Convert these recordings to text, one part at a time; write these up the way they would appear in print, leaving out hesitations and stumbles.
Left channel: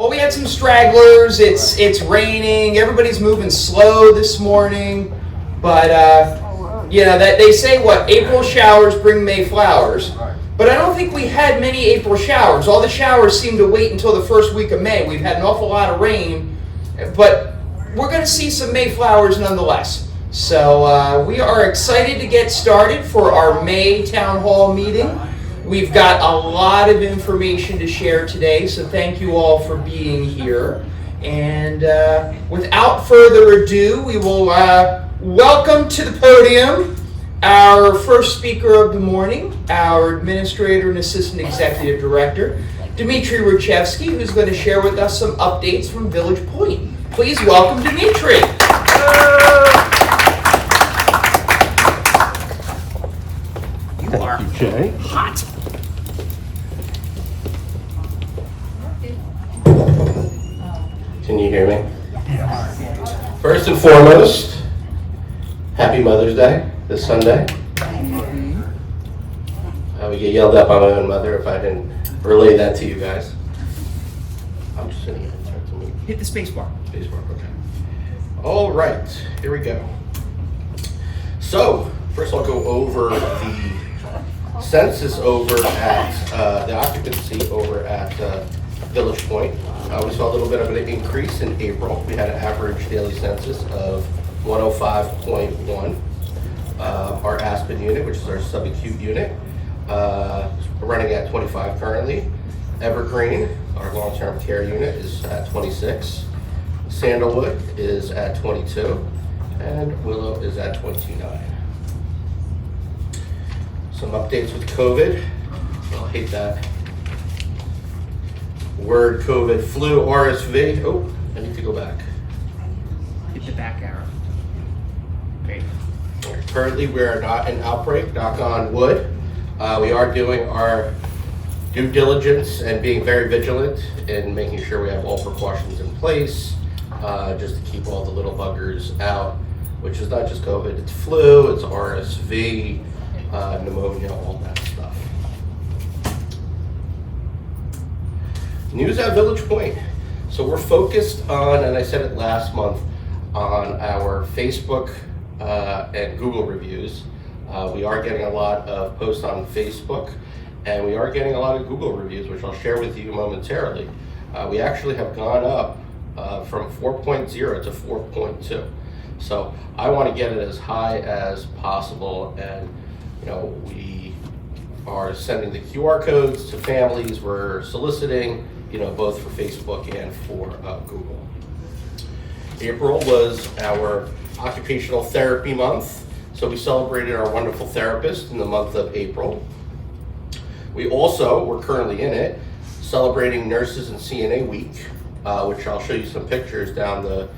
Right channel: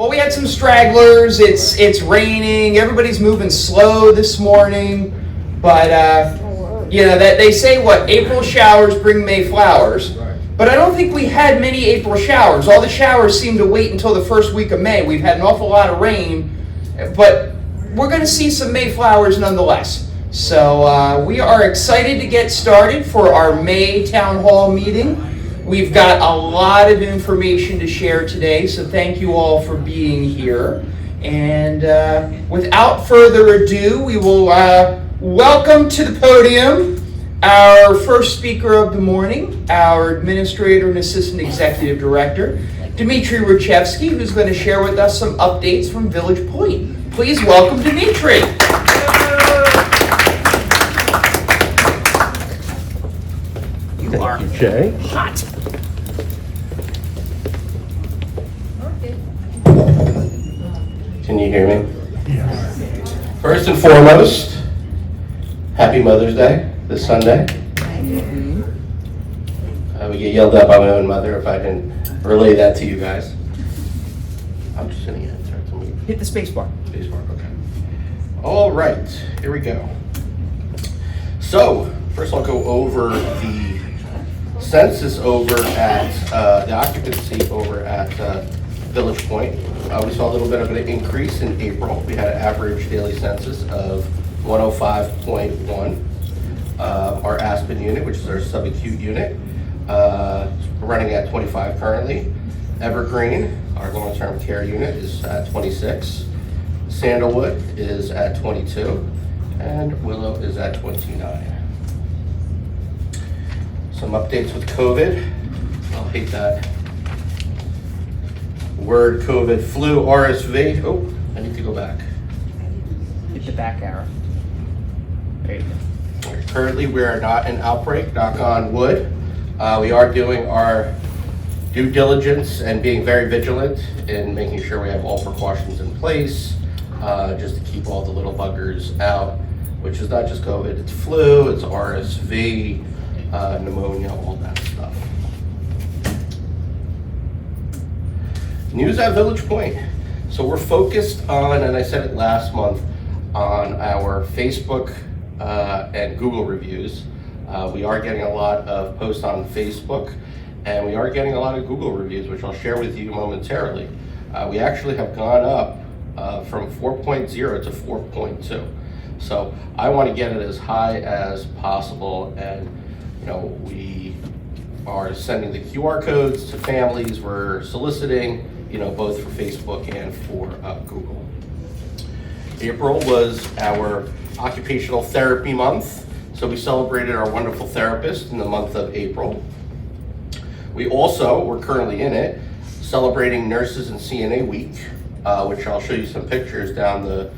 Well, we had some stragglers. It's raining. Everybody's moving slow this morning. But, they say April showers bring May flowers. But I don't think we had many April showers. All the showers seem to wait until the first week of May. We've had an awful lot of rain. But we're going to see some May flowers nonetheless. So we are excited to get started for our May Town Hall meeting. We've got a lot of information to share today, so thank you all for being here. And without further ado, we will welcome to the podium our first speaker of the morning, our Administrator and Assistant Executive Director, Dmitry Rachevsky, who's going to share with us some updates from Village Point. Please welcome Dmitry. Thank you, Jay. Hot. Can you hear me? First and foremost, happy Mother's Day this Sunday. I would get yelled at by my own mother if I didn't relay that to you guys. I'm just gonna get it to me. Hit the space bar. Okay. All right, here we go. So, first I'll go over the census over at, the occupancy over at Village Point. We saw a little bit of an increase in April. We had an average daily census of 105.1. Our Aspen unit, which is our subacute unit, running at 25 currently. Evergreen, our long-term care unit, is at 26. Sandalwood is at 22. And Willow is at 29. Some updates with COVID. I'll hate that word COVID. Flu, RSV. Oh, I need to go back. Hit the back arrow. There you go. Currently, we are not in outbreak, knock on wood. We are doing our due diligence and being very vigilant in making sure we have all precautions in place, just to keep all the little buggers out, which is not just COVID, it's flu, it's RSV, pneumonia, all that stuff. News at Village Point. So we're focused on, and I said it last month, on our Facebook and Google reviews. We are getting a lot of posts on Facebook, and we are getting a lot of Google reviews, which I'll share with you momentarily. We actually have gone up from 4.0 to 4.2. So I want to get it as high as possible, and we are sending the QR codes to families. We're soliciting, both for Facebook and for Google. April was our occupational therapy month, so we celebrated our wonderful therapist in the month of April. We also, we're currently in it, celebrating Nurses and CNA Week, which I'll show you some pictures down the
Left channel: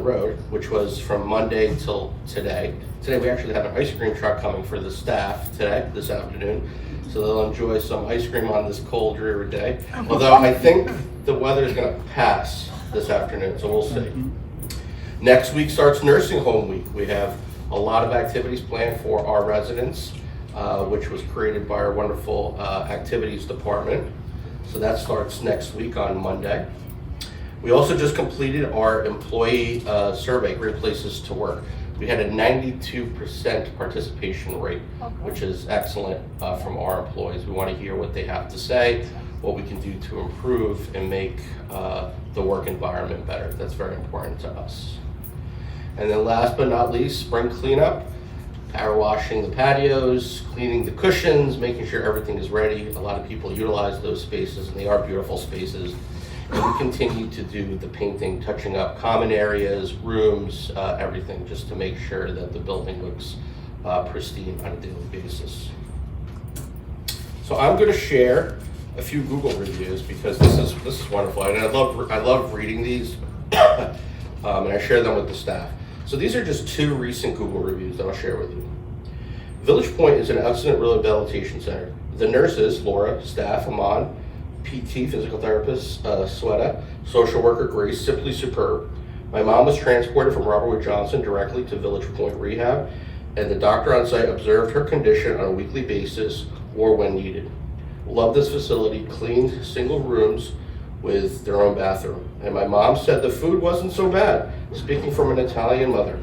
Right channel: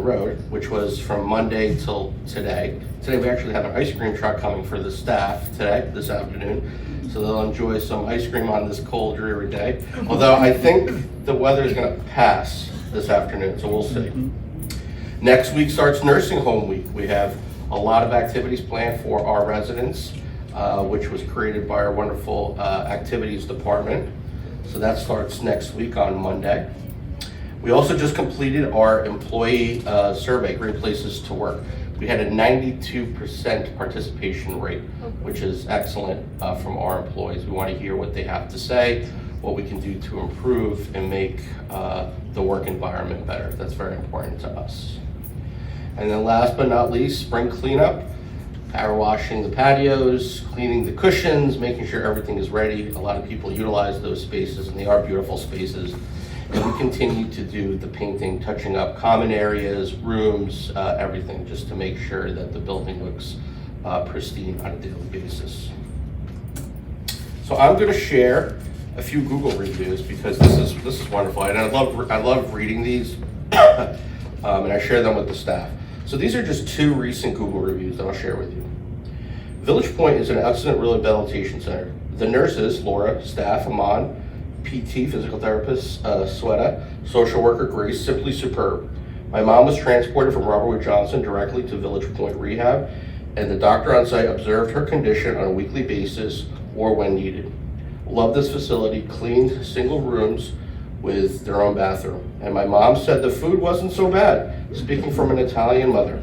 road, which was from Monday till today. Today we actually have an ice cream truck coming for the staff this afternoon. So they'll enjoy some ice cream on this cold, dreary day. Although I think the weather is gonna pass this afternoon, so we'll see. Next week starts Nursing Home Week. We have a lot of activities planned for our residents, which was created by our wonderful activities department. So that starts next week on Monday. We also just completed our employee survey, Great Places to Work. We had a 92% participation rate, which is excellent from our employees. We want to hear what they have to say, what we can do to improve and make the work environment better. That's very important to us. And then last but not least, spring cleanup, power washing the patios, cleaning the cushions, making sure everything is ready. A lot of people utilize those spaces, and they are beautiful spaces. And we continue to do the painting, touching up common areas, rooms, everything, just to make sure that the building looks pristine on a daily basis. So I'm going to share a few Google reviews because this is wonderful, and I love reading these, and I share them with the staff. So these are just two recent Google reviews that I'll share with you. Village Point is an excellent rehabilitation center. The nurses, Laura, staff, Amon, PT, physical therapist, Sweta, social worker, Grace, simply superb. My mom was transported from Robert Wood Johnson directly to Village Point Rehab, and the doctor on site observed her condition on a weekly basis or when needed. Love this facility, clean single rooms with their own bathroom. And my mom said the food wasn't so bad, speaking from an Italian mother.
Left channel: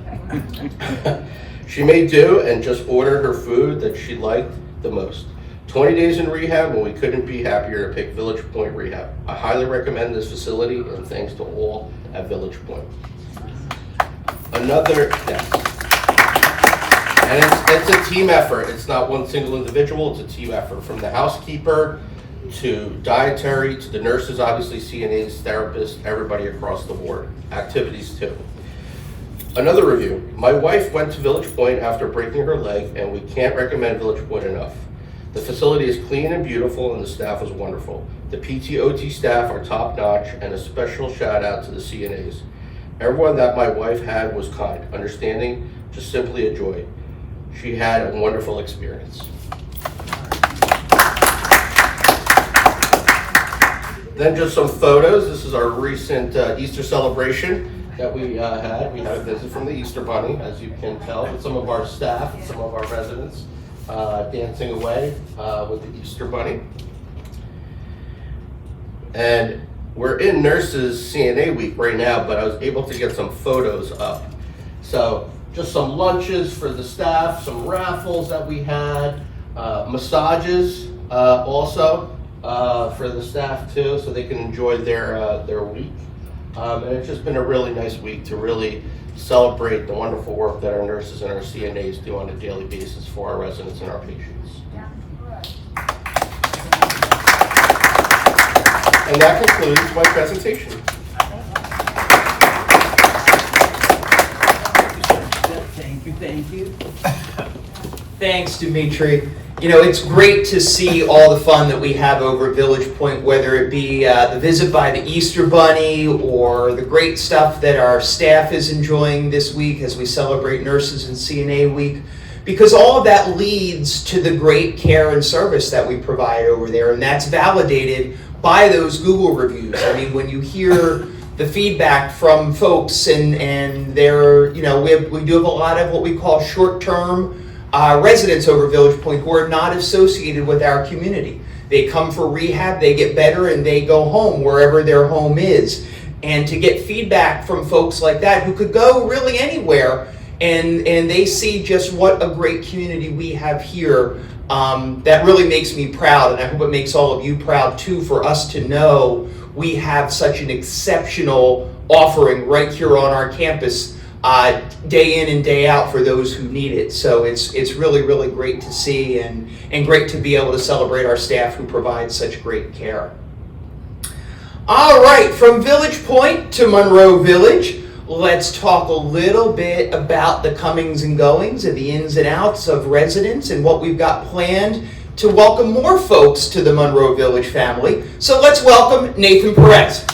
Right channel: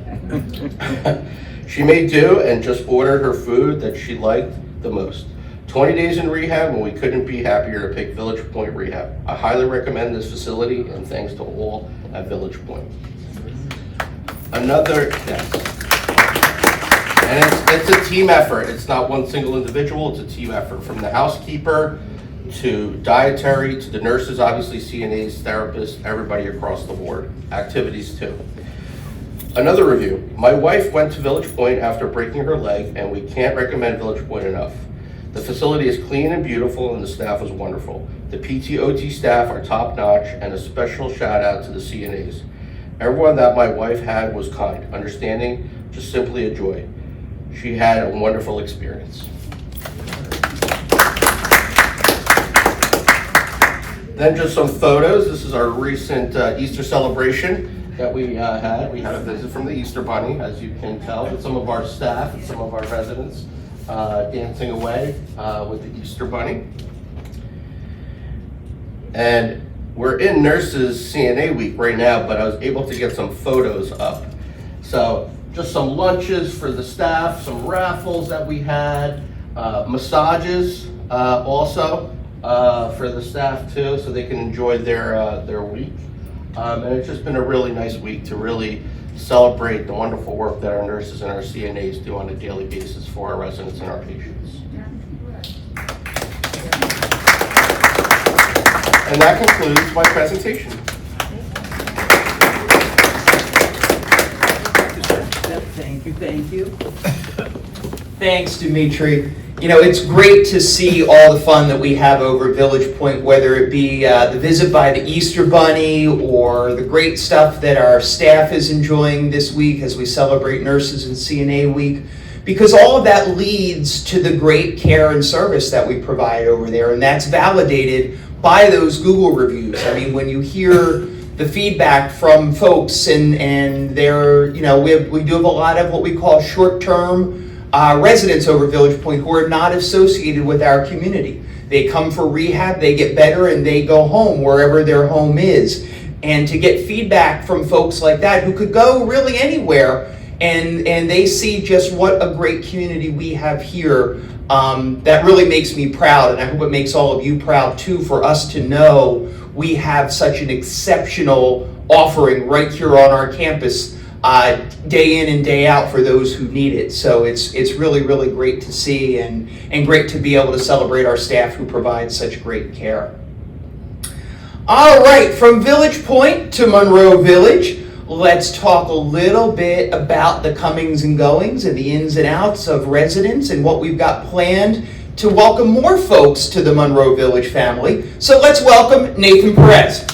She made do and just ordered her food that she liked the most. 20 days in rehab, and we couldn't be happier to pick Village Point Rehab. I highly recommend this facility, and thanks to all at Village Point. Yes. And it's a team effort. It's not one single individual, it's a team effort. From the housekeeper to dietary to the nurses, obviously CNAs, therapists, everybody across the board. Activities too. Another review. My wife went to Village Point after breaking her leg, and we can't recommend Village Point enough. The facility is clean and beautiful, and the staff is wonderful. The PT/OT staff are top notch, and a special shout out to the CNAs. Everyone that my wife had was kind, understanding, just simply a joy. She had a wonderful experience. Then just some photos. This is our recent Easter celebration that we had. We had a visit from the Easter Bunny, as you can tell, with some of our staff and some of our residents dancing away with the Easter Bunny. And we're in Nurses CNA Week right now, but I was able to get some photos up. So just some lunches for the staff, some raffles that we had, massages also for the staff too, so they can enjoy their week. And it's just been a really nice week to really celebrate the wonderful work that our nurses and our CNAs do on a daily basis for our residents and our patients. And that concludes my presentation. Thank you. Thanks, Dimitri. You know, it's great to see all the fun that we have over at Village Point, whether it be the visit by the Easter Bunny or the great stuff that our staff is enjoying this week as we celebrate Nurses and CNA Week, because all of that leads to the great care and service that we provide over there, and that's validated by those Google reviews. I mean, when you hear the feedback from folks and they're, you know, we do have a lot of what we call short-term residents over Village Point who are not associated with our community. They come for rehab, they get better, and they go home wherever their home is. And to get feedback from folks like that who could go really anywhere, and they see just what a great community we have here, that really makes me proud, and I hope it makes all of you proud too, for us to know we have such an exceptional offering right here on our campus, day in and day out for those who need it. So it's really, really great to see and great to be able to celebrate our staff who provide such great care. All right, from Village Point to Monroe Village, let's talk a little bit about the comings and goings and the ins and outs of residents and what we've got planned to welcome more folks to the Monroe Village family. So let's welcome Nathan Perez.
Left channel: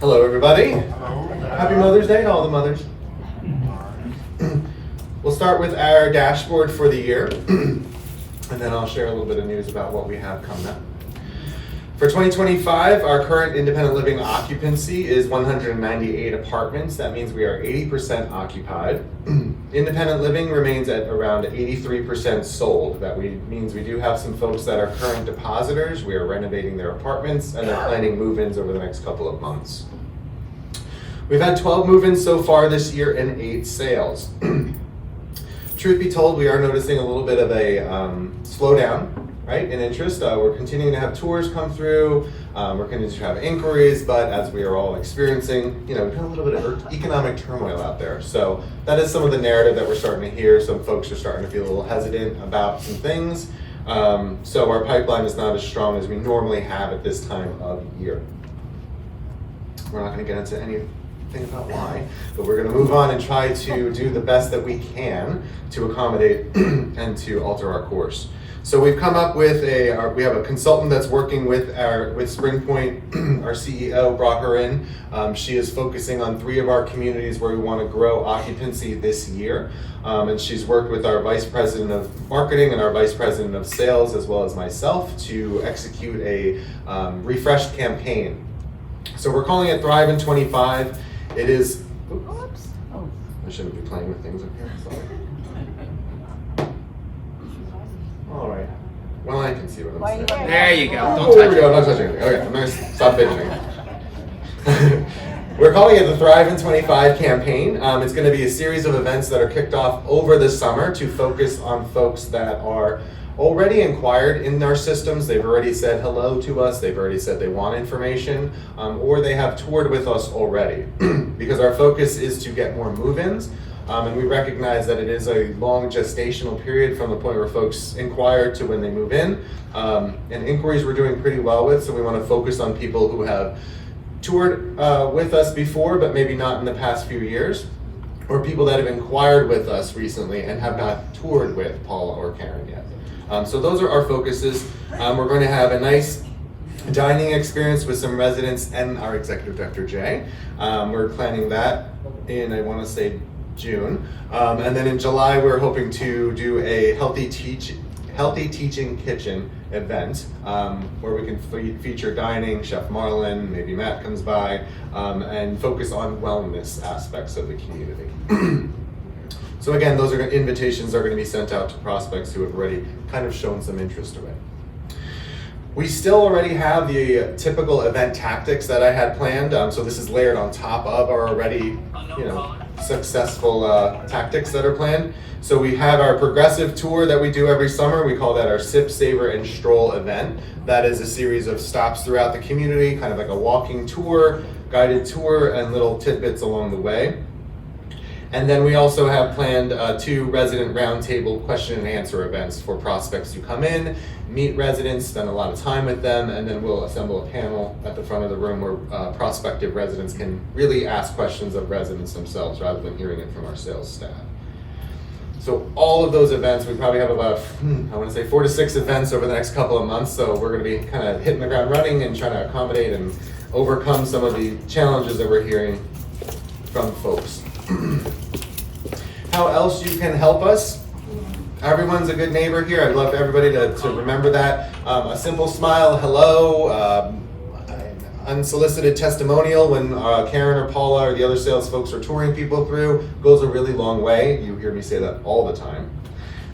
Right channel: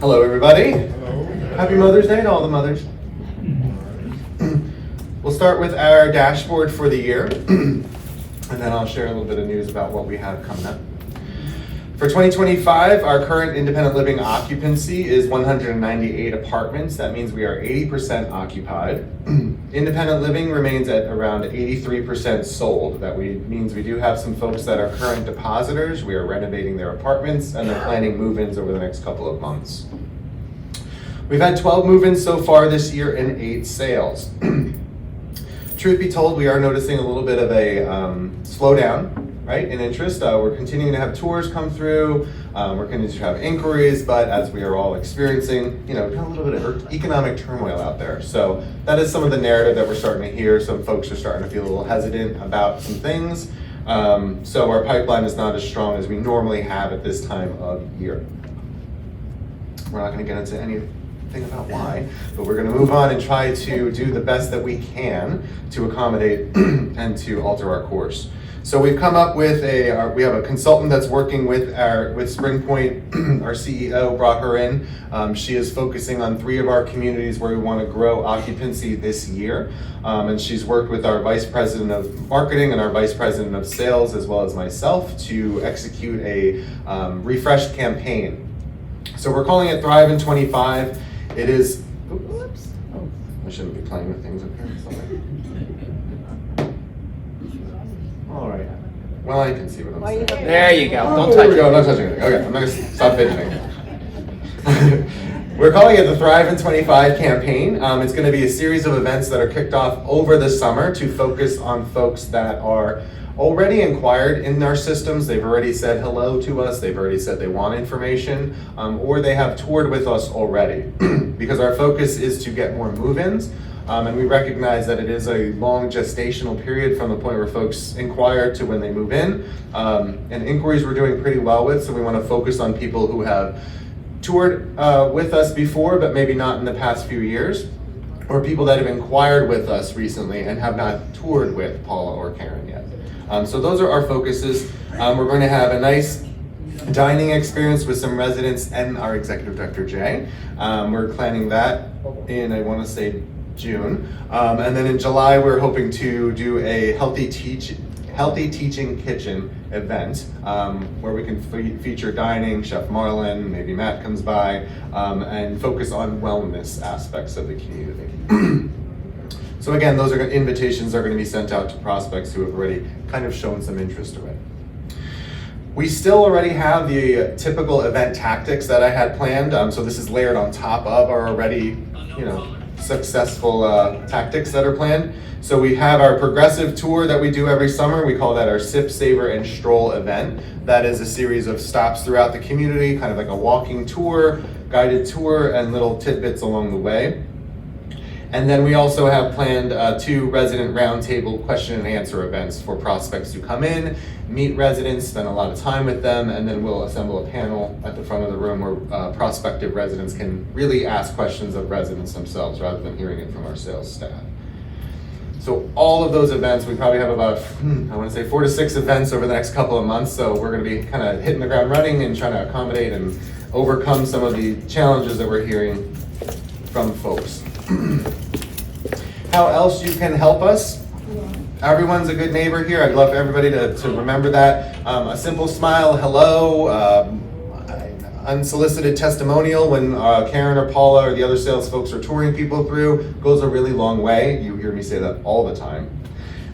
Hello, everybody. Hello. Happy Mother's Day to all the mothers. We'll start with our dashboard for the year, and then I'll share a little bit of news about what we have coming up. For 2025, our current independent living occupancy is 198 apartments. That means we are 80% occupied. Independent living remains at around 83% sold. That means we do have some folks that are current depositors. We are renovating their apartments, and they're planning move-ins over the next couple of months. We've had 12 move-ins so far this year and 8 sales. Truth be told, we are noticing a little bit of a slowdown, right, in interest. We're continuing to have tours come through. We're continuing to have inquiries, but as we are all experiencing, you know, a little bit of economic turmoil out there. So that is some of the narrative that we're starting to hear. Some folks are starting to feel a little hesitant about some things. So our pipeline is not as strong as we normally have at this time of year. We're not going to get into anything about why, but we're going to move on and try to do the best that we can to accommodate and to alter our course. So we've come up with we have a consultant that's working with SpringPoint. Our CEO brought her in. She is focusing on 3 of our communities where we want to grow occupancy this year. And she's worked with our Vice President of Marketing and our Vice President of Sales, as well as myself, to execute a refreshed campaign. So we're calling it Thrive in 25. It is, oops, I shouldn't be playing with things up here, sorry. All right. Well, I can see what I'm saying. There you go. Oh, Don't there touch we it. go. Not touching anything. Okay, I'm gonna stop fidgeting. We're calling it the Thrive in 25 campaign. It's going to be a series of events that are kicked off over the summer to focus on folks that are already inquired in our systems. They've already said hello to us. They've already said they want information, or they have toured with us already. Because our focus is to get more move-ins. And we recognize that it is a long gestational period from the point where folks inquire to when they move in. And inquiries we're doing pretty well with, so we want to focus on people who have toured with us before, but maybe not in the past few years, or people that have inquired with us recently and have not toured with Paula or Karen yet. So those are our focuses. We're going to have a nice dining experience with some residents and our executive director, Jay. We're planning that in, I want to say, June. And then in July, we're hoping to do a Healthy Teaching Kitchen event where we can feature dining, Chef Marlon, maybe Matt comes by, and focus on wellness aspects of the community. So again, those invitations are going to be sent out to prospects who have already kind of shown some interest already. We still already have the typical event tactics that I had planned, so this is layered on top of our already, successful tactics that are planned. So we have our progressive tour that we do every summer. We call that our Sip, Savor, and Stroll event. That is a series of stops throughout the community, kind of like a walking tour, guided tour, and little tidbits along the way. And then we also have planned 2 resident roundtable question and answer events for prospects who come in, meet residents, spend a lot of time with them, and then we'll assemble a panel at the front of the room where prospective residents can really ask questions of residents themselves rather than hearing it from our sales staff. So all of those events, we probably have about, 4 to 6 events over the next couple of months. So we're gonna be kind of hitting the ground running and trying to accommodate and overcome some of the challenges that we're hearing from folks. How else you can help us? Everyone's a good neighbor here. I'd love for everybody to remember that. A simple smile, hello, unsolicited testimonial when Karen or Paula or the other sales folks are touring people through goes a really long way. You hear me say that all the time.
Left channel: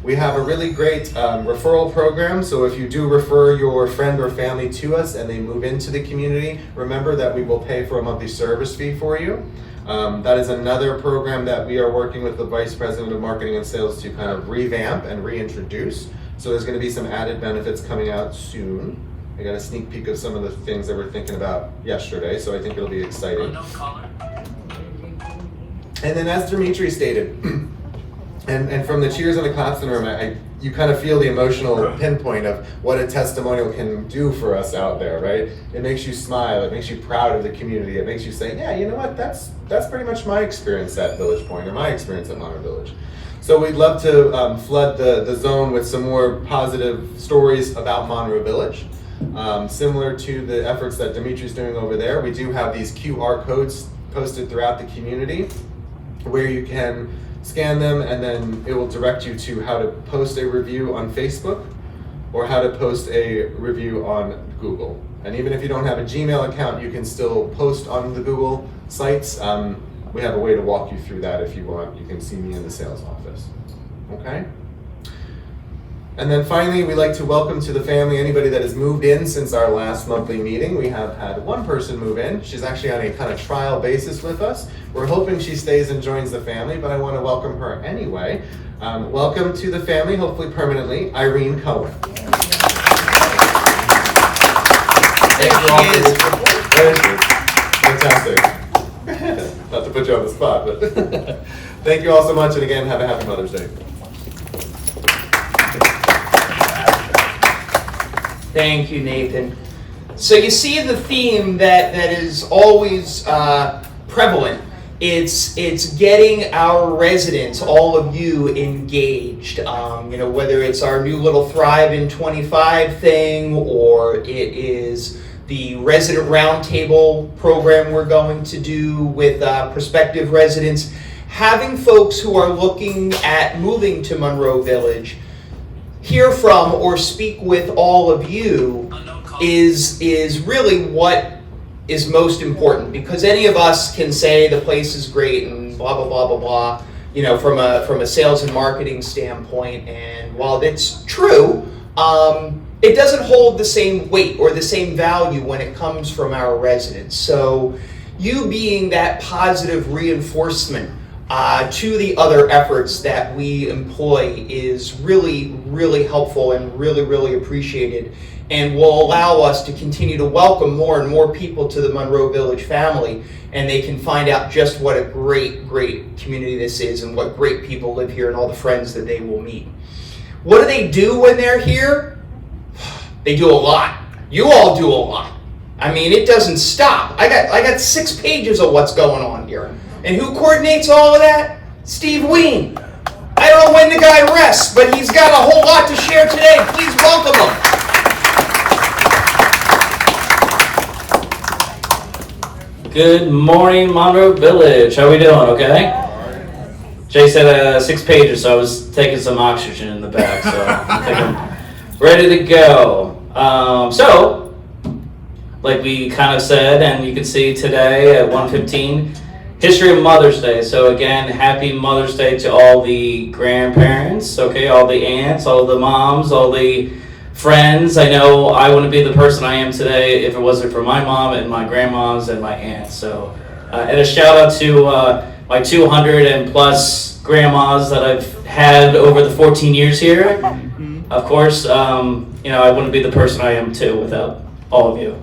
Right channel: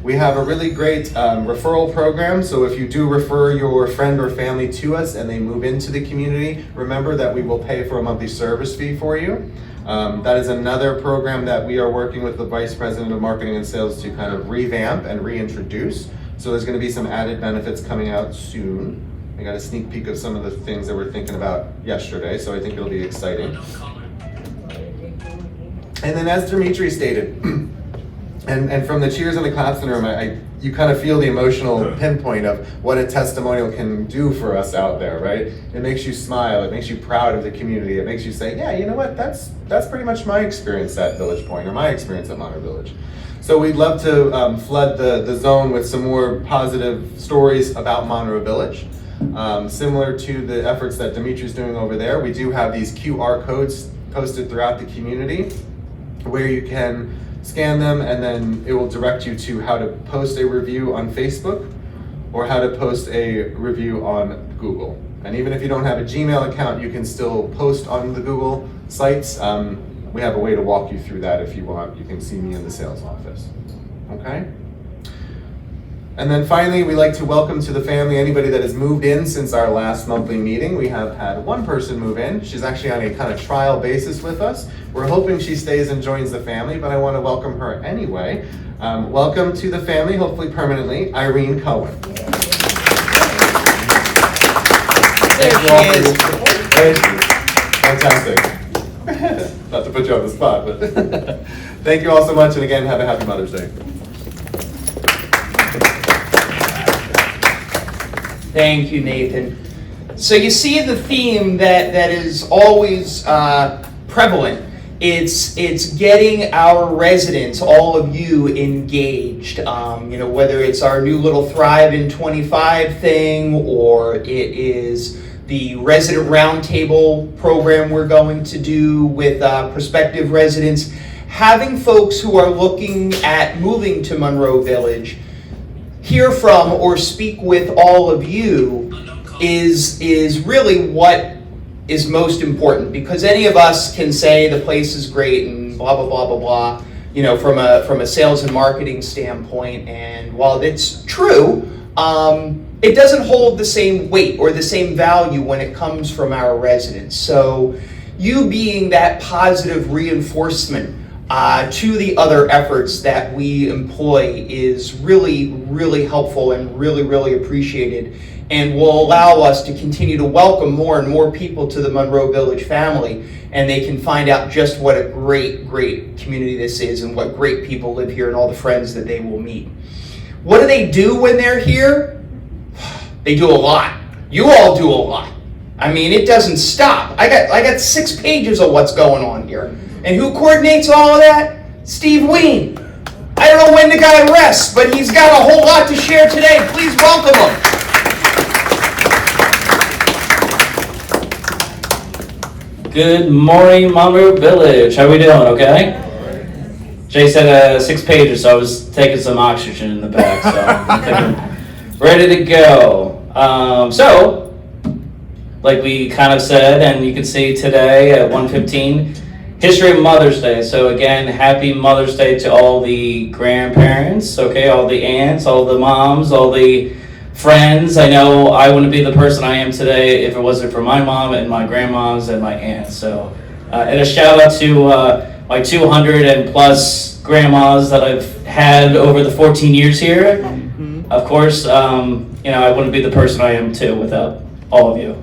We have a really great referral program. So if you do refer your friend or family to us and they move into the community, remember that we will pay for a monthly service fee for you. That is another program that we are working with the Vice President of Marketing and Sales to kind of revamp and reintroduce. So there's going to be some added benefits coming out soon. I got a sneak peek of some of the things that we're thinking about yesterday, so I think it'll be exciting. And then as Dimitri stated, and from the cheers and the claps in the room, you kind of feel the emotional pinpoint of what a testimonial can do for us out there, right? It makes you smile, it makes you proud of the community, it makes you say, yeah, you know what, that's pretty much my experience at Village Point, or my experience at Monroe Village. So we'd love to flood the zone with some more positive stories about Monroe Village. Similar to the efforts that Dimitri's doing over there, we do have these QR codes posted throughout the community where you can scan them and then it will direct you to how to post a review on Facebook or how to post a review on Google. And even if you don't have a Gmail account, you can still post on the Google sites. We have a way to walk you through that if you want. You can see me in the sales office, okay? And then finally, we like to welcome to the family anybody that has moved in since our last monthly meeting. We have had one person move in. She's actually on a kind of trial basis with us. We're hoping she stays and joins the family, but I want to welcome her anyway. Welcome to the family, hopefully permanently, Irene Cohen. Thank you all for your Thank you. Fantastic. Not to put you on the spot, but thank you all so much, and again, have a happy Mother's Day. Thank you, Nathan. So you see the theme that is always prevalent. It's getting our residents, all of you, engaged. Whether it's our new little Thrive in 25 thing, or it is the resident roundtable program we're going to do with prospective residents. Having folks who are looking at moving to Monroe Village hear from or speak with all of you is really what is most important, because any of us can say the place is great and blah, blah, blah, blah, blah. from a sales and marketing standpoint. And while it's true, it doesn't hold the same weight or the same value when it comes from our residents. So you being that positive reinforcement to the other efforts that we employ is really, really helpful and really, really appreciated, and will allow us to continue to welcome more and more people to the Monroe Village family, and they can find out just what a great, great community this is and what great people live here and all the friends that they will meet. What do they do when they're here? They do a lot. You all do a lot. I mean, it doesn't stop. I got 6 pages of what's going on here. And who coordinates all of that? Steve Ween. I don't know when the guy rests, but he's got a whole lot to share today. Please welcome him. Good morning, Monroe Village. How we doing, okay? Jay said 6 pages, so I was taking some oxygen in the back, so I think I'm ready to go. So, like we kind of said, and you can see today at 1:15, History of Mother's Day. So again, happy Mother's Day to all the grandparents, okay, all the aunts, all the moms, all the friends. I know I wouldn't be the person I am today if it wasn't for my mom and my grandmas and my aunts. So, and a shout out to my 200 and plus grandmas that I've had over the 14 years here. Of course, I wouldn't be the person I am too without all of you.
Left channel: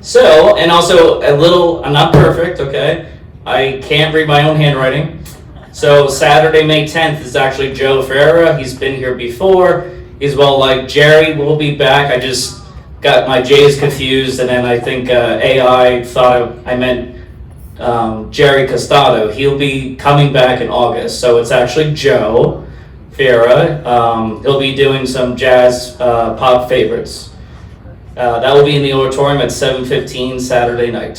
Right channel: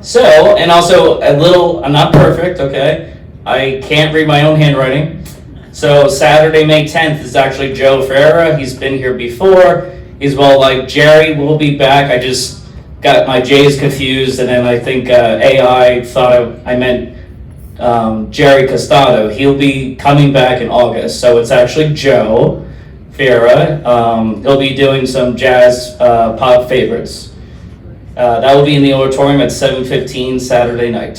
So, and also I'm not perfect, okay? I can't read my own handwriting. So Saturday, May 10th is actually Joe Ferreira. He's been here before. He's like Jerry will be back. I just got my J's confused, and then I think AI thought I meant Jerry Costado. He'll be coming back in August. So it's actually Joe Ferreira. He'll be doing some jazz pop favorites. That will be in the auditorium at 7:15 Saturday night.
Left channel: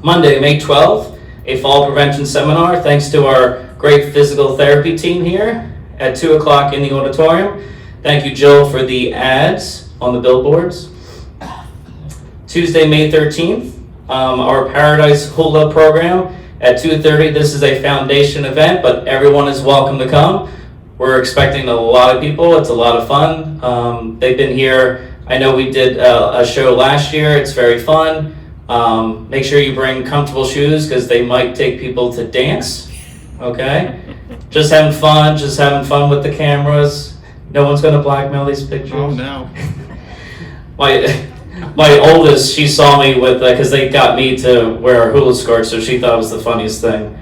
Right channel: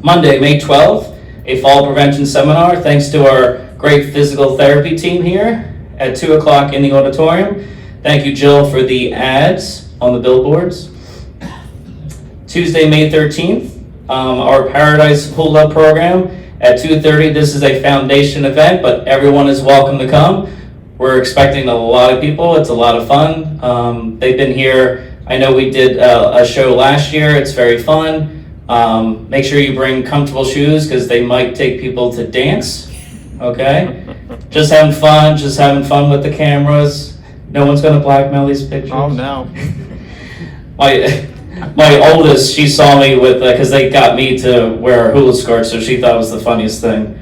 Monday, May 12th, a fall prevention seminar thanks to our great physical therapy team here at 2 o'clock in the auditorium. Thank you, Jill, for the ads on the billboards. Tuesday, May 13th, our Paradise Hula program at 2:30. This is a foundation event, but everyone is welcome to come. We're expecting a lot of people. It's a lot of fun. They've been here. I know we did a show last year. It's very fun. Make sure you bring comfortable shoes because they might take people to dance. Okay? Just having fun with the cameras. No one's going to blackmail these pictures. Oh, no. My oldest, she saw me with, because they got me to wear a hula skirt, so she thought it was the funniest thing.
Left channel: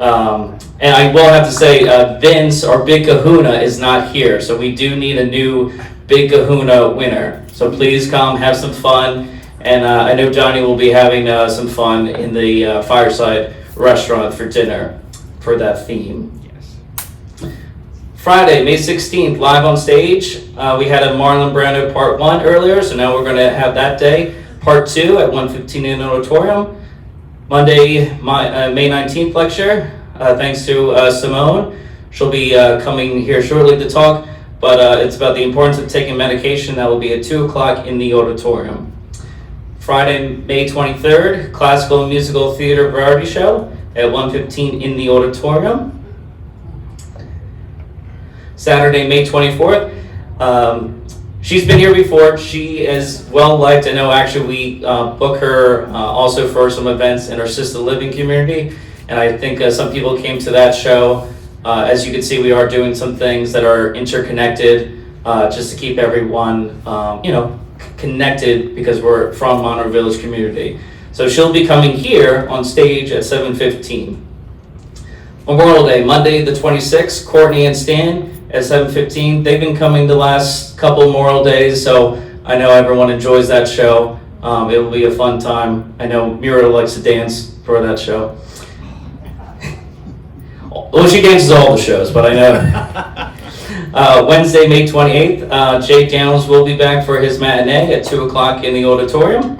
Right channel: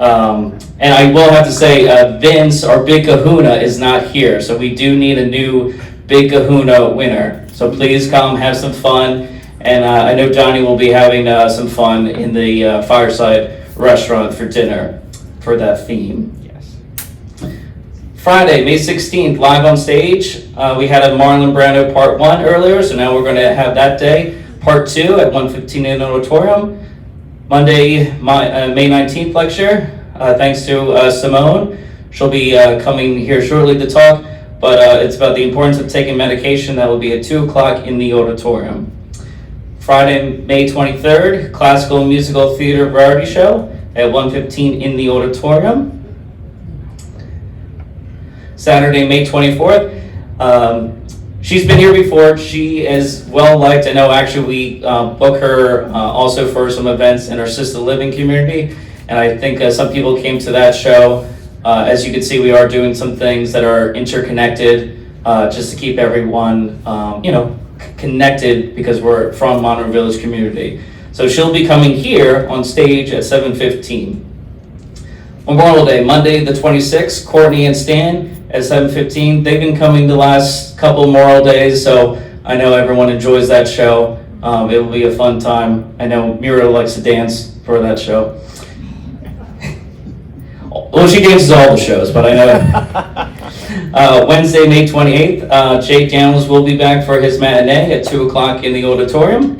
And I will have to say, Vince, our Big Kahuna, is not here. So we do need a new Big Kahuna winner. So please come, have some fun. And I know Johnny will be having some fun in the Fireside restaurant for dinner for that theme. Yes. Friday, May 16th, live on stage. We had a Marlon Brando Part 1 earlier, so now we're going to have that day, Part 2 at 1:15 in the auditorium. Monday, May 19th lecture, thanks to Simone. She'll be coming here shortly to talk. But it's about the importance of taking medication. That will be at 2 o'clock in the auditorium. Friday, May 23rd, classical and musical theater variety show at 1:15 in the auditorium. Saturday, May 24th. She's been here before. She is well liked. I know actually we book her also for some events in our assisted living community. And I think some people came to that show. As you can see, we are doing some things that are interconnected just to keep everyone, connected because we're from Monroe Village community. So she'll be coming here on stage at 7:15. Memorial Day, Monday the 26th, Courtney and Stan at 7:15. They've been coming the last couple Memorial Days, so I know everyone enjoys that show. It will be a fun time. I know Mira likes to dance for that show. Well, she dances all the shows, but I know. Wednesday, May 28th, Jake Downs will be back for his matinee at 2 o'clock in the auditorium.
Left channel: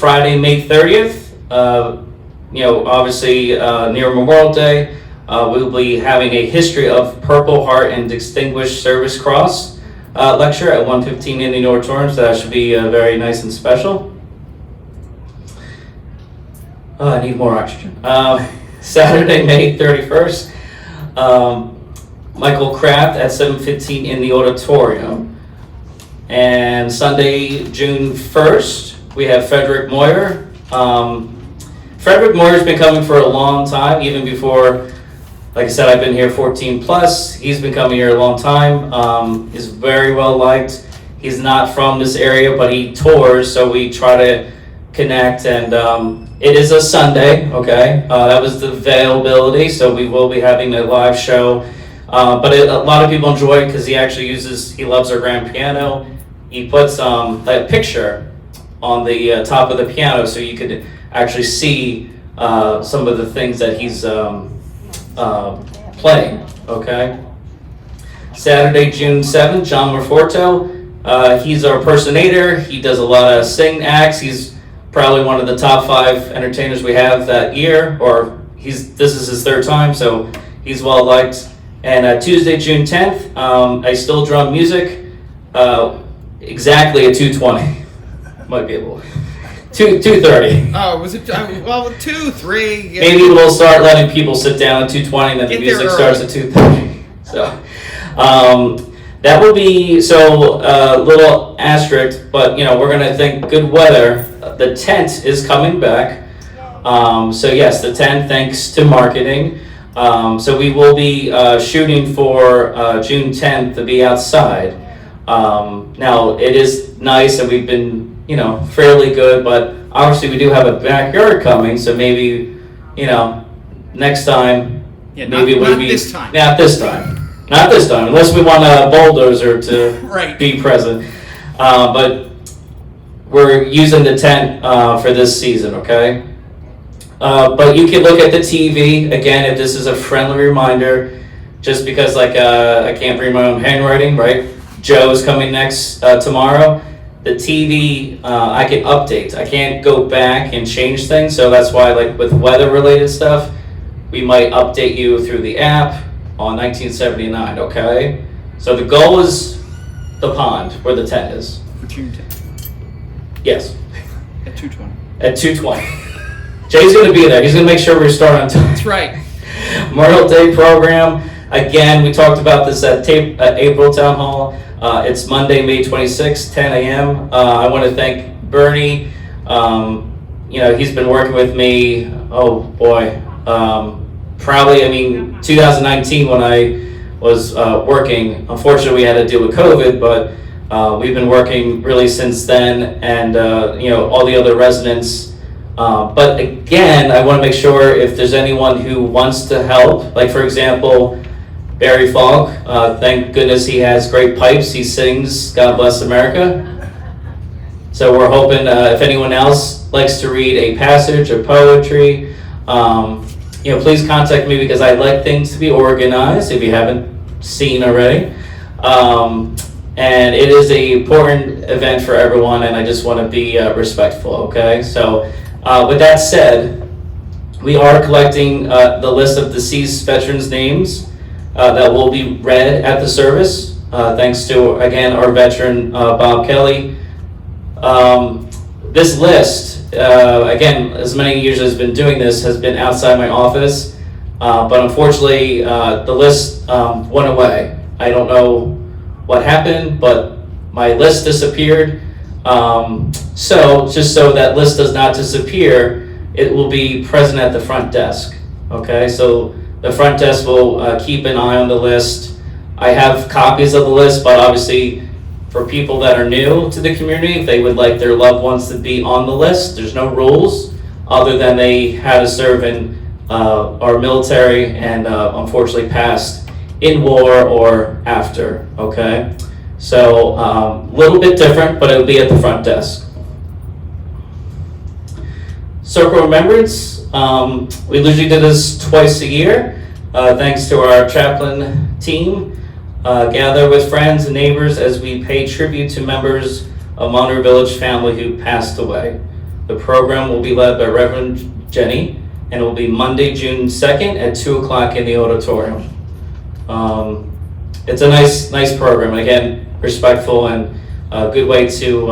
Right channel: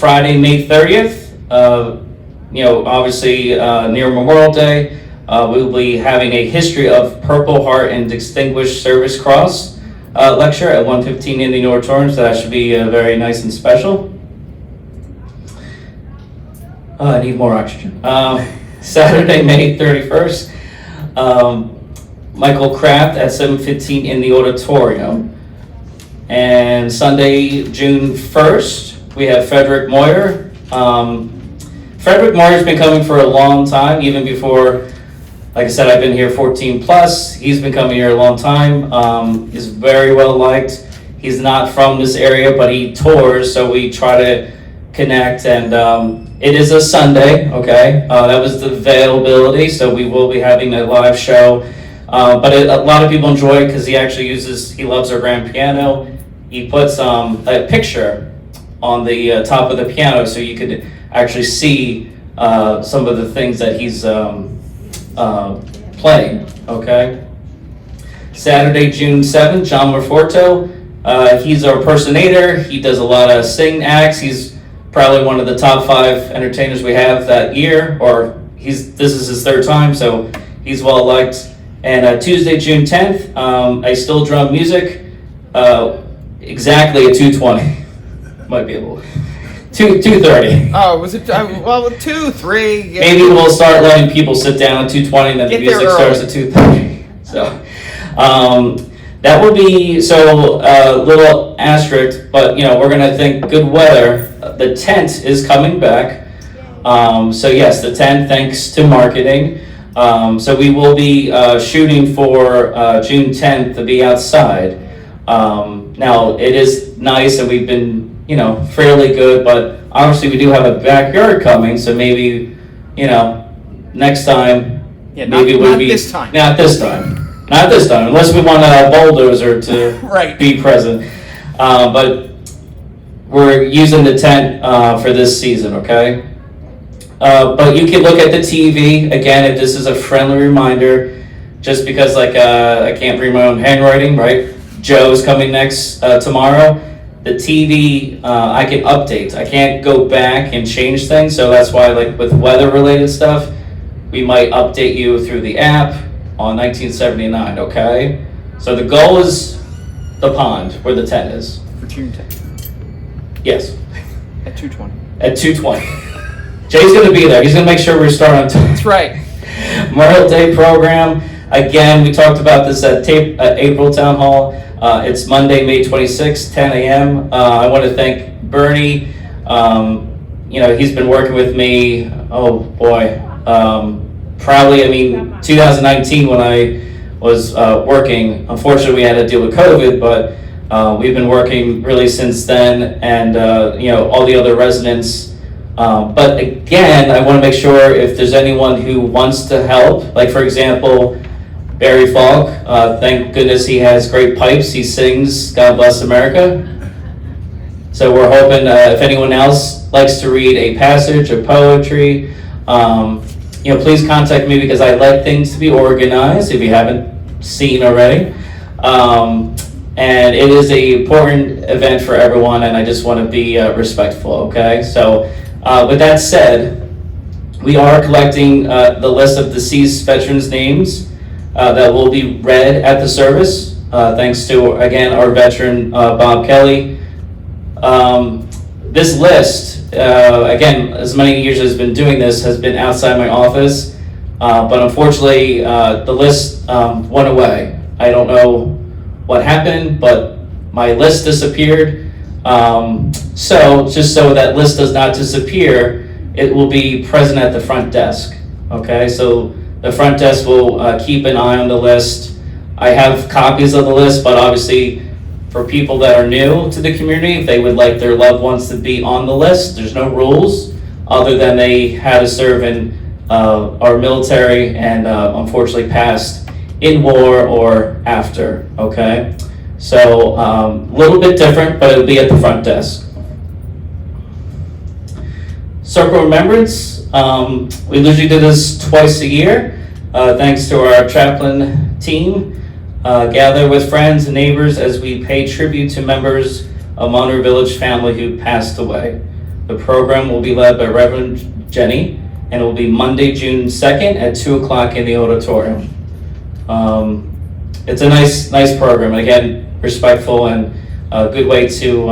Friday, May 30th, obviously near Memorial Day, we will be having a History of Purple Heart and Distinguished Service Cross lecture at 1:15 in the auditorium, so that should be very nice and special. Oh, I need more oxygen. Saturday, May 31st, Michael Kraft at 7:15 in the auditorium. And Sunday, June 1st, we have Frederick Moyer. Frederick Moyer's been coming for a long time, even before, like I said, I've been here 14 plus. He's been coming here a long time. He's very well liked. He's not from this area, but he tours, so we try to connect. And it is a Sunday, okay? That was the availability, so we will be having a live show. But a lot of people enjoy it because he loves our grand piano. He puts a picture on the top of the piano so you could actually see some of the things that he's playing, okay? Saturday, June 7th, John Morforto. He's our personator. He does a lot of sing acts. He's probably one of the top 5 entertainers we have that year, or this is his 3rd time, so he's well liked. And Tuesday, June 10th, I Still Drum Music, exactly at 2:20. Might be a little 2:30. Oh, was it? Well, 2, 3. Yeah. Maybe we'll start letting people sit down at 2:20, and then the music starts at 2:30. So that will be little asterisk, but we're gonna think good weather. The tent is coming back. So yes, the tent, thanks to marketing. So we will be shooting for June 10th to be outside. Now it is nice, and we've been fairly good, but obviously we do have a backyard coming, so maybe next time. Yeah, maybe not this time. Not this time, unless we want a bulldozer to Right. be present. But we're using the tent for this season, okay? But you can look at the TV, again, if this is a friendly reminder, just because I can't read my own handwriting, right? Joe's coming next tomorrow. The TV, I can update. I can't go back and change things, so that's why with weather-related stuff, we might update you through the app on 1979, okay? So the goal is the pond, where the tent is. For June 10th Yes, at 2:20. at 2:20. Jay's gonna be there. He's gonna make sure we start on time. That's right. Memorial Day program. Again, we talked about this at April Town Hall. It's Monday, May 26th, 10 a.m. I want to thank Bernie. He's been working with me. Oh boy, probably. 2019 when I was working. Unfortunately, we had to deal with COVID, but we've been working really since then, and all the other residents. But again, I want to make sure if there's anyone who wants to help, like for example, Barry Falk, thank goodness he has great pipes. He sings God Bless America. So we're hoping if anyone else likes to read a passage of poetry, please contact me because I like things to be organized if you haven't seen already. And it is an important event for everyone, and I just want to be respectful, okay? So with that said, we are collecting the list of deceased veterans' names that will be read at the service, thanks to, again, our veteran, Bob Kelly. This list, again, as many years as I've been doing this, has been outside my office, but unfortunately, the list went away. I don't know what happened, but my list disappeared. So, just so that list does not disappear, it will be present at the front desk, okay? So, the front desk will keep an eye on the list. I have copies of the list, but obviously for people that are new to the community, if they would like their loved ones to be on the list, there's no rules other than they had to serve in our military and unfortunately passed in war or after, okay? So a little bit different, but it'll be at the front desk. Circle Remembrance, we usually do this twice a year, thanks to our chaplain team. Gather with friends and neighbors as we pay tribute to members of Monroe Village family who passed away. The program will be led by Reverend Jenny, and it will be Monday, June 2nd at 2 o'clock in the auditorium. It's a nice program, and again, respectful and a good way to,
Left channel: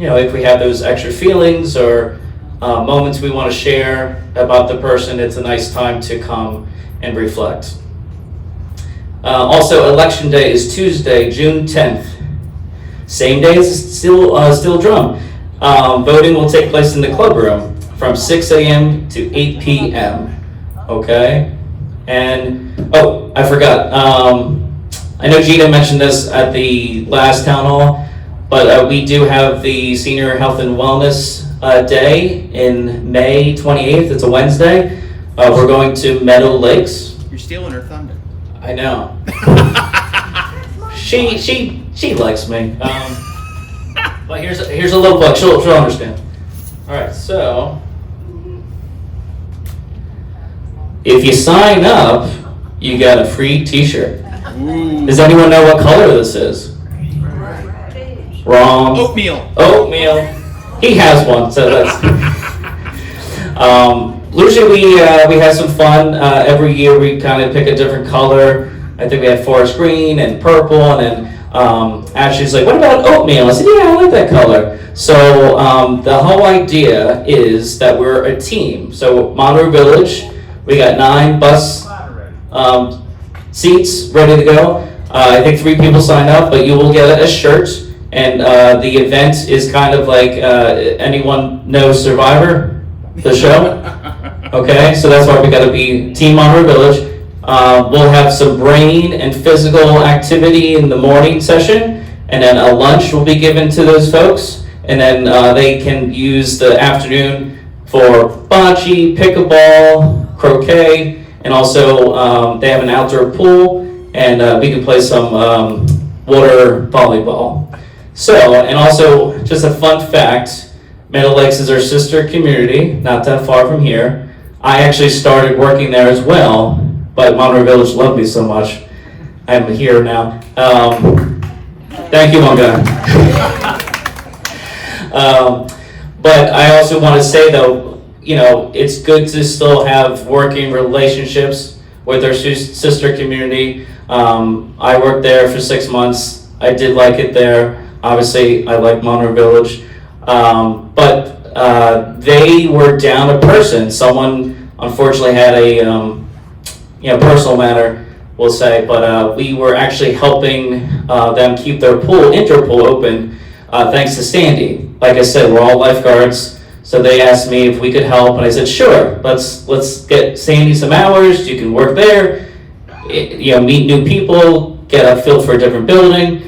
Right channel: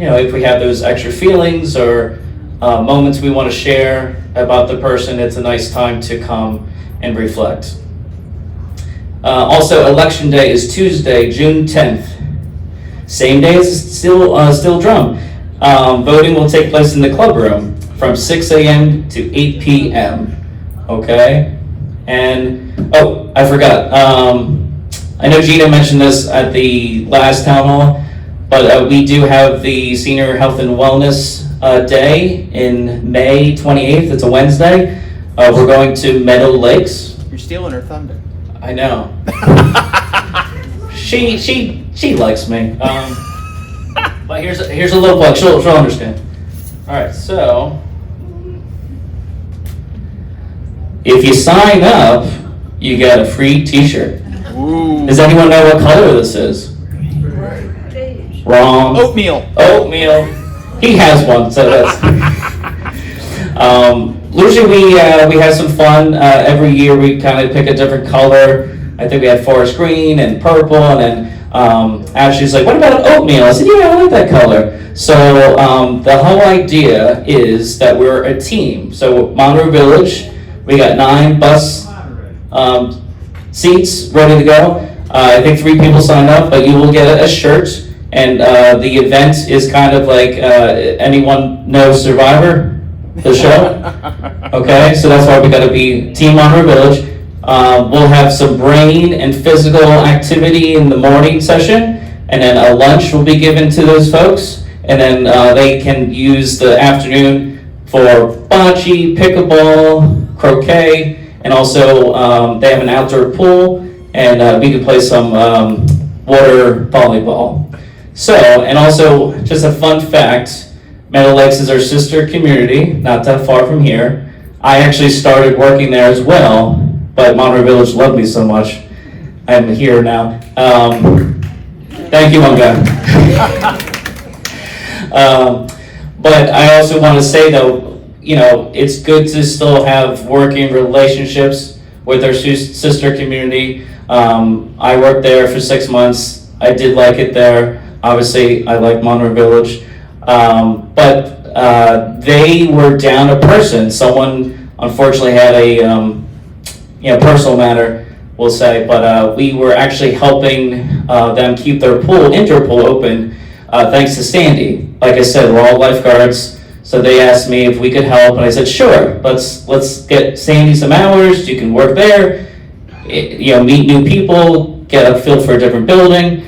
if we have those extra feelings or moments we want to share about the person, it's a nice time to come and reflect. Also, Election Day is Tuesday, June 10th. Same day as Steel Drum. Voting will take place in the club room from 6 a.m. to 8 p.m. Okay? And, oh, I forgot. I know Gina mentioned this at the last town hall, but we do have the Senior Health and Wellness Day in May 28th. It's a Wednesday. We're going to Meadow Lakes. You're stealing her thunder. I know. She likes me. But here's a little plug. She'll understand. All right, so if you sign up, you get a free T-shirt. Ooh. Does anyone know what color this is? Wrong. Oatmeal. Oatmeal. He has one, so that's. Usually we have some fun. Every year we kind of pick a different color. I think we had forest green and purple, and then Ashley's like, "What about oatmeal?" I said, "Yeah, I like that color." So the whole idea is that we're a team. So Monroe Village, we got 9 bus seats ready to go. I think 3 people signed up, but you will get a shirt. And the event is kind of like, anyone know Survivor, the show? Okay, so that's why we gotta be Team Monroe Village. We'll have some brain and physical activity in the morning session, and then a lunch will be given to those folks. And then they can use the afternoon for bocce, pickleball, croquet, and also they have an outdoor pool, and we can play some water volleyball. So, and also, just a fun fact, Meadow Lakes is our sister community, not that far from here. I actually started working there as well, but Monroe Village loved me so much. I'm here now. Thank you, Monga. But I also want to say though, you know, it's good to still have working relationships with our sister community. I worked there for 6 months. I did like it there. Obviously, I like Monroe Village, but they were down a person. Someone unfortunately had a personal matter, we'll say, but we were actually helping them keep their indoor pool open, thanks to Sandy. Like I said, we're all lifeguards, so they asked me if we could help, and I said, sure, let's get Sandy some hours. You can work there, meet new people, get a feel for a different building.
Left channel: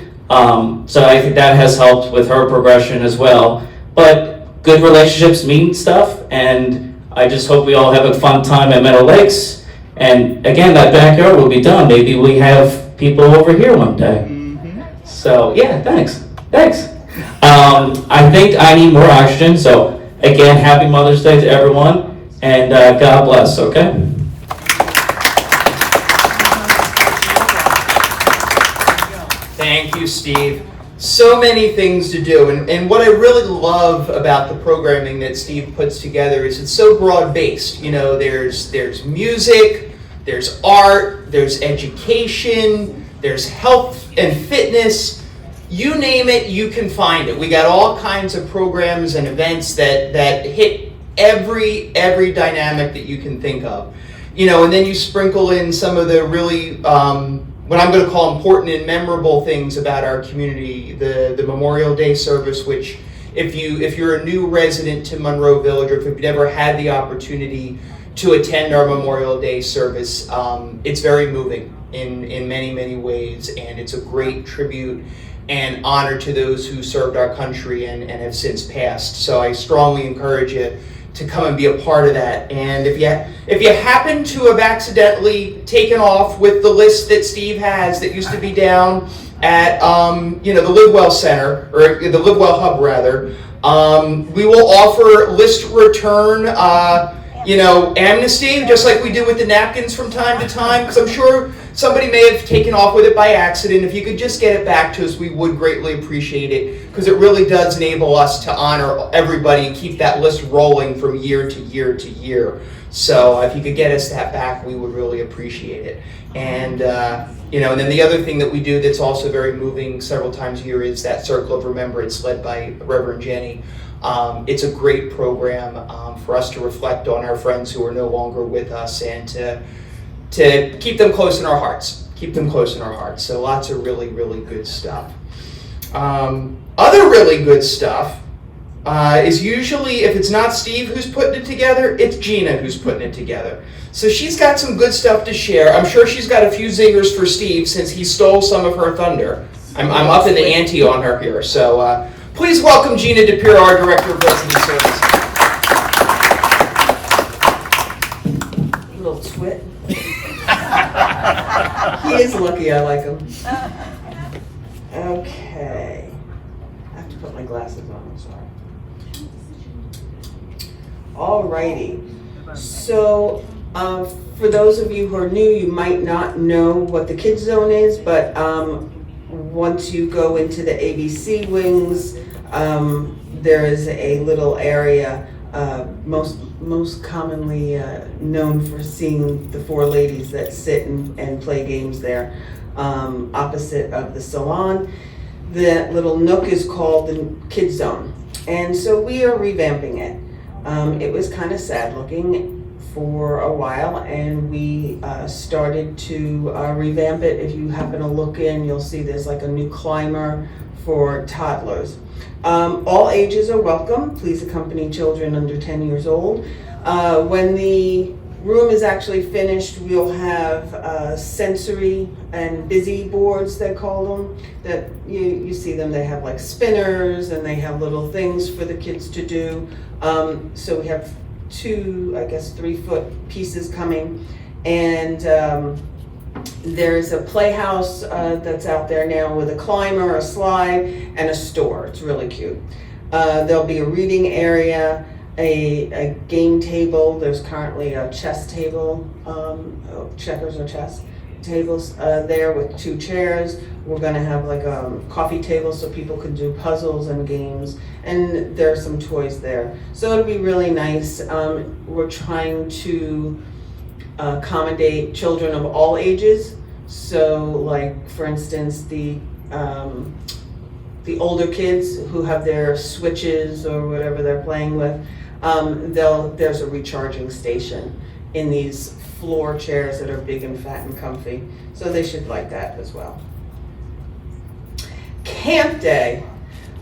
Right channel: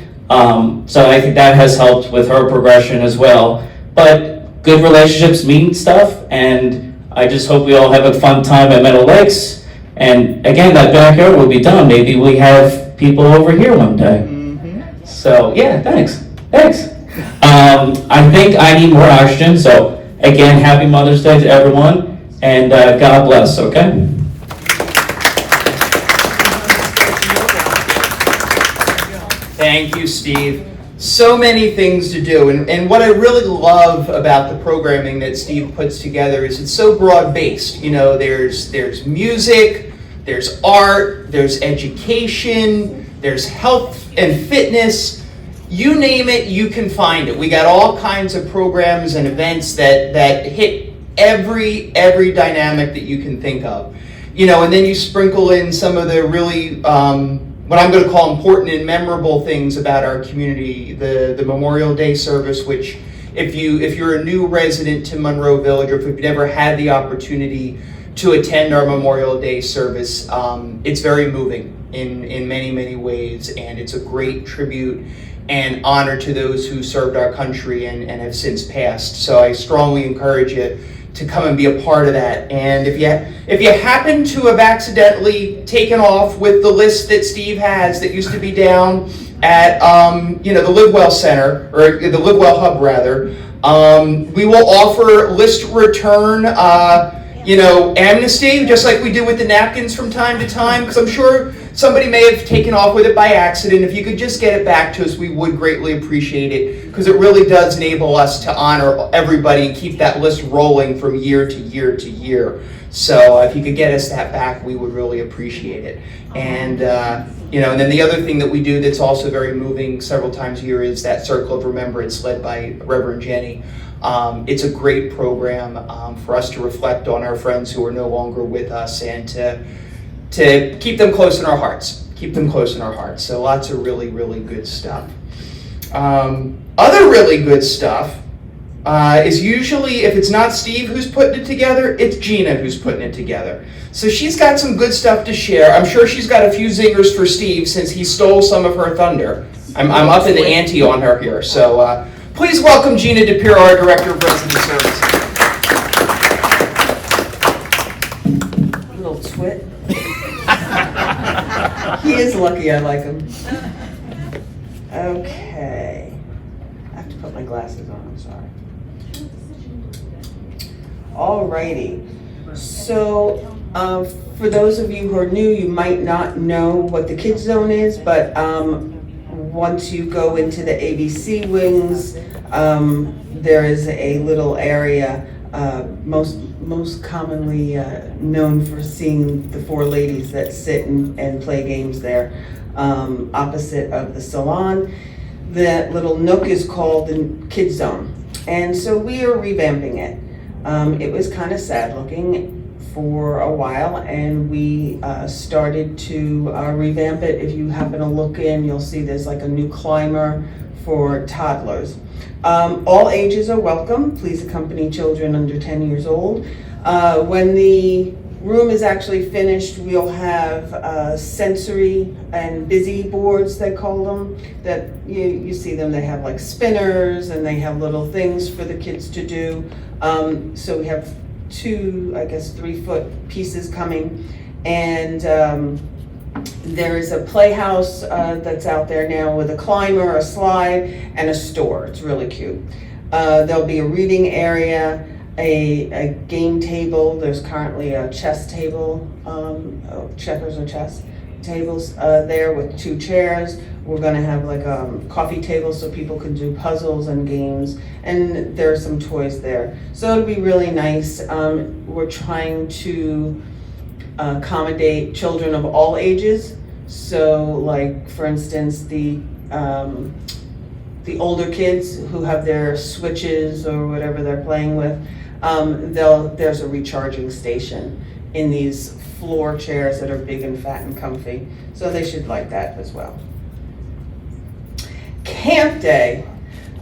So I think that has helped with her progression as well. But good relationships mean stuff, and I just hope we all have a fun time at Meadow Lakes. And again, that backyard will be done. Maybe we have people over here one day. Mm-hmm. So yeah, thanks. I think I need more oxygen. So again, happy Mother's Day to everyone, and God bless. Okay. Thank you, Steve. So many things to do, and what I really love about the programming that Steve puts together is it's so broad-based. You know, there's music, there's art, there's education, there's health and fitness. You name it, you can find it. We got all kinds of programs and events that hit every dynamic that you can think of. You know, and then you sprinkle in some of the really what I'm going to call important and memorable things about our community, the Memorial Day service, which if you're a new resident to Monroe Village, or if you've never had the opportunity to attend our Memorial Day service, it's very moving in many ways, and it's a great tribute and honor to those who served our country and have since passed. So I strongly encourage you to come and be a part of that. And if you happen to have accidentally taken off with the list that Steve has that used to be down at the LiveWell Center, or the LiveWell Hub rather, we will offer list return amnesty, just like we do with the napkins from time to time, because I'm sure somebody may have taken off with it by accident. If you could just get it back to us, we would greatly appreciate it, because it really does enable us to honor everybody and keep that list rolling from year to year to year. So if you could get us that back, we would really appreciate it. And and then the other thing that we do that's also very moving several times a year is that Circle of Remembrance led by Reverend Jenny. It's a great program for us to reflect on our friends who are no longer with us and to keep them close in our hearts. Keep them close in our hearts. So lots of really, really good stuff. Other really good stuff is usually, if it's not Steve who's putting it together, it's Gina who's putting it together. So she's got some good stuff to share. I'm sure she's got a few zingers for Steve since he stole some of her thunder. I'm up in the ante on her here. So please welcome Gina DePiro, our Director of Resident Services. Little twit. He is lucky I like him. Okay. I have to put my glasses on, I'm sorry. Alrighty. So, for those of you who are new, you might not know what the Kids Zone is, but once you go into the ABC wings, there is a little area, most commonly known for seeing the four ladies that sit and play games there, opposite of the salon. That little nook is called the Kids Zone, and so we are revamping it. It was kind of sad looking for a while, and we started to revamp it. If you happen to look in, you'll see there's like a new climber for toddlers. All ages are welcome. Please accompany children under 10 years old. When the room is actually finished, we'll have sensory and busy boards, they call them, that you see them. They have like spinners and they have little things for the kids to do. So we have 2, 3-foot pieces coming, and there's a playhouse that's out there now with a climber, a slide, and a store. It's really cute. There'll be a reading area, a game table. There's currently a chess table, checkers or chess tables there with 2 chairs. We're gonna have like a coffee table so people can do puzzles and games, and there are some toys there. So it'll be really nice. We're trying to accommodate children of all ages. So like, for instance, the older kids who have their Switches or whatever they're playing with, there's a recharging station in these floor chairs that are big and fat and comfy. So they should like that as well. Camp Day.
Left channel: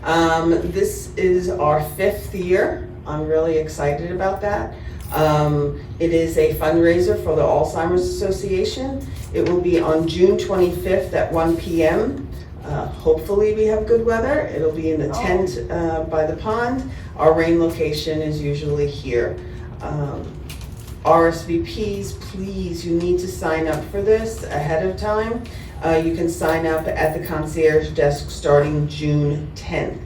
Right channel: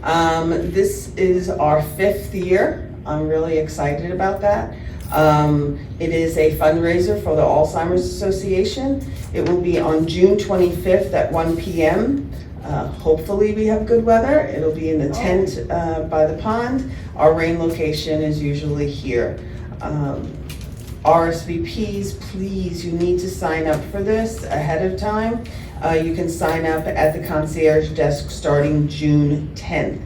This is our 5th year. I'm really excited about that. It is a fundraiser for the Alzheimer's Association. It will be on June 25th at 1 p.m. Hopefully we have good weather. It'll be in the tent by the pond. Our rain location is usually here. RSVPs, please, you need to sign up for this ahead of time. You can sign up at the concierge desk starting June 10th.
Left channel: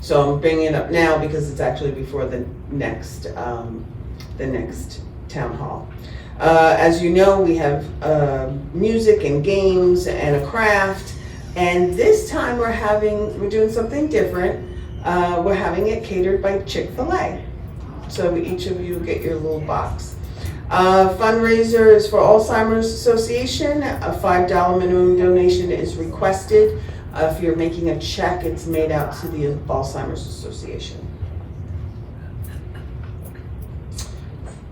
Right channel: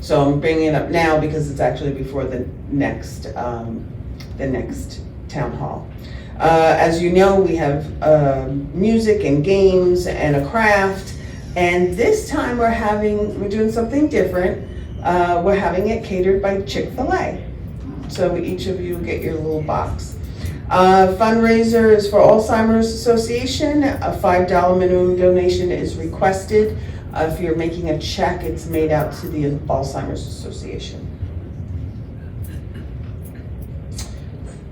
So I'm bringing it up now because it's actually before the next town hall. As you know, we have music and games and a craft, and this time we're doing something different. We're having it catered by Chick-fil-A. So each of you get your little box. Fundraiser is for Alzheimer's Association. A $5 minimum donation is requested. If you're making a check, it's made out to the Alzheimer's Association.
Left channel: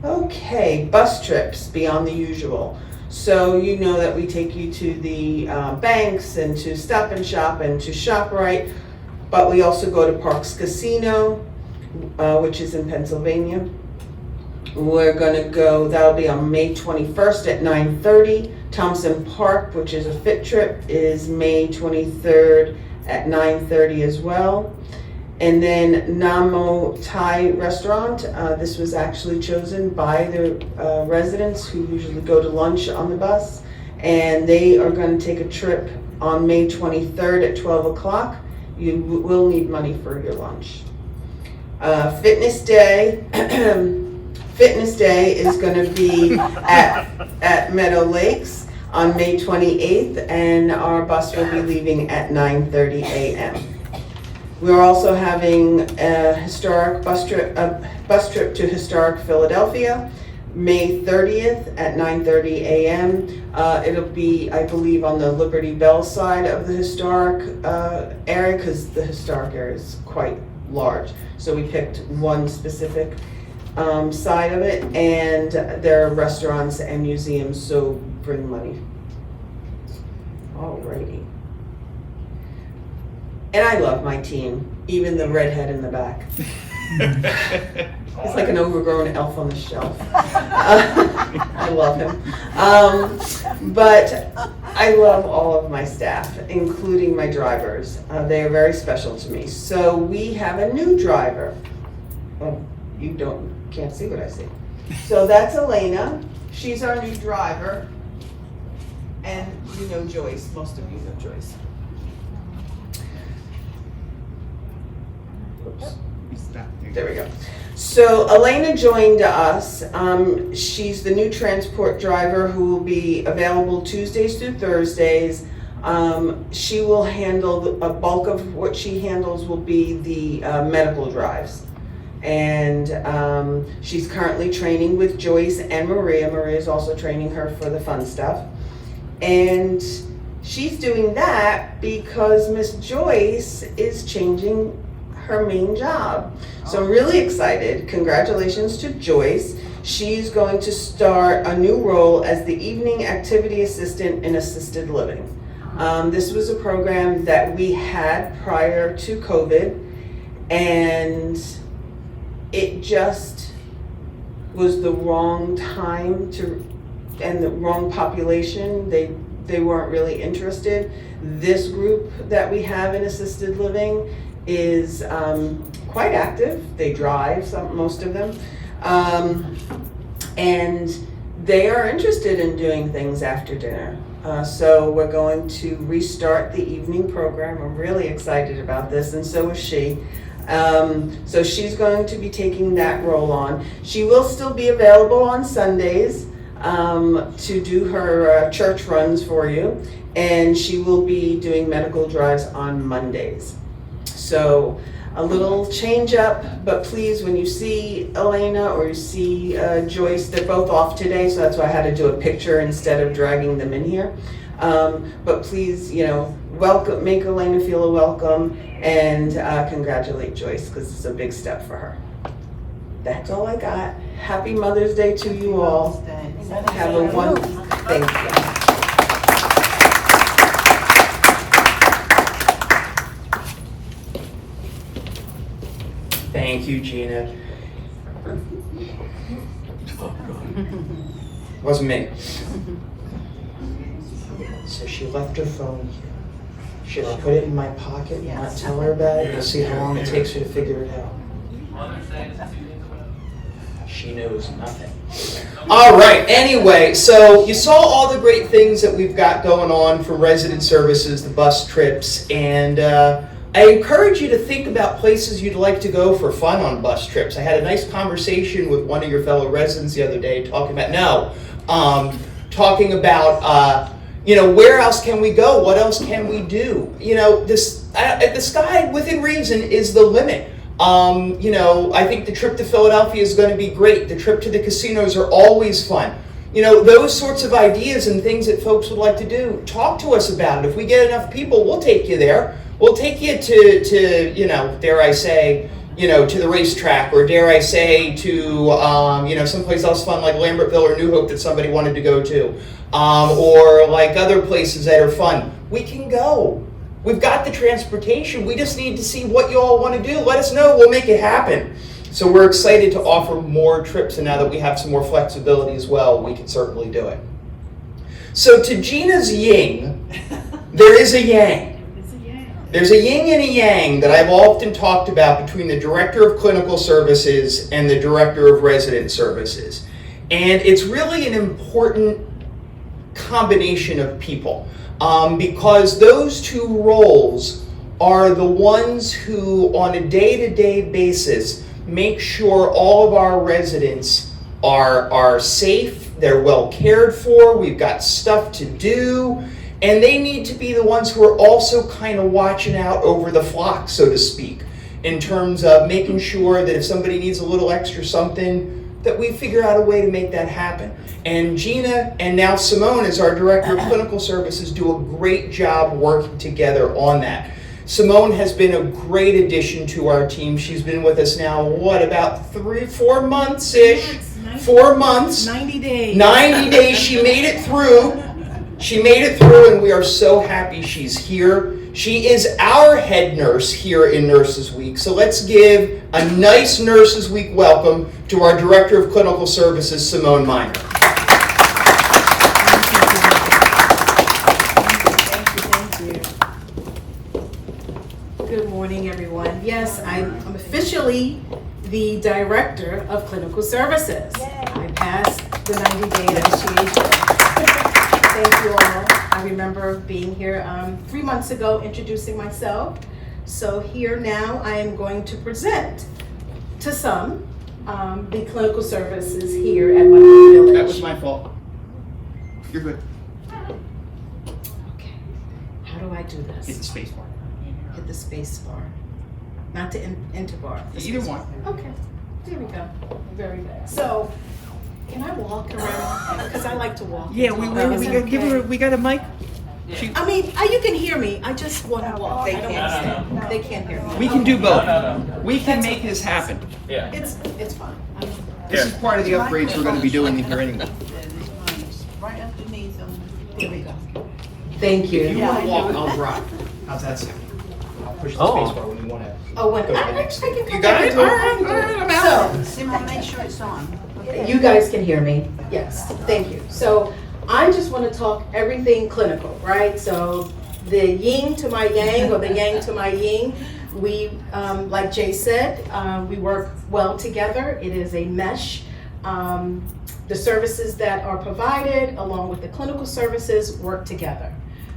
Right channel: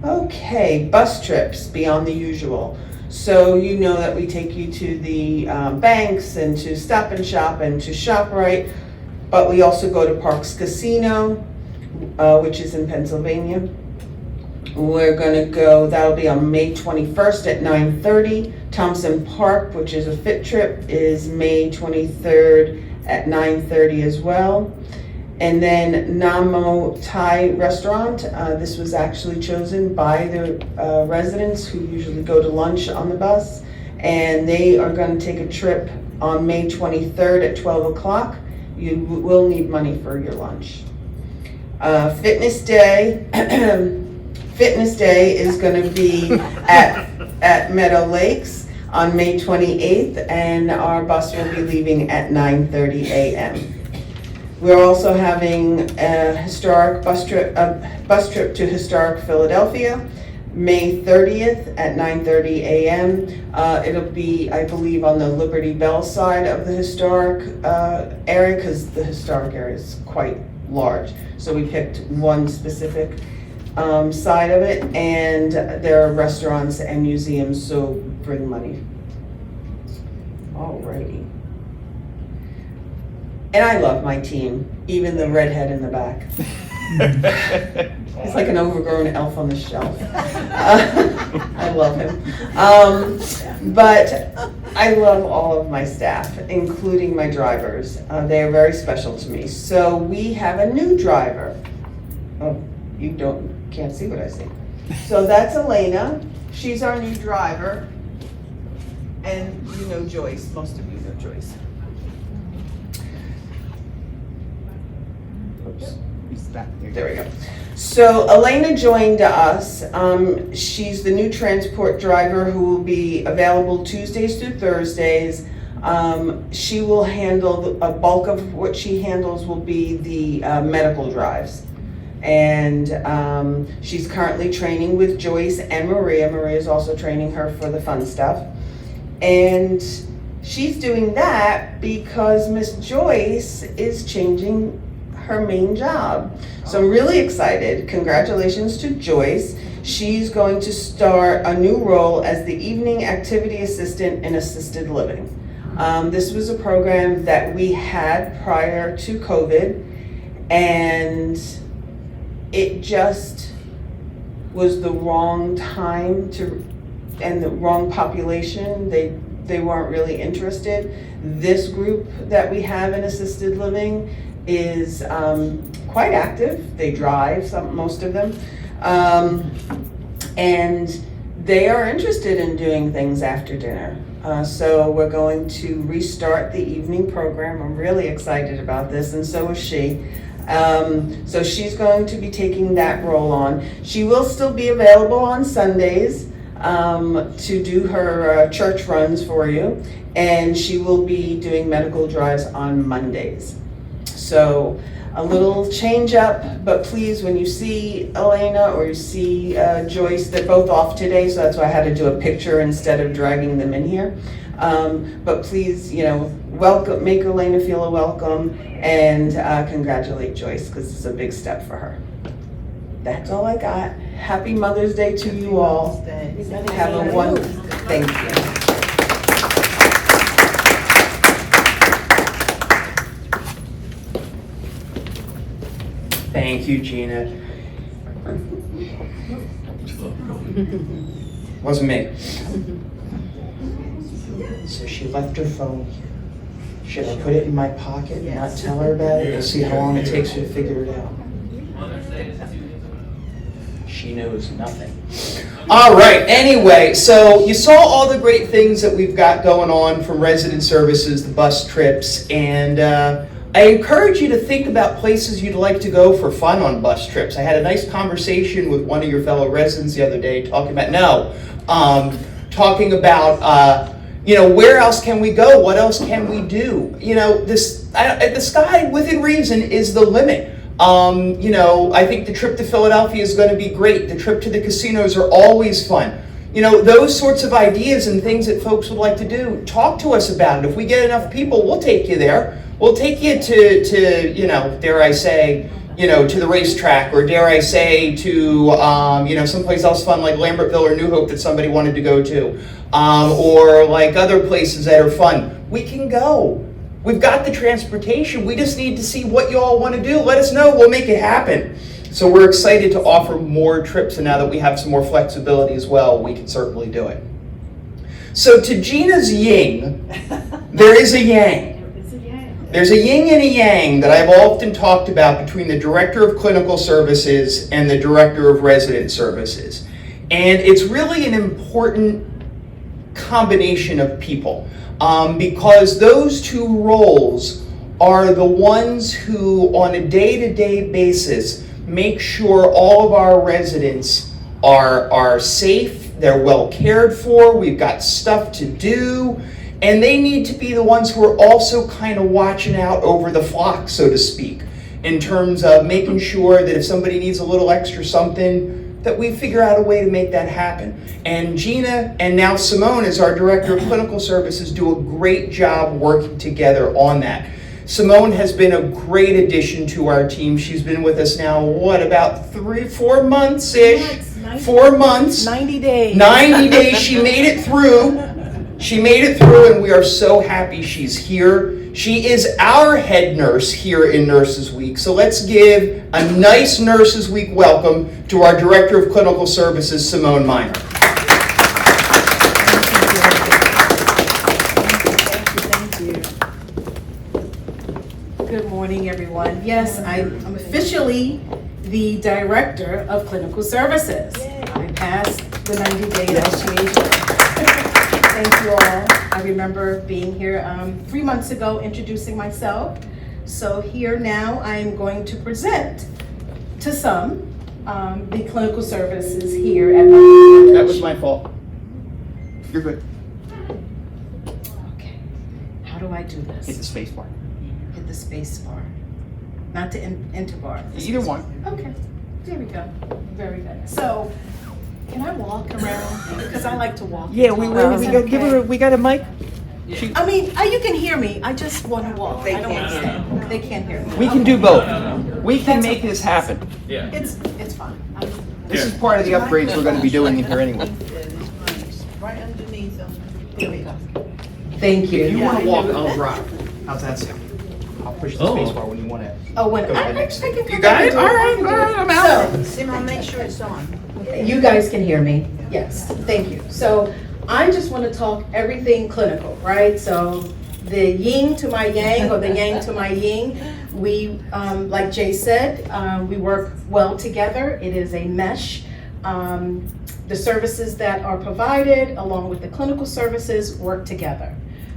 Okay, bus trips beyond the usual. So you know that we take you to the banks and to Stop and Shop and to ShopRite, but we also go to Parks Casino, which is in Pennsylvania. We're gonna go, that'll be on May 21st at 9:30. Thompson Park, which is a fit trip, is May 23rd at 9:30 as well. And then Namo Thai Restaurant, this was actually chosen by the residents who usually go to lunch on the bus. And they are gonna take a trip on May 23rd at 12 o'clock. You will need money for your lunch. Fitness Day. Fitness Day is going to be at Meadow Lakes on May 28th, and our bus will be leaving at 9:30 a.m. We're also having a historic bus trip to historic Philadelphia. May 30th at 9:30 a.m. It'll be, I believe, on the Liberty Bell side of the historic area, because the historic area is quite large. So we picked one specific side of it, and there are restaurants and museums, so bring money. Alrighty. And I love my team, even the redhead in the back. He's like an overgrown elf on the shelf. I love him. But I love all of my staff, including my drivers. They are very special to me. So we have a new driver. Oh, you can't see what I see. So that's Elena. She's our new driver. And you know Joyce. Most of you know Joyce. Oops. There we go. So Elena joined us. She's the new transport driver who will be available Tuesdays through Thursdays. She will handle a bulk of what she handles will be the medical drives. And she's currently training with Joyce and Maria. Maria's also training her for the fun stuff. And she's doing that because Miss Joyce is changing her main job. So I'm really excited. Congratulations to Joyce. She's going to start a new role as the evening activity assistant in assisted living. This was a program that we had prior to COVID, and it just was the wrong time and the wrong population. They weren't really interested. This group that we have in assisted living is quite active. They drive, most of them, and they are interested in doing things after dinner. So we're going to restart the evening program. I'm really excited about this, and so is she. So she's going to be taking that role on. She will still be available on Sundays to do her church runs for you, and she will be doing medical drives on Mondays. So a little change up, but please, when you see Elena or you see Joyce, they're both off today, so that's why I had to do a picture instead of dragging them in here. But please, welcome, make Elena feel welcome, and congratulate Joyce, because it's a big step for her. That's all I got. Happy Mother's Day to you all. Have a wonderful, thank you. Thank you, Gina. Wasn't me. So she left her phone here. Should I put it in my pocket and not tell her about it? We'll see how long it takes her to figure it out. She knows nothing. All right, anyway, so you saw all the great things that we've got going on from resident services, the bus trips, and I encourage you to think about places you'd like to go for fun on bus trips. I had a nice conversation with one of your fellow residents the other day talking about, where else can we go? What else can we do? The sky within reason is the limit. I think the trip to Philadelphia is going to be great. The trip to the casinos are always fun. Those sorts of ideas and things that folks would like to do, talk to us about it. If we get enough people, we'll take you there. We'll take you to dare I say, to the racetrack, or dare I say to, someplace else fun like Lambertville or New Hope that somebody wanted to go to, or like other places that are fun. We can go. We've got the transportation. We just need to see what you all want to do. Let us know. We'll make it happen. So we're excited to offer more trips, and now that we have some more flexibility as well, we can certainly do it. So to Gina's yin, there is a yang. There's a yin and a yang that I've often talked about between the Director of Clinical Services and the Director of Resident Services. And it's really an important combination of people, because those two roles are the ones who, on a day-to-day basis, make sure all of our residents are safe, they're well cared for, we've got stuff to do, and they need to be the ones who are also kind of watching out over the flock, so to speak, in terms of making sure that if somebody needs a little extra something, that we figure out a way to make that happen. And Gina and now Simone, as our Director of Clinical Services, do a great job working together on that. Simone has been a great addition to our team. She's been with us now, about 4 months-ish? 4 months. 90 days. 90 days, she made it through. She made it through, and we are so happy she's here. She is our head nurse here in Nurses Week. So let's give a nice Nurses Week welcome to our Director of Clinical Services, Simone Miner. Thank you. Good morning, everyone. Yes, I'm officially the Director of Clinical Services. I passed the 90-day initiation. Thank you all. I remember being here 3 months ago, introducing myself. So here now I am going to present to some the clinical services here at Monroe Village. That was my fault. You're good. Okay. How do I do this? Hit the space bar. Hit the space bar. Not to enter bar. Either one. Okay. There we go. Very good. So, can I walk around? Because I like to walk. Yeah, and we talk. Is that give her. okay? We got a mic. I mean, you can hear me. I just want to walk. I don't want to stand. They can't hear me. We can do both. We can make this happen. It's fine. This is part of the upgrades we're going to be doing in here anyway. Right underneath them. There we go. Thank you. If you want to walk, I'll drive. How's that sound? I'll push the space bar when you want to. Oh, when Go to I the can next. come You got back it? and do All right, I'm out. So, Simone, make sure it's on. you guys can hear me? Yes, thank you. So I just want to talk everything clinical, right? So the yin to my yang or the yang to my yin, we, like Jay said, we work well together. It is a mesh. The services that are provided along with the clinical services work together.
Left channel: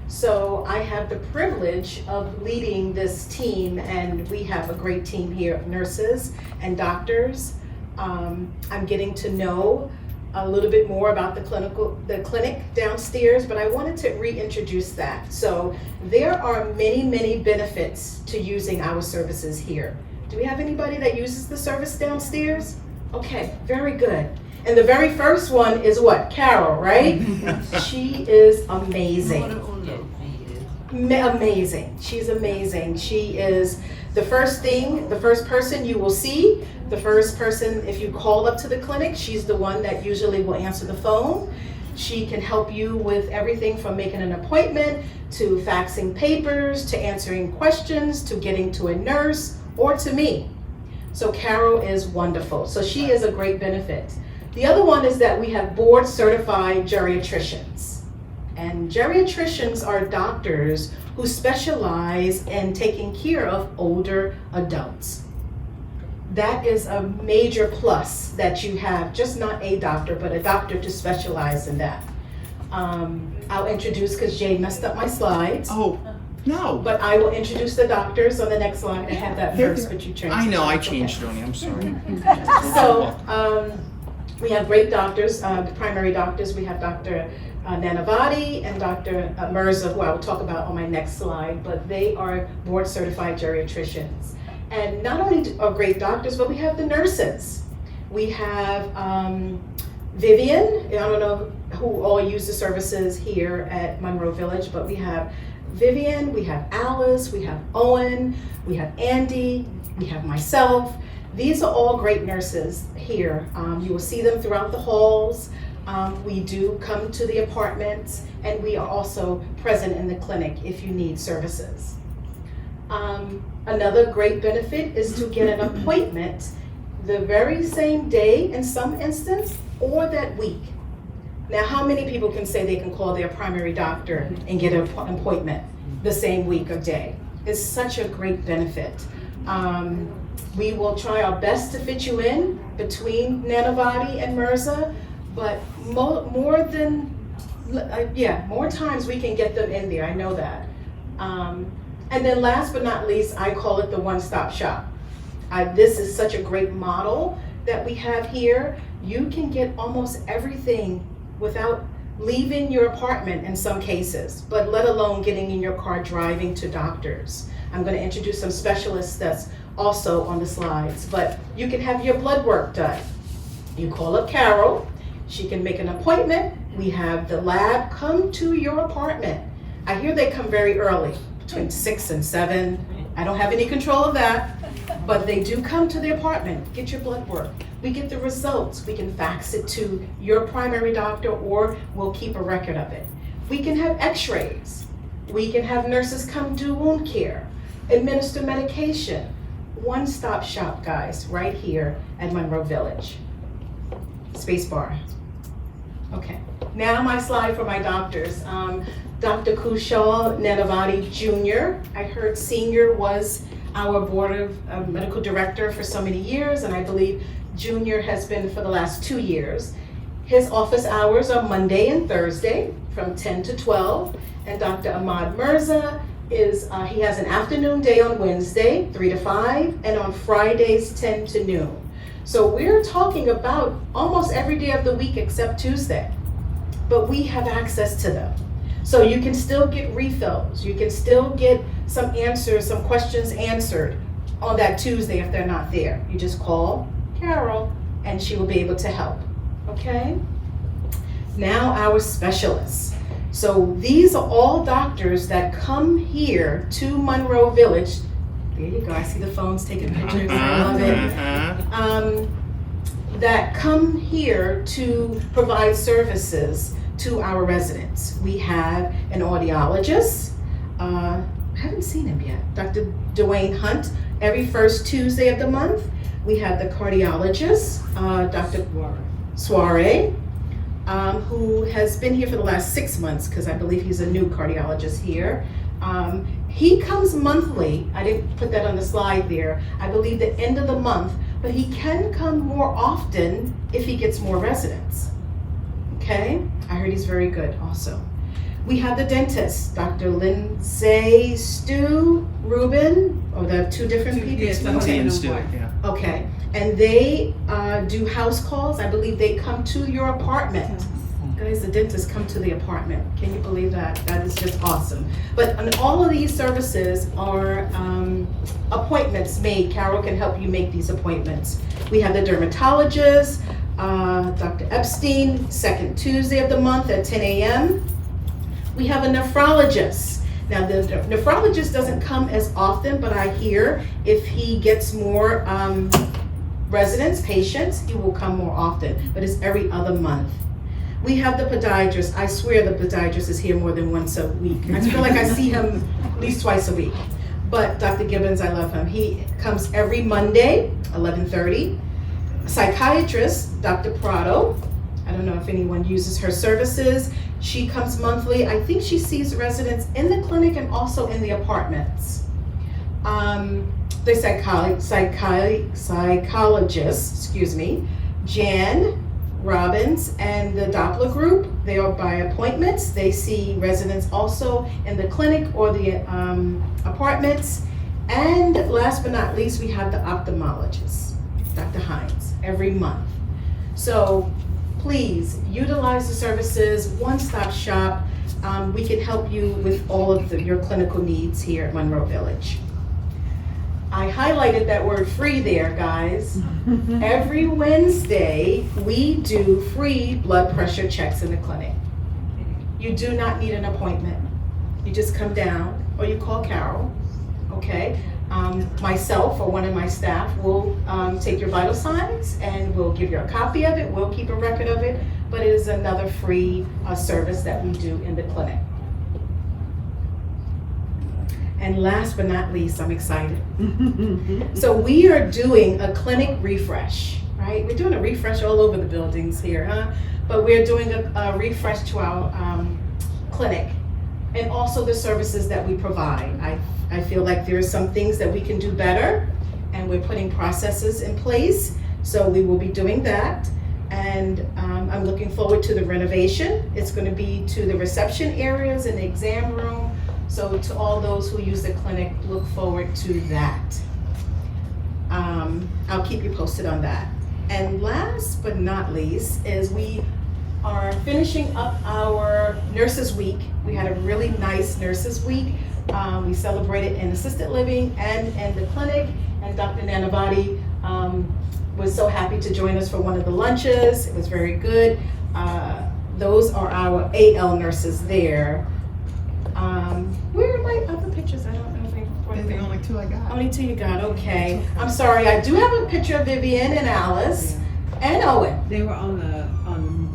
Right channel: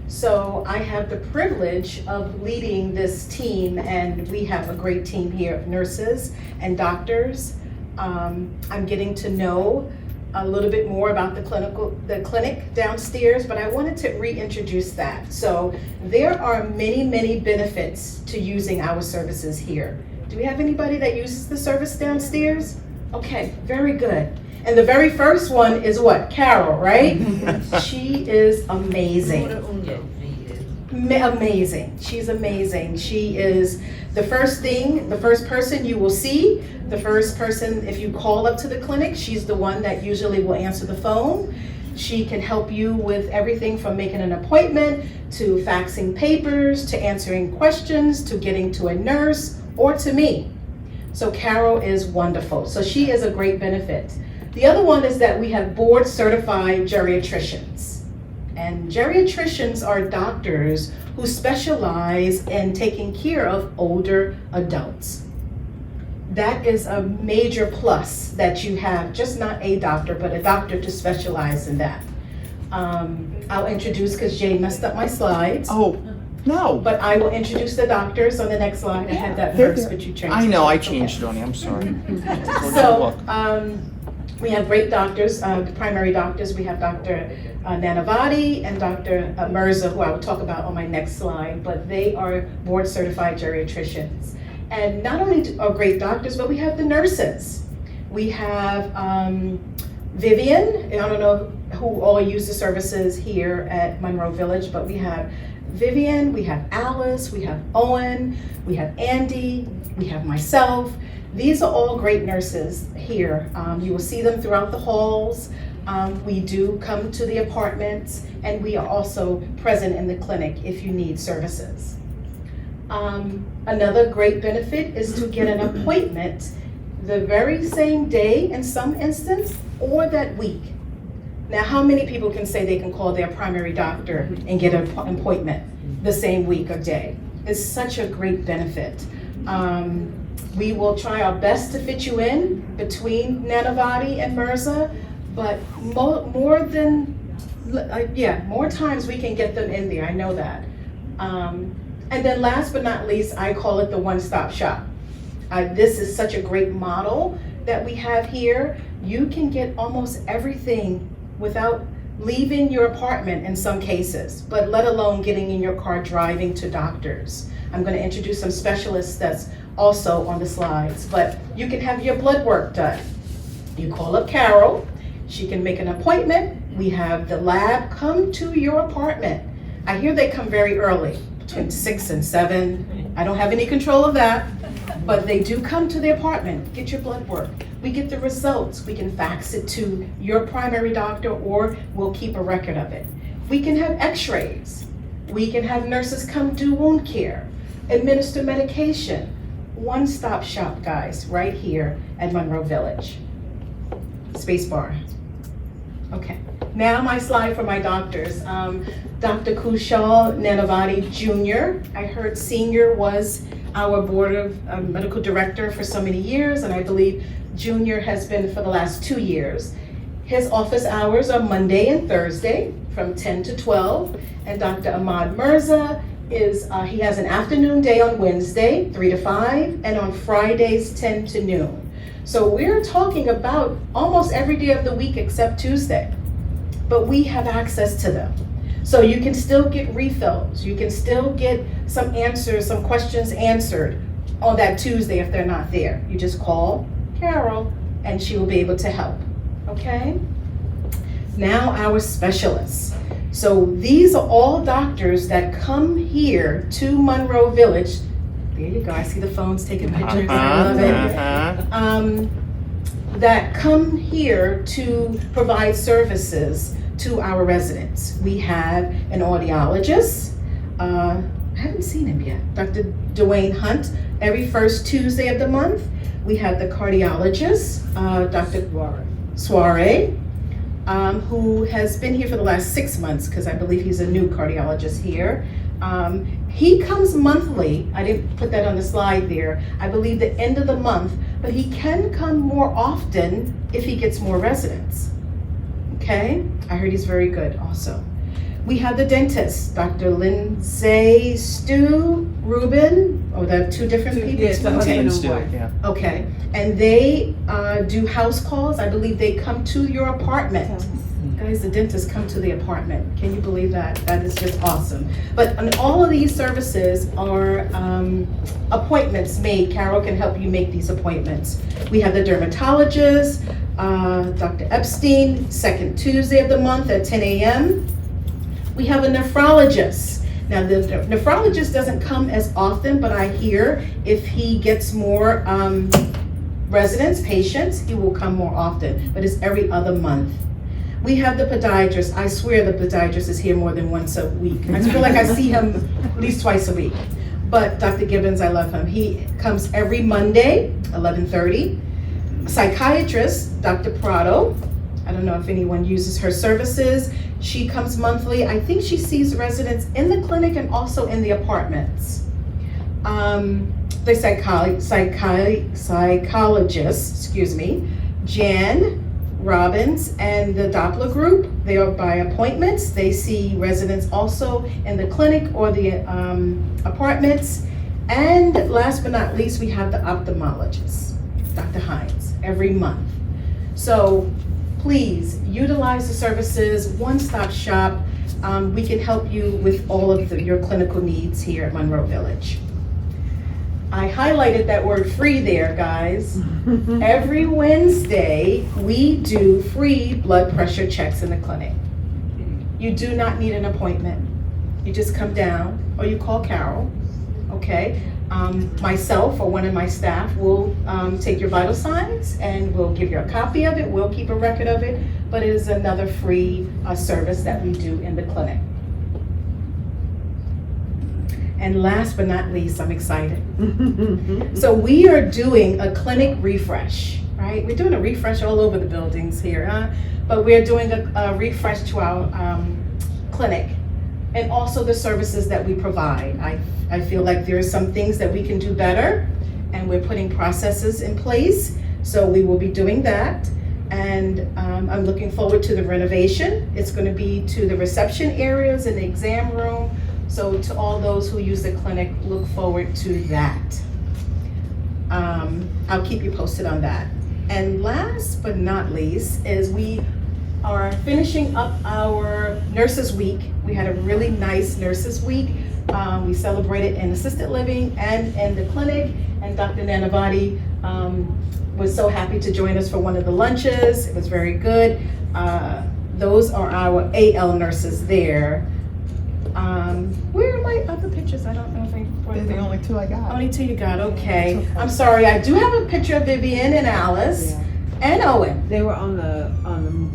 So I have the privilege of leading this team, and we have a great team here of nurses and doctors. I'm getting to know a little bit more about the clinic downstairs, but I wanted to reintroduce that. So there are many, many benefits to using our services here. Do we have anybody that uses the service downstairs? Okay, very good. And the very first one is what? Carol, right? She is amazing. Amazing. She's amazing. She is the first person you will see, the first person, if you call up to the clinic, she's the one that usually will answer the phone. She can help you with everything from making an appointment, to faxing papers, to answering questions, to getting to a nurse, or to me. So Carol is wonderful. So she is a great benefit. The other one is that we have board certified geriatricians. And geriatricians are doctors who specialize in taking care of older adults. That is a major plus that you have, just not a doctor, but a doctor to specialize in that. I'll introduce, because Jay messed up my slides. Oh, no. But I will introduce the doctors on the next slide. I had that first, but you changed it. I know, I It's okay. changed it on you. I'm sorry. So, we have great doctors, the primary doctors. We have Dr. Nanavati and Dr. Mirza, who I will talk about on my next slide, but they are board certified geriatricians. And not only are great doctors, but we have the nurses. We have Vivian. I don't know who all use the services here at Monroe Village, but we have Vivian, we have Alice, we have Owen, we have Andy, we have myself. These are all great nurses here. You will see them throughout the halls. We do come to the apartments, and we are also present in the clinic if you need services. Another great benefit is to get an appointment the very same day in some instance, or that week. Now, how many people can say they can call their primary doctor and get an appointment the same week or day? It's such a great benefit. We will try our best to fit you in between Nanavati and Mirza, but more times we can get them in there, I know that. And then last but not least, I call it the one-stop shop. This is such a great model that we have here. You can get almost everything without leaving your apartment in some cases, but let alone getting in your car driving to doctors. I'm going to introduce some specialists that's also on the slides, but you can have your blood work done. You call up Carol, she can make an appointment. We have the lab come to your apartment. I hear they come very early, between 6 and 7. I don't have any control of that, but they do come to the apartment, get your blood work. We get the results. We can fax it to your primary doctor, or we'll keep a record of it. We can have x-rays. We can have nurses come do wound care, administer medication. One-stop shop, guys, right here at Monroe Village. Space bar. Okay, now my slide for my doctors. Dr. Kushal Nanavati Jr., I heard Senior was our board of medical director for so many years, and I believe Junior has been for the last 2 years. His office hours are Monday and Thursday from 10 to 12, and Dr. Ahmad Mirza is, he has an afternoon day on Wednesday, 3 to 5, and on Fridays, 10 to noon. So we're talking about almost every day of the week except Tuesday, but we have access to them. So you can still get refills, you can still get some answers, some questions answered on that Tuesday if they're not there. You just call Carol and she will be able to help, okay? Now our specialists. So these are all doctors that come here to Monroe Village. There you go, I see the phones taking pictures, I love it. That come here to provide services to our residents. We have an audiologist, I haven't seen him yet, Dr. Dwayne Hunt, every first Tuesday of the month. We have the cardiologist, Dr. Soiree, who has been here for the last 6 months, because I believe he's a new cardiologist here. He comes monthly. I didn't put that on the slide there. I believe the end of the month, but he can come more often if he gets more residents. Okay, I heard he's very good also. We have the dentist, Dr. Lindsay Stu Rubin. Oh, they're 2 different people. Yes, the husband and wife. Yeah. Okay, and they do house calls. I believe they come to your apartment. Guys, the dentists come to the apartment. Can you believe that? That is just awesome. But on all of these services are appointments made. Carol can help you make these appointments. We have the dermatologist, Dr. Epstein, second Tuesday of the month at 10 a.m. We have a nephrologist. Now, the nephrologist doesn't come as often, but I hear if he gets more residents, patients, he will come more often, but it's every other month. We have the podiatrist. I swear the podiatrist is here more than once a week. I feel like I see him at least twice a week. But Dr. Gibbons, I love him. He comes every Monday, 11:30. Psychiatrist, Dr. Prado. I don't know if anyone uses her services. She comes monthly. I think she sees residents in the clinic and also in the apartments. The psychologist, Jan Robbins and the Doppler group, they are by appointments. They see residents also in the clinic or the apartments. And last but not least, we have the ophthalmologist, Dr. Hines, every month. So please utilize the services, one-stop shop. We can help you with all of your clinical needs here at Monroe Village. I highlighted that word free there, guys. Every Wednesday, we do free blood pressure checks in the clinic. You do not need an appointment. You just come down or you call Carol, okay? Myself or one of my staff will take your vital signs and we'll give you a copy of it. We'll keep a record of it, but it is another free service that we do in the clinic. And last but not least, I'm excited. So we are doing a clinic refresh, right? We're doing a refresh all over the buildings here, huh? But we're doing a refresh to our clinic and also the services that we provide. I feel like there are some things that we can do better and we're putting processes in place. So we will be doing that. And I'm looking forward to the renovation. It's going to be to the reception areas and the exam room. So to all those who use the clinic, look forward to that. I'll keep you posted on that. And last but not least is we are finishing up our Nurses Week. We had a really nice Nurses Week. We celebrated in assisted living and in the clinic. And Dr. Nanavati was so happy to join us for one of the lunches. It was very good. Those are our AL nurses there. Where are my other pictures? I don't know if they were The only two I got. only two you got. Okay. I'm sorry. I do have a picture of Vivian and Alice and Owen. They were on the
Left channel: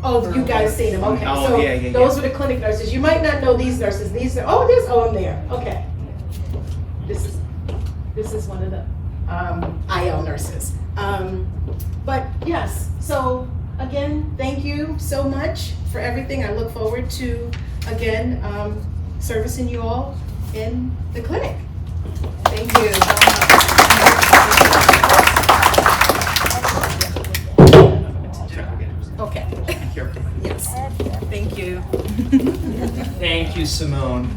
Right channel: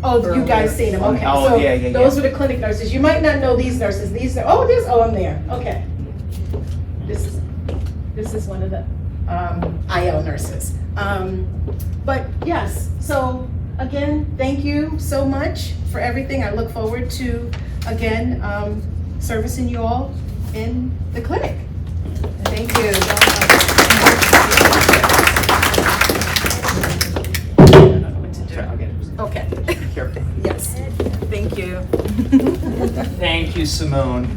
Oh, you guys seen them? Okay. Oh, So yeah. those were the clinic nurses. You might not know these nurses. These are. Oh, there's Owen there. Okay. This is one of the IL nurses. But yes. So again, thank you so much for everything. I look forward to again servicing you all in the clinic. Thank you. Okay. Yes. Thank you. Thank you, Simone.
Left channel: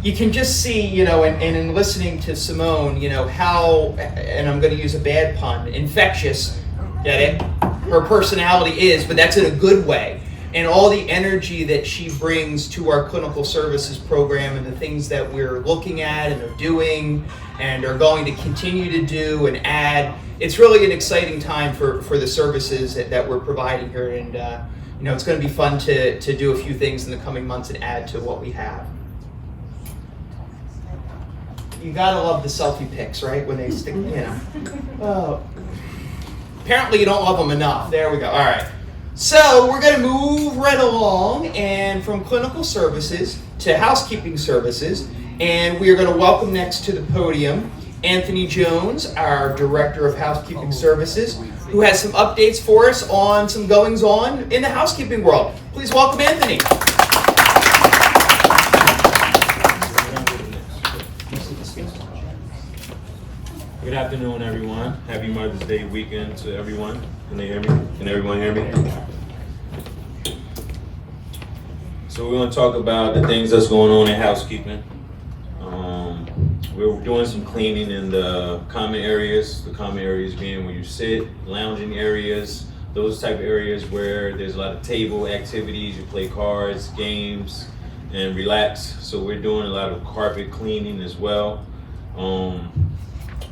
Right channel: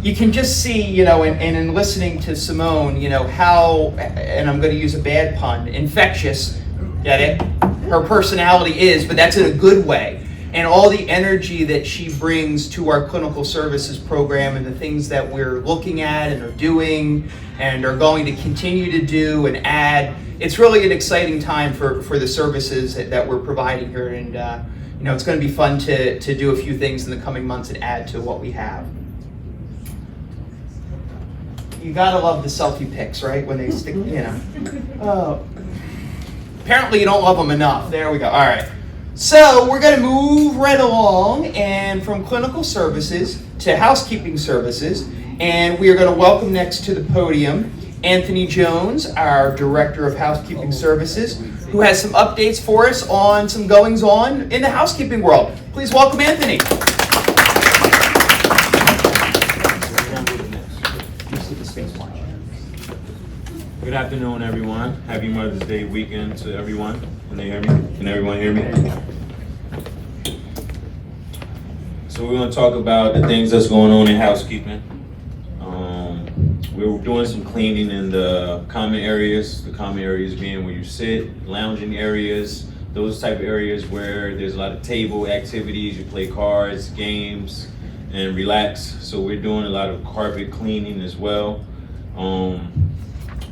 You can just see, and in listening to Simone, how, and I'm going to use a bad pun, infectious, get it? Her personality is, but that's in a good way. And all the energy that she brings to our clinical services program and the things that we're looking at and are doing and are going to continue to do and add. It's really an exciting time for the services that we're providing here. And, it's going to be fun to do a few things in the coming months and add to what we have. You gotta love the selfie pics, right? When they stick, Oh. Apparently you don't love them enough. There we go. All right. So we're gonna move right along, and from clinical services to housekeeping services, and we are gonna welcome next to the podium Anthony Jones, our Director of Housekeeping Services, who has some updates for us on some goings on in the housekeeping world. Please welcome Anthony. Good afternoon, everyone. Happy Mother's Day weekend to everyone. Can they hear me? Can everyone hear me? So we're going to talk about the things that's going on in housekeeping. We're doing some cleaning in the common areas. The common areas being where you sit, lounging areas, those type of areas where there's a lot of table activities. You play cards, games, and relax. So we're doing a lot of carpet cleaning as well.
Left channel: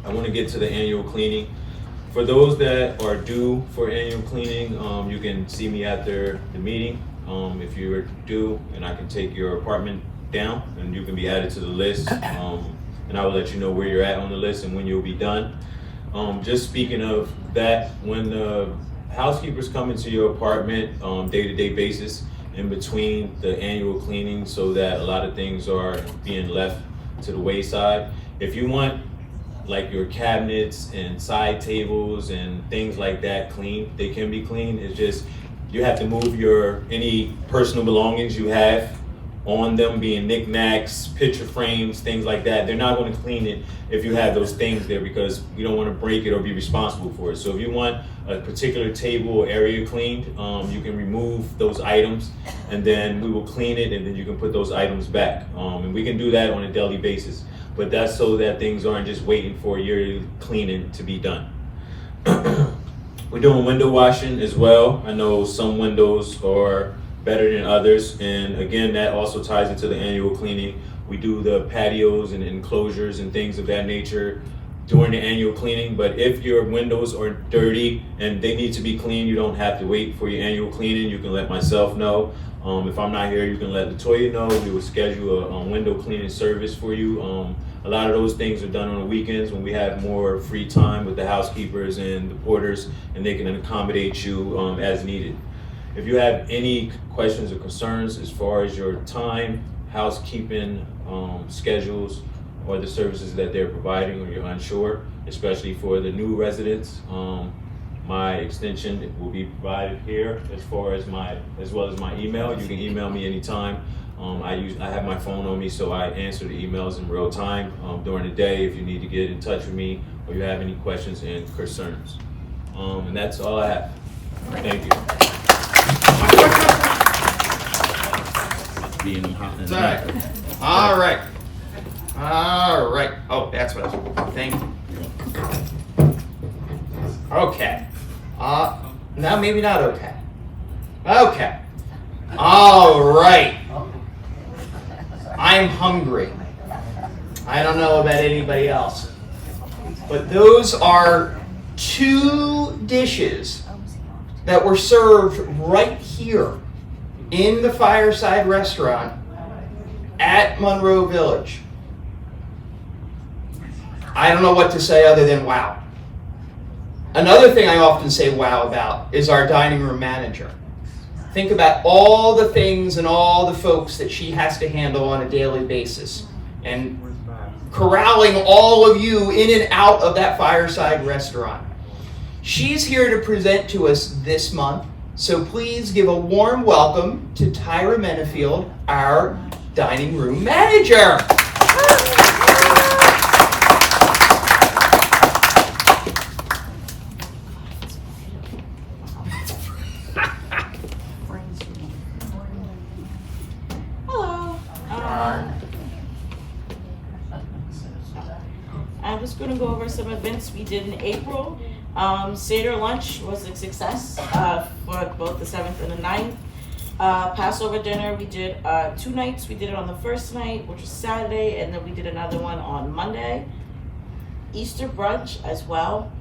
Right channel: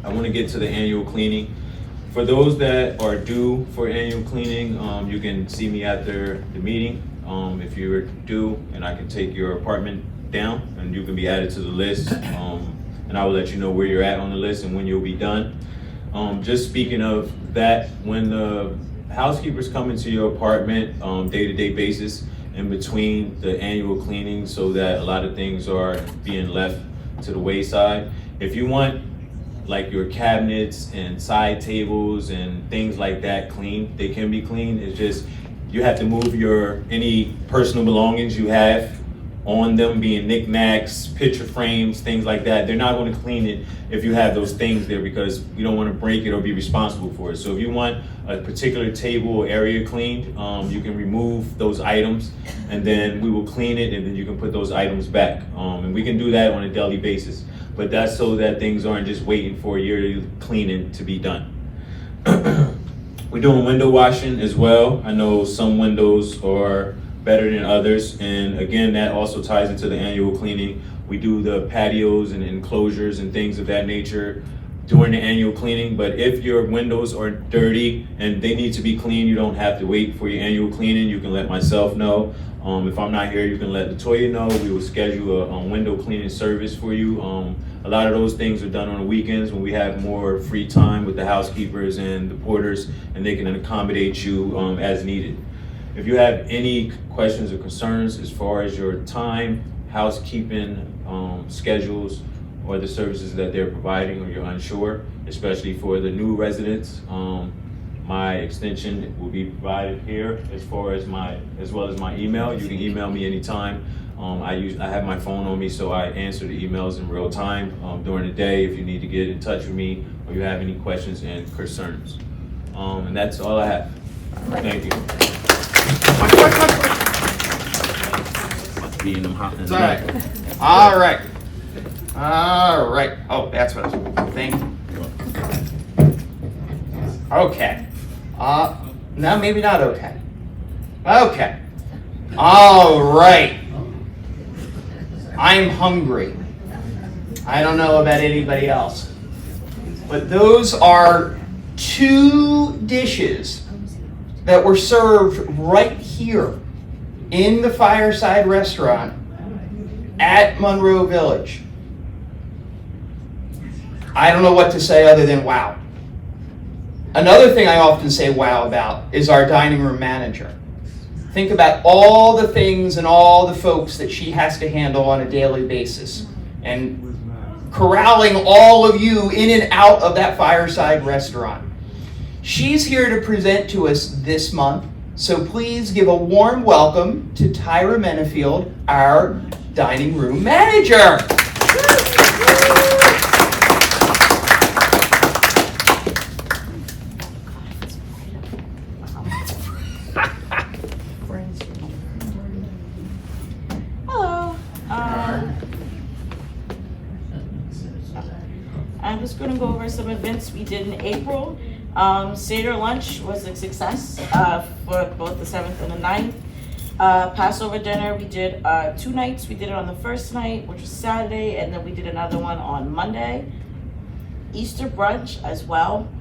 I want to get to the annual cleaning. For those that are due for annual cleaning, you can see me after the meeting. If you're due, and I can take your apartment down and you can be added to the list. And I will let you know where you're at on the list and when you'll be done. Just speaking of that, when the housekeepers come into your apartment day-to-day basis in between the annual cleaning, so that a lot of things are being left to the wayside. If you want like your cabinets and side tables and things like that clean, they can be clean. It's just you have to move any personal belongings you have on them, being knickknacks, picture frames, things like that. They're not going to clean it if you have those things there, because you don't want to break it or be responsible for it. So if you want a particular table or area cleaned, you can remove those items and then we will clean it, and then you can put those items back. And we can do that on a daily basis. But that's so that things aren't just waiting for your cleaning to be done. We're doing window washing as well. I know some windows are better than others, and again, that also ties into the annual cleaning. We do the patios and enclosures and things of that nature during the annual cleaning. But if your windows are dirty and they need to be cleaned, you don't have to wait for your annual cleaning. You can let myself know. If I'm not here, you can let Latoya know. We will schedule a window cleaning service for you. A lot of those things are done on the weekends when we have more free time with the housekeepers and the porters, and they can accommodate you as needed. If you have any questions or concerns as far as your time, housekeeping schedules, or the services that they're providing, or you're unsure, especially for the new residents, my extension will be provided here as well as my email. You can email me anytime. I have my phone on me, so I answer the emails in real time during the day if you need to get in touch with me or you have any questions and concerns. And that's all I have. Thank you. It's all right. All right. All right. Oh, that's what I was. Thank you. Okay. No, maybe not okay. Okay. All right. I'm hungry. I don't know about anybody else, but those are 2 dishes that were served right here in the Fireside Restaurant at Monroe Village. I don't know what to say other than wow. Another thing I often say wow about is our dining room manager. Think about all the things and all the folks that she has to handle on a daily basis. And corralling all of you in and out of that Fireside Restaurant. She's here to present to us this month, so please give a warm welcome to Tyra Menefield, our dining room manager. Hello. I'm just going to go over some events we did in April. Seder lunch was a success for both the 7th and the 9th. Passover dinner, we did 2 nights. We did it on the first night, which was Saturday, and then we did another one on Monday. Easter brunch as well.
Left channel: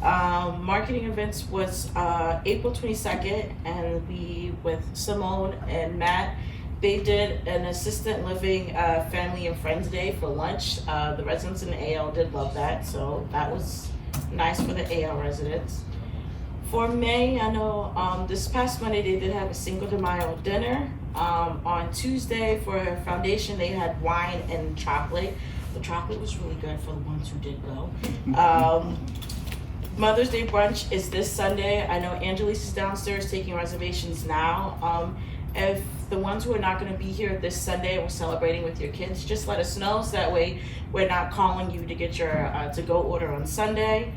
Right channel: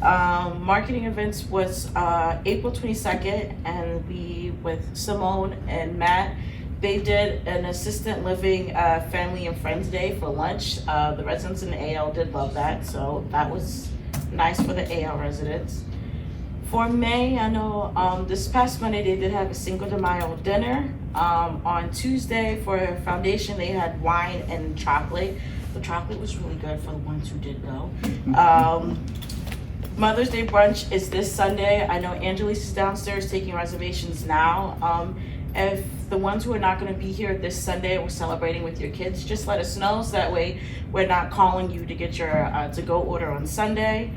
Marketing events was April 22nd, and we, with Simone and Matt, they did an assistant living family and friends day for lunch. The residents in the AL did love that, so that was nice for the AL residents. For May, I know this past Monday they did have a Cinco de Mayo dinner. On Tuesday for Foundation they had wine and chocolate. The chocolate was really good for the ones who did go. Mother's Day brunch is this Sunday. I know Angelise is downstairs taking reservations now. If the ones who are not going to be here this Sunday and we're celebrating with your kids, just let us know so that way we're not calling you to get your to-go order on Sunday.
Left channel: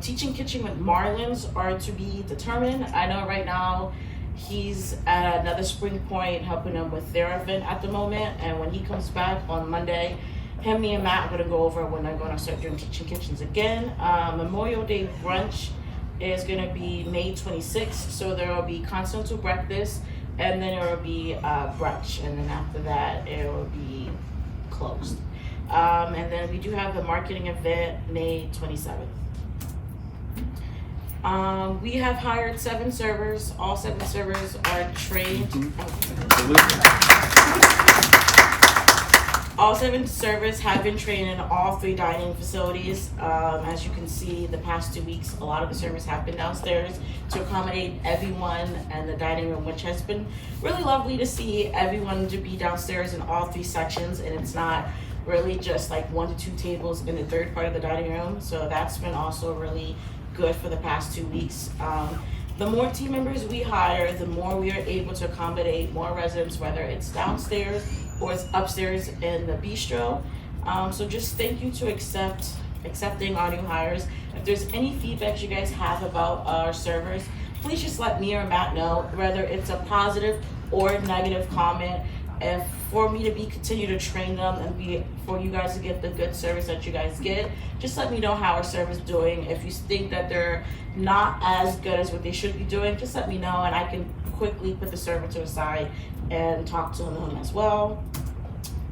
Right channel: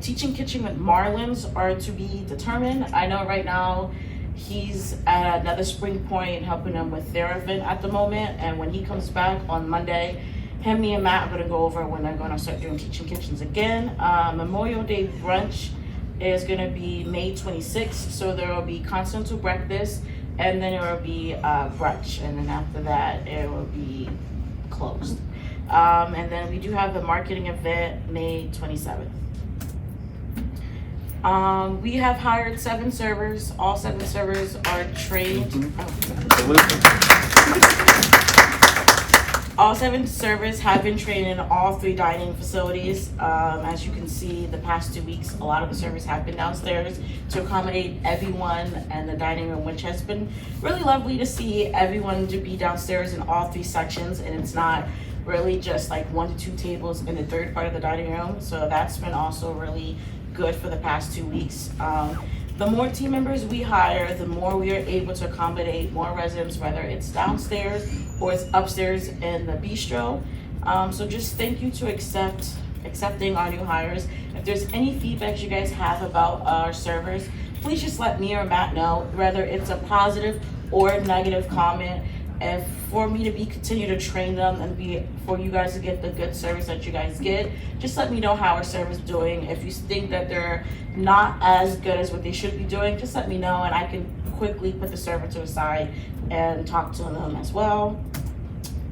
Teaching Kitchen with Marlins are to be determined. I know right now he's at another Spring Point helping them with their event at the moment, and when he comes back on Monday, me and Matt are going to go over when they're going to start doing Teaching Kitchens again. Memorial Day brunch is going to be May 26th, so there will be continental breakfast, and then there will be brunch, and then after that it will be closed. And then we do have the marketing event May 27th. We have hired 7 servers. All 7 servers are trained. All 7 servers have been trained in all 3 dining facilities. As you can see, the past 2 weeks, a lot of the servers have been downstairs to accommodate everyone in the dining room, which has been really lovely to see everyone to be downstairs in all 3 sections, and it's not really just like 1 to 2 tables in the 3rd part of the dining room. So that's been also really good for the past 2 weeks. The more team members we hire, the more we are able to accommodate more residents, whether it's downstairs or it's upstairs in the bistro. So just thank you to accepting our new hires. If there's any feedback you guys have about our servers, please just let me or Matt know, whether it's a positive or a negative comment. And for me to continue to train them and for you guys to get the good service that you guys get, just let me know how our service is doing. If you think that they're not as good as what they should be doing, just let me know and I can quickly put the server to the side and talk to them as well.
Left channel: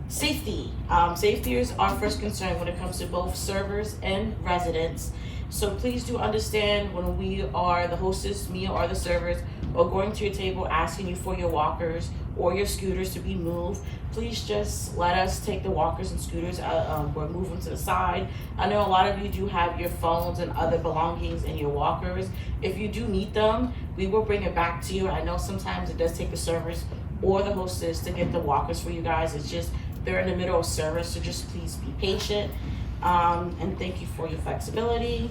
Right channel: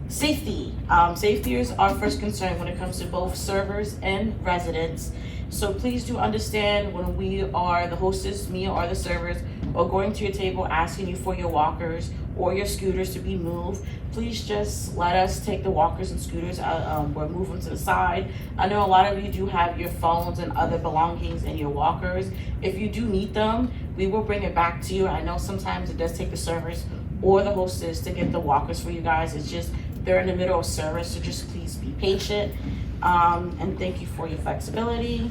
Safety. Safety is our first concern when it comes to both servers and residents. So please do understand when we are the hostess, me or the servers, or going to your table asking you for your walkers or your scooters to be moved, please just let us take the walkers and scooters or move them to the side. I know a lot of you do have your phones and other belongings in your walkers. If you do need them, we will bring it back to you. I know sometimes it does take the servers or the hostess to get the walkers for you guys. It's just they're in the middle of service, so just please be patient. And thank you for your flexibility.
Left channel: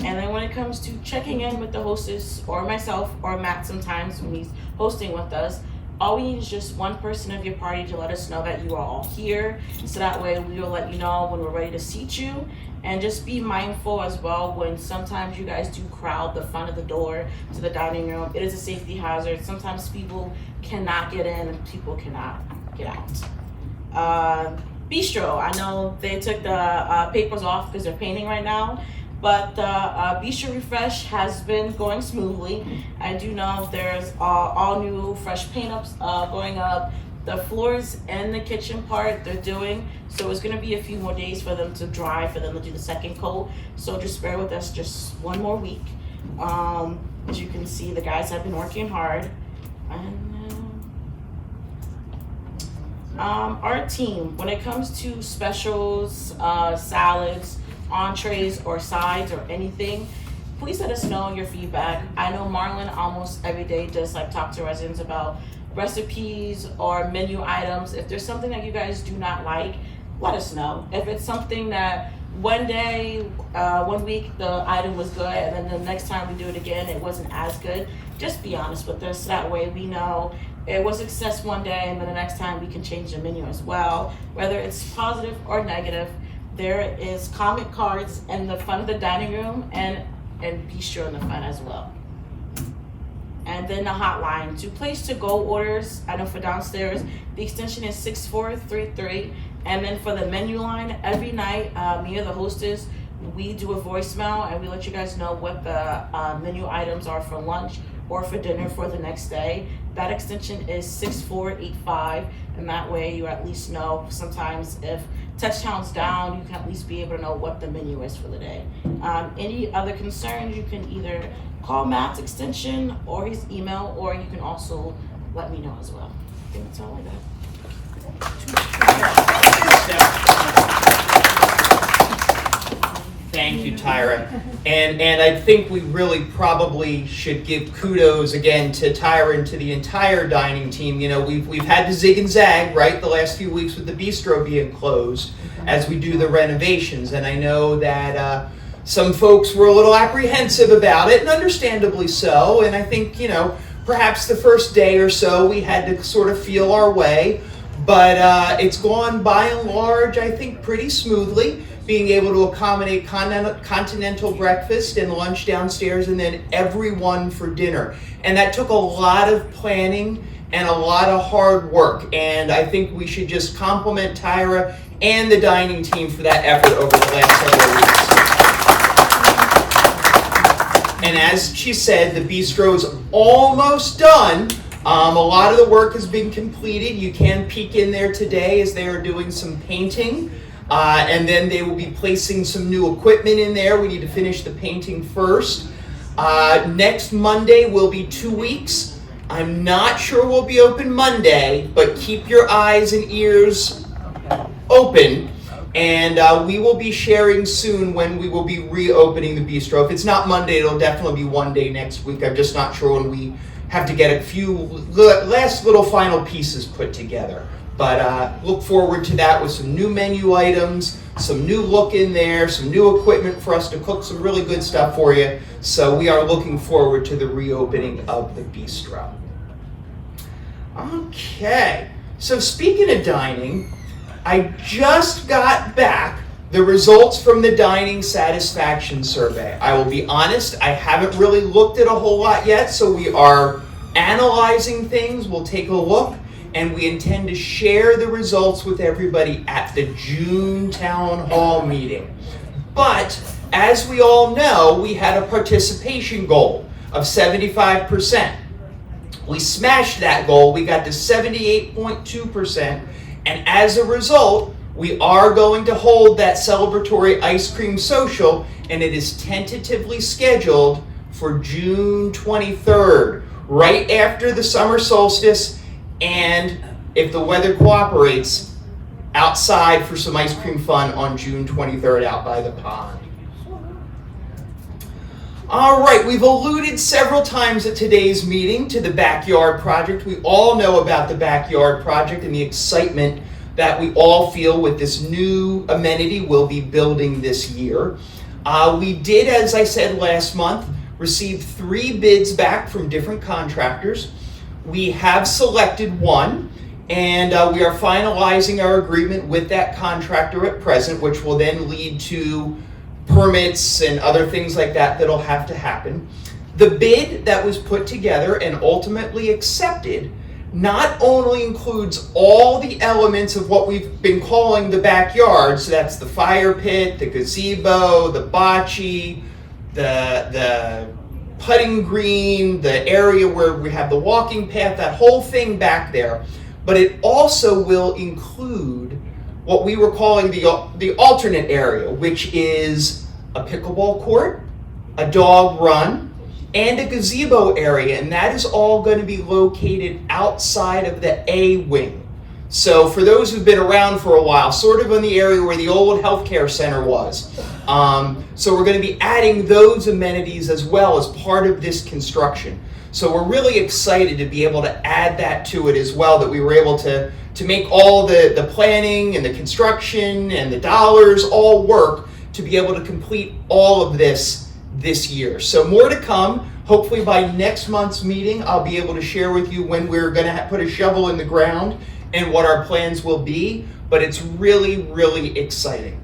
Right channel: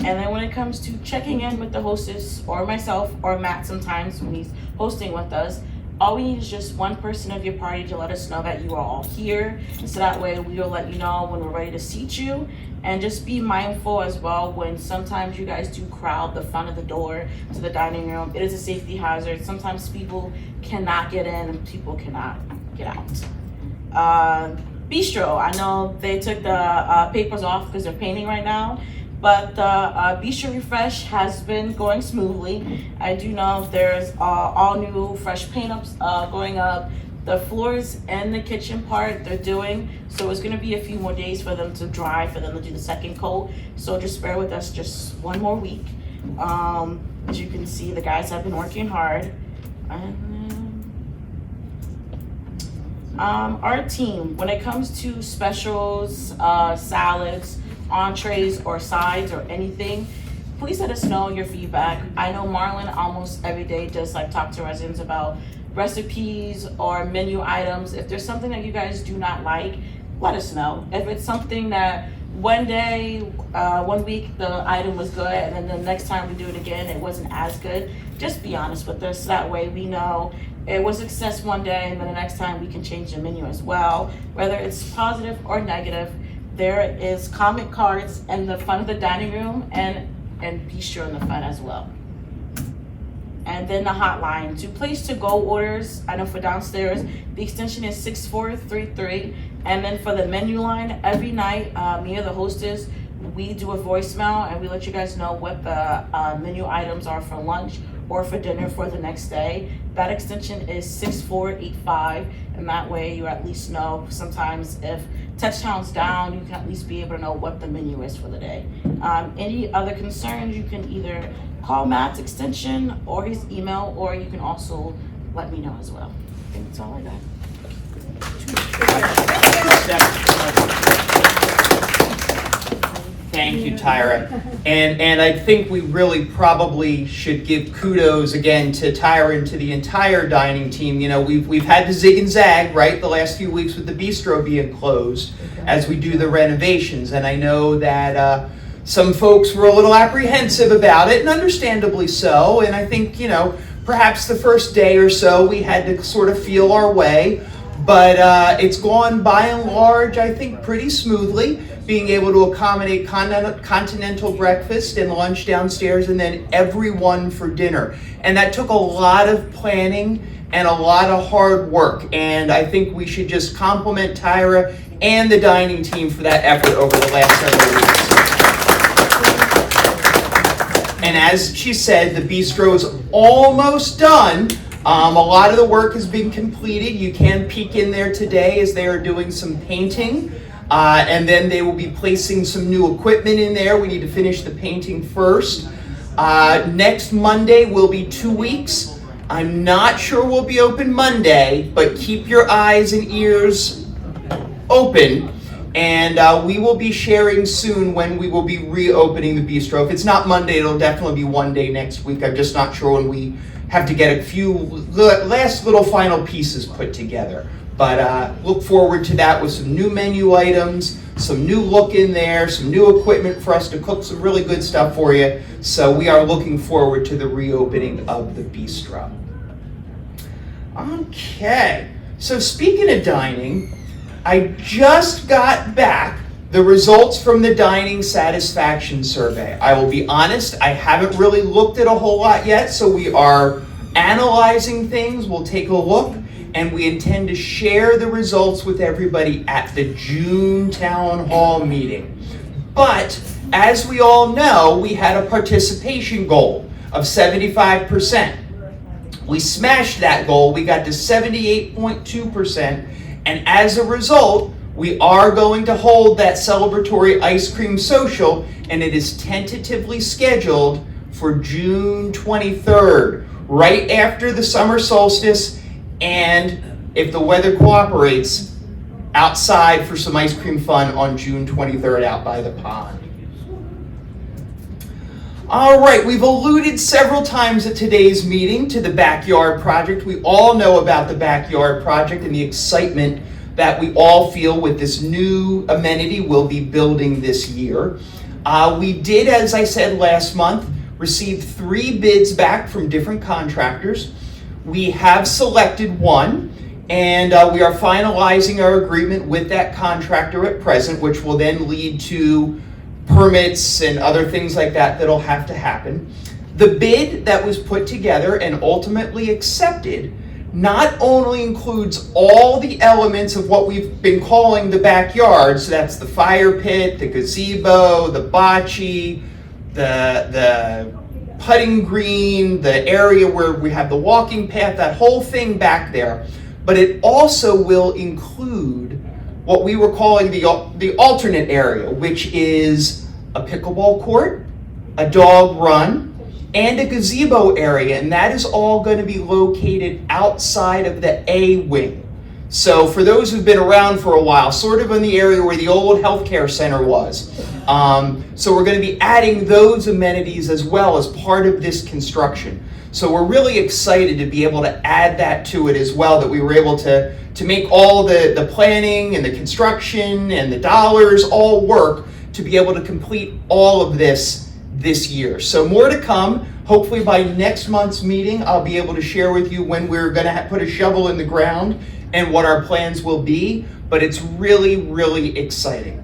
And then when it comes to checking in with the hostess or myself or Matt sometimes when he's hosting with us, all we need is just one person of your party to let us know that you are all here. And so that way we will let you know when we're ready to seat you. And just be mindful as well when sometimes you guys do crowd the front of the door to the dining room. It is a safety hazard. Sometimes people cannot get in and people cannot get out. Bistro, I know they took the papers off because they're painting right now, but the Bistro refresh has been going smoothly. I do know there's all new fresh paint ups going up. The floors and the kitchen part they're doing, so it's gonna be a few more days for them to dry, for them to do the second coat. So just bear with us just one more week. As you can see, the guys have been working hard. Our team, when it comes to specials, salads, entrees, or sides, or anything, please let us know your feedback. I know Marlon almost every day does like talk to residents about recipes or menu items. If there's something that you guys do not like, let us know. If it's something that one day, 1 week the item was good, and then the next time we do it again it wasn't as good, just be honest with us. That way we know it was a success one day, and then the next time we can change the menu as well, whether it's positive or negative. There is comment cards in the front of the dining room and bistro in the front as well. And then the hotline to place to-go orders. I know for downstairs, the extension is 6433. And then for the menu line, every night, me or the hostess, we do a voicemail and we let you guys know what the menu items are for lunch or for dinner for the next day. That extension is 6485. And that way you at least know, sometimes if touchdown's down, you can at least be able to know what the menu is for the day. Any other concerns, you can either call Matt's extension or his email, or you can also let me know as well. I think that's all I got. Thank you, Tyra. And I think we really probably should give kudos again to Tyra and to the entire dining team. You know, we've had to zig and zag, right, the last few weeks with the bistro being closed as we do the renovations. And I know that some folks were a little apprehensive about it, and understandably so. And I think, you know, perhaps the first day or so we had to sort of feel our way. But it's gone by and large, I think, pretty smoothly, being able to accommodate continental breakfast and lunch downstairs, and then everyone for dinner. And that took a lot of planning and a lot of hard work. And I think we should just compliment Tyra and the dining team for that effort over the last several weeks. And as she said, the bistro is almost done. A lot of the work has been completed. You can peek in there today as they are doing some painting. And then they will be placing some new equipment in there. We need to finish the painting first. Next Monday will be 2 weeks. I'm not sure we'll be open Monday, but keep your eyes and ears open. And we will be sharing soon when we will be reopening the bistro. If it's not Monday, it'll definitely be one day next week. I'm just not sure when we have to get a few last little final pieces put together. But look forward to that with some new menu items, some new look in there, some new equipment for us to cook some really good stuff for you. So we are looking forward to the reopening of the bistro. Okay, so speaking of dining, I just got back the results from the dining satisfaction survey. I will be honest, I haven't really looked at a whole lot yet, so we are analyzing things. We'll take a look, and we intend to share the results with everybody at the June Town Hall meeting. But as we all know, we had a participation goal of 75%. We smashed that goal. We got to 78.2%, and as a result, we are going to hold that celebratory ice cream social, and it is tentatively scheduled for June 23rd, right after the summer solstice, and if the weather cooperates, outside for some ice cream fun on June 23rd out by the pond. All right, we've alluded several times at today's meeting to the Backyard Project. We all know about the Backyard Project and the excitement that we all feel with this new amenity we'll be building this year. We did, as I said last month, receive 3 bids back from different contractors. We have selected one, and we are finalizing our agreement with that contractor at present, which will then lead to permits and other things like that that'll have to happen. The bid that was put together and ultimately accepted not only includes all the elements of what we've been calling the backyard, so that's the fire pit, the gazebo, the bocce, the putting green, the area where we have the walking path, that whole thing back there, but it also will include what we were calling the alternate area, which is a pickleball court, a dog run, and a gazebo area, and that is all going to be located outside of the A wing. So for those who've been around for a while, sort of in the area where the old healthcare center was. So we're going to be adding those amenities as well as part of this construction. So we're really excited to be able to add that to it as well, that we were able to make all the planning and the construction and the dollars all work to be able to complete all of this year. So more to come. Hopefully by next month's meeting, I'll be able to share with you when we're going to put a shovel in the ground and what our plans will be. But it's really, really exciting.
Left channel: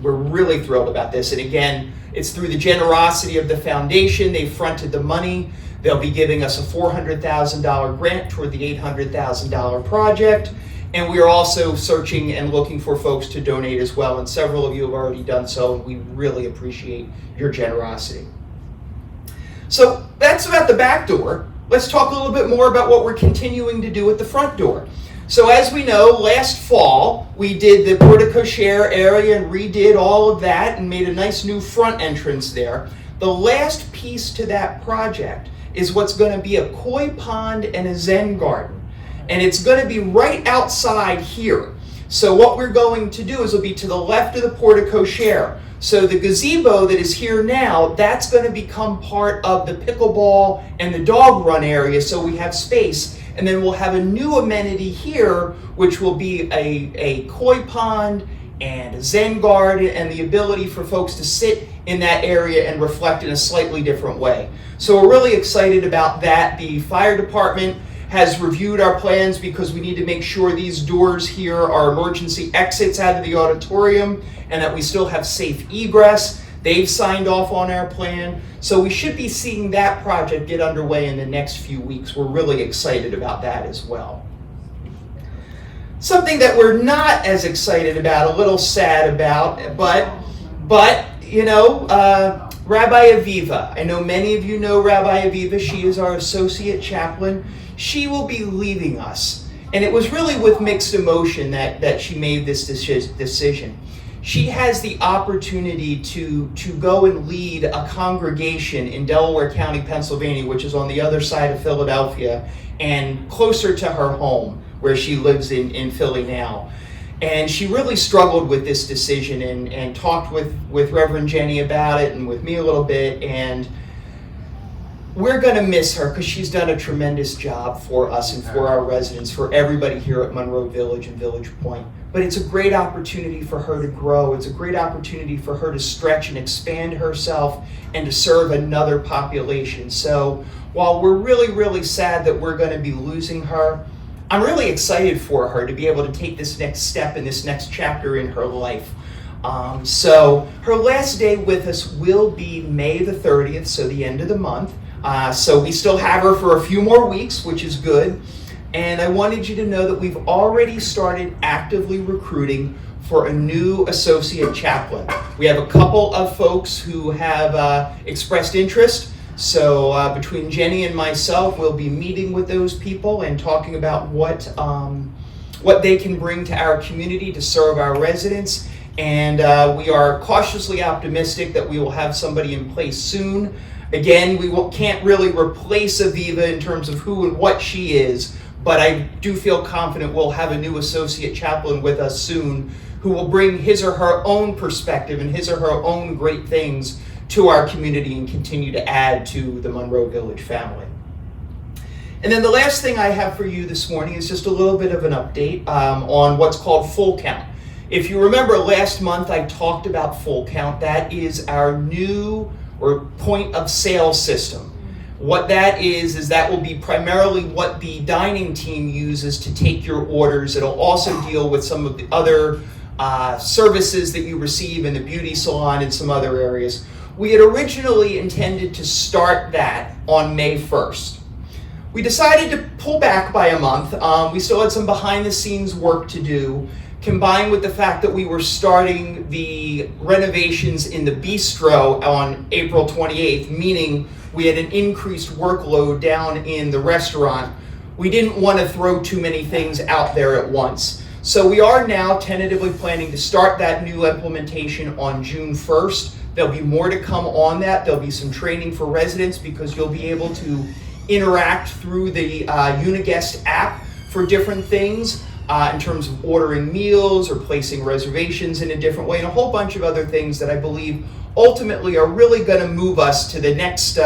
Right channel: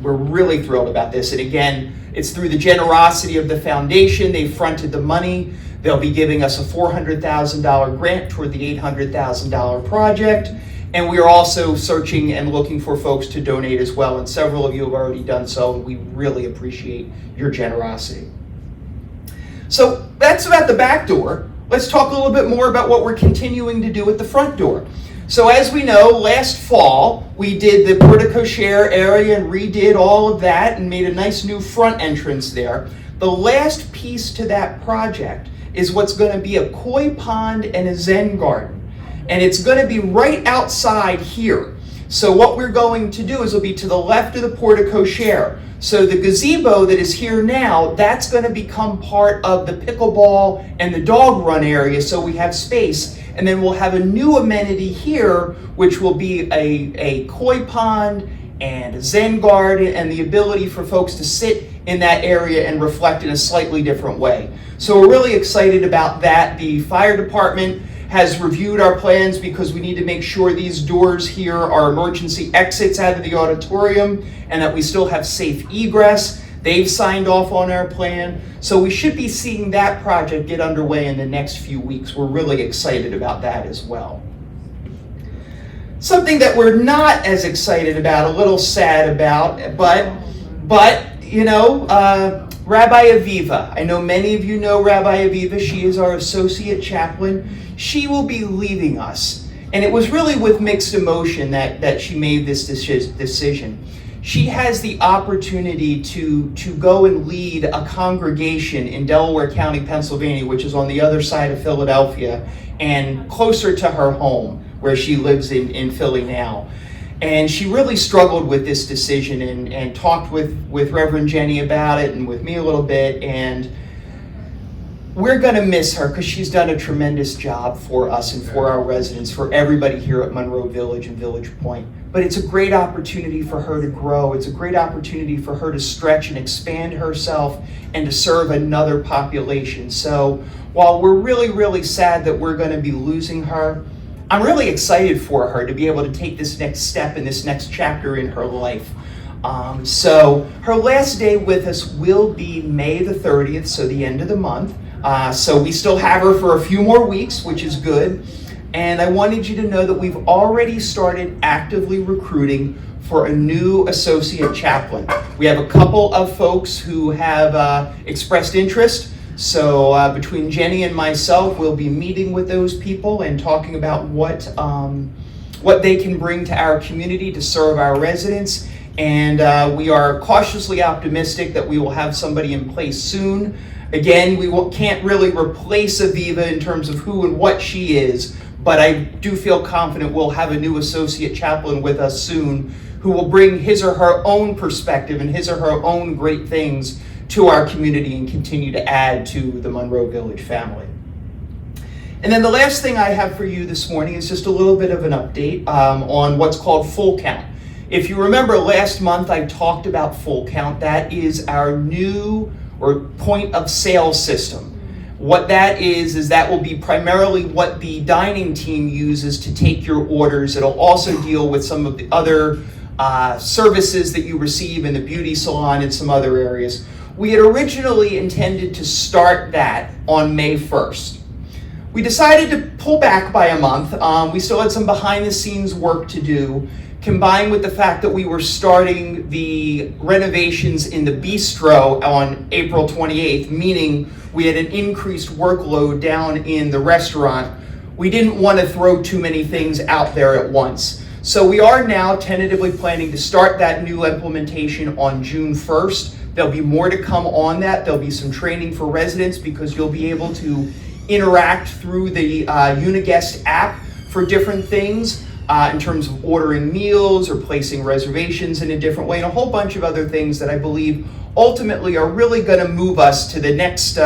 We're really thrilled about this. And again, it's through the generosity of the foundation. They fronted the money. They'll be giving us a $400,000 grant toward the $800,000 project. And we are also searching and looking for folks to donate as well. And several of you have already done so. We really appreciate your generosity. So that's about the back door. Let's talk a little bit more about what we're continuing to do at the front door. So as we know, last fall, we did the porte-cochere area and redid all of that and made a nice new front entrance there. The last piece to that project is what's going to be a koi pond and a Zen garden. And it's going to be right outside here. So what we're going to do is it'll be to the left of the porte-cochere. So the gazebo that is here now, that's going to become part of the pickleball and the dog run area, so we have space. And then we'll have a new amenity here, which will be a koi pond and a Zen garden and the ability for folks to sit in that area and reflect in a slightly different way. So we're really excited about that. The fire department has reviewed our plans because we need to make sure these doors here are emergency exits out of the auditorium and that we still have safe egress. They've signed off on our plan. So we should be seeing that project get underway in the next few weeks. We're really excited about that as well. Something that we're not as excited about, a little sad about, but you know, Rabbi Aviva. I know many of you know Rabbi Aviva. She is our associate chaplain. She will be leaving us. And it was really with mixed emotion that she made this decision. She has the opportunity to go and lead a congregation in Delaware County, Pennsylvania, which is on the other side of Philadelphia and closer to her home where she lives in Philly now. And she really struggled with this decision and talked with Reverend Jenny about it and with me a little bit. And we're going to miss her because she's done a tremendous job for us and for our residents, for everybody here at Monroe Village and Village Point. But it's a great opportunity for her to grow. It's a great opportunity for her to stretch and expand herself and to serve another population. So while we're really, really sad that we're going to be losing her, I'm really excited for her to be able to take this next step in this next chapter in her life. So her last day with us will be May the 30th, so the end of the month. So we still have her for a few more weeks, which is good. And I wanted you to know that we've already started actively recruiting for a new associate chaplain. We have a couple of folks who have expressed interest. So between Jenny and myself, we'll be meeting with those people and talking about what they can bring to our community to serve our residents. And we are cautiously optimistic that we will have somebody in place soon. Again, can't really replace Aviva in terms of who and what she is, but I do feel confident we'll have a new associate chaplain with us soon who will bring his or her own perspective and his or her own great things to our community and continue to add to the Monroe Village family. And then the last thing I have for you this morning is just a little bit of an update on what's called Full Count. If you remember last month, I talked about Full Count. That is our new point of sale system. What that is that will be primarily what the dining team uses to take your orders. It'll also deal with some of the other services that you receive in the beauty salon and some other areas. We had originally intended to start that on May 1st. We decided to pull back by a month. We still had some behind the scenes work to do, combined with the fact that we were starting the renovations in the bistro on April 28th, meaning we had an increased workload down in the restaurant. we didn't want to throw too many things out there at once. So we are now tentatively planning to start that new implementation on June 1st. There'll be more to come on that. There'll be some training for residents because you'll be able to interact through the Uniguest app for different things in terms of ordering meals or placing reservations in a different way, and a whole bunch of other things that I believe ultimately are really going to move us to the next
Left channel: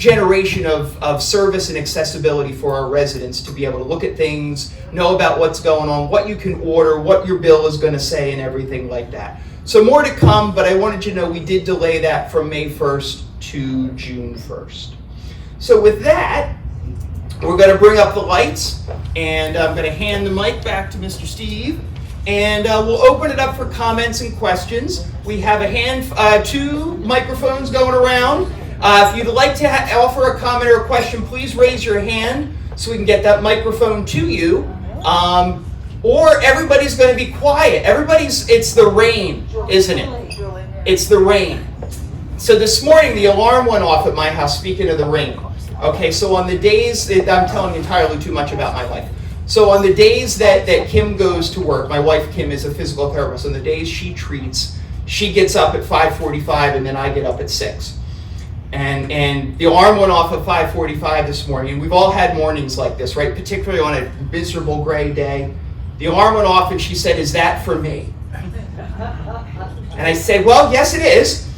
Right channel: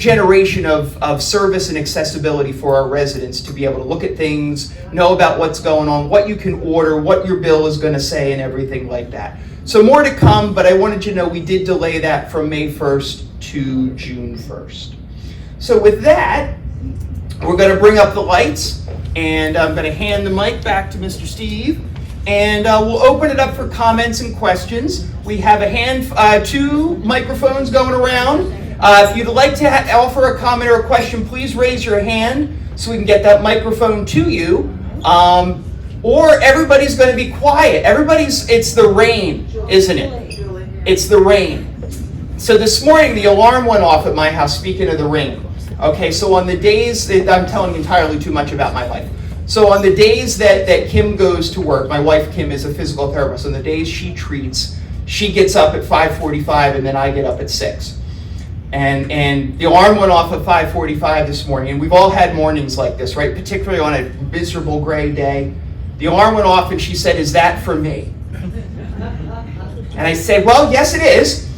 generation of service and accessibility for our residents, to be able to look at things, know about what's going on, what you can order, what your bill is going to say, and everything like that. So more to come, but I wanted you to know we did delay that from May 1st to June 1st. So with that, we're going to bring up the lights, and I'm going to hand the mic back to Mr. Steve, and we'll open it up for comments and questions. We have two microphones going around. If you'd like to offer a comment or a question, please raise your hand so we can get that microphone to you. Or everybody's going to be quiet. It's the rain, isn't it? It's the rain. So this morning the alarm went off at my house, speaking of the rain. Okay, so on the days, I'm telling you entirely too much about my life. So on the days that Kim goes to work, my wife Kim is a physical therapist, on the days she treats, she gets up at 5:45 and then I get up at 6. And the alarm went off at 5:45 this morning, and we've all had mornings like this, right? Particularly on a miserable gray day. The alarm went off and she said, "Is that for me?" And I said, "Well, yes it is."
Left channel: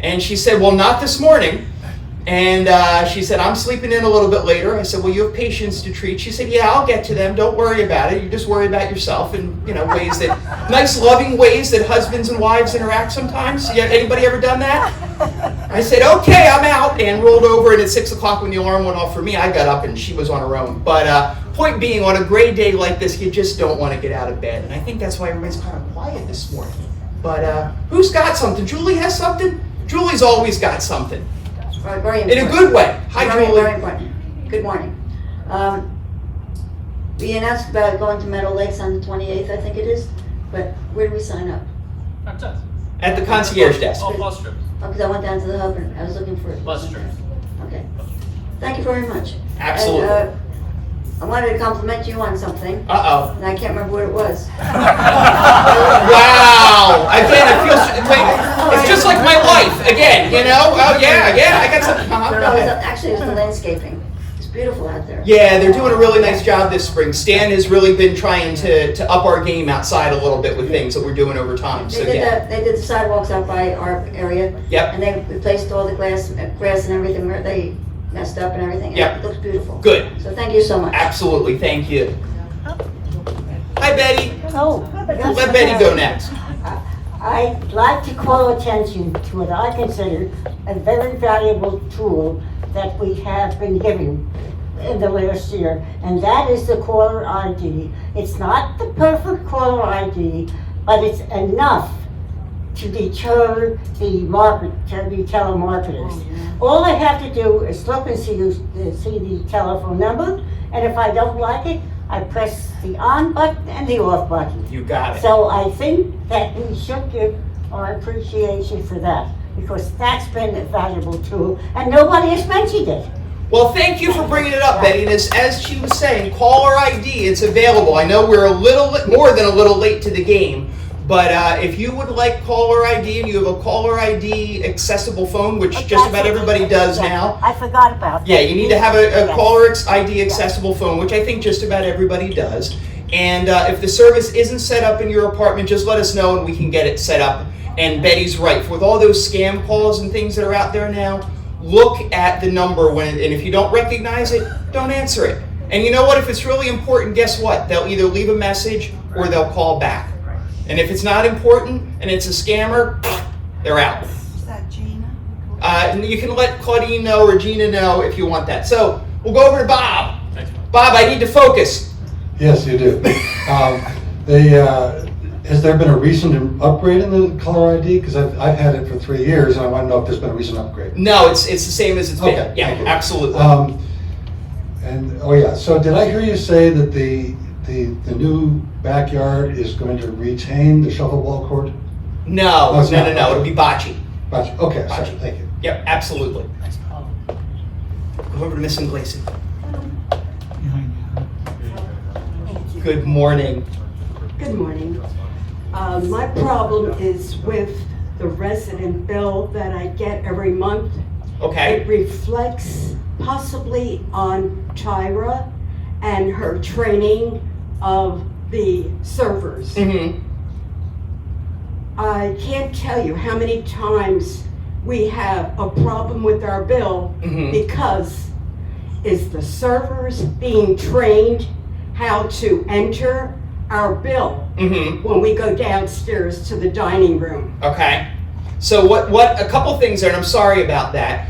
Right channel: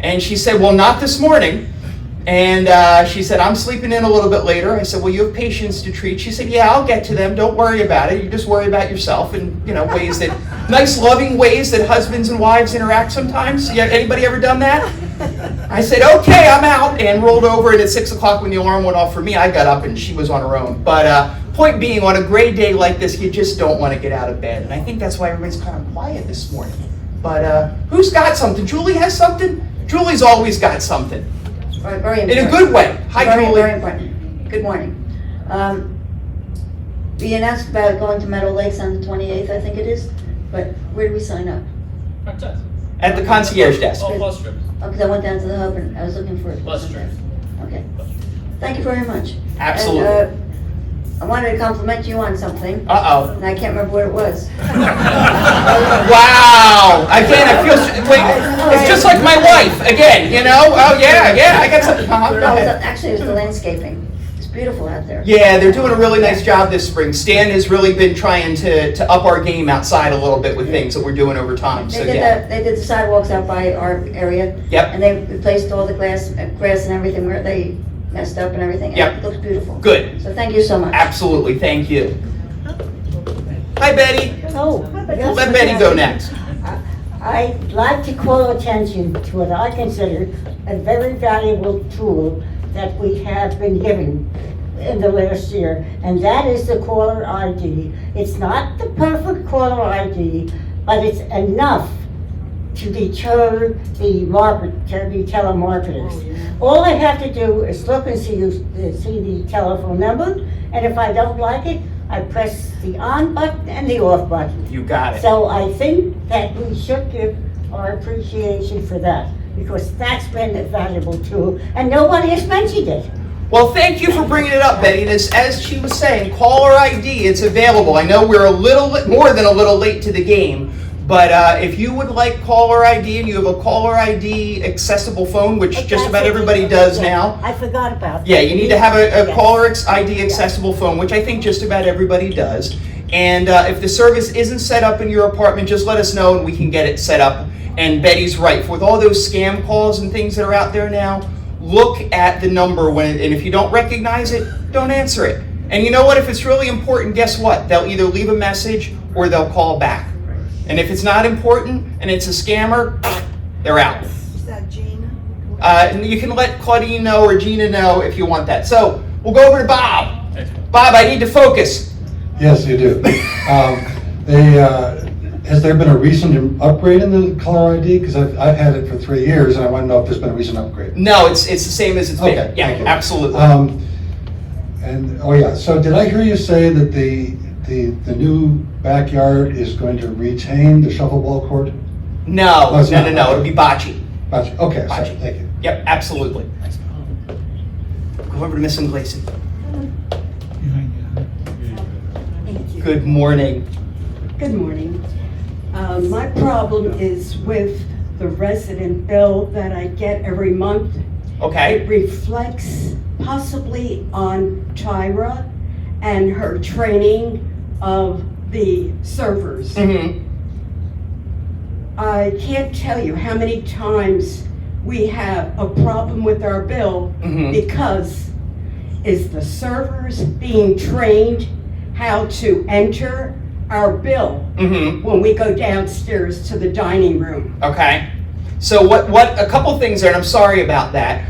And she said, "Well, not this morning." And she said, "I'm sleeping in a little bit later." I said, "Well, you have patients to treat." She said, "Yeah, I'll get to them. Don't worry about it. You just worry about yourself." And ways that, nice loving ways that husbands and wives interact sometimes. Yeah, anybody ever done that? I said, "Okay, I'm out," and rolled over, and at 6 o'clock when the alarm went off for me, I got up and she was on her own. But point being, on a gray day like this, you just don't want to get out of bed. And I think that's why everybody's kind of quiet this morning. But who's got something? Julie has something? Julie's always got something. Very important. In a good way. Hi, Julie. Very important. Good morning. We announced about going to Meadow Lakes on the 28th, I think it is, but where do we sign up? At the concierge desk. Bus trip. Because I went down to the hub and I was looking for it. Bus trip. Okay. Thank you very much. Absolutely. And, I wanted to compliment you on something. Uh-oh. And I can't remember what it was. Wow! Again, it feels like, it's just like my wife, again, Oh, yeah, I got something. No, actually, it was the landscaping. It's beautiful out there. Yeah, they're doing a really nice job this spring. Stan has really been trying to up our game outside a little bit with things that we're doing over time, so yeah. They did the sidewalks out by our area. Yep. And they replaced all the grass and everything where they messed up and everything. Yep. It looks beautiful. Good. So thank you so much. Absolutely, thank you. Hi, Betty. Oh, Let Betty go next. I'd like to call attention to what I consider a very valuable tool that we have been given in the last year, and that is the caller ID. It's not the perfect caller ID, but it's enough to deter the telemarketers. All I have to do is look and see the telephone number, and if I don't like it, I press the on button and the off button. You got it. So I think that we should give our appreciation for that, because that's been a valuable tool, and nobody has mentioned it. Well, thank you for bringing it up, Betty. And as she was saying, caller ID, it's available. I know we're a little more than a little late to the game, but if you would like caller ID and you have a caller ID accessible phone, which just about everybody does now. I forgot about that. Yeah, you need to have a caller ID accessible phone, which I think just about everybody does. And if the service isn't set up in your apartment, just let us know and we can get it set up. And Betty's right. With all those scam calls and things that are out there now, look at the number and if you don't recognize it, don't answer it. And you know what? If it's really important, guess what? They'll either leave a message or they'll call back. And if it's not important and it's a scammer, they're out. Is that Gina? And you can let Claudine know or Gina know if you want that. So we'll go over to Bob. Bob, I need to focus. Yes, you do. Has there been a recent upgrade in the caller ID? Because I've had it for 3 years, and I want to know if there's been a recent upgrade. No, it's the same as it's been. Okay, Yeah, thank you. absolutely. So did I hear you say that the new backyard is going to retain the shuffleball court? No, it's not. It'll be bocce. Okay, sorry, Bocce. thank you. Yep, absolutely. Go over to Miss Gleason. Good morning. Good morning. My problem is with the resident bill that I get every month. Okay. It reflects possibly on Tyra and her training of the servers. Mm-hmm. I can't tell you how many times we have a problem with our bill because is the servers being trained how to enter our bill when we go downstairs to the dining room? Okay. So what a couple things there, and I'm sorry about that.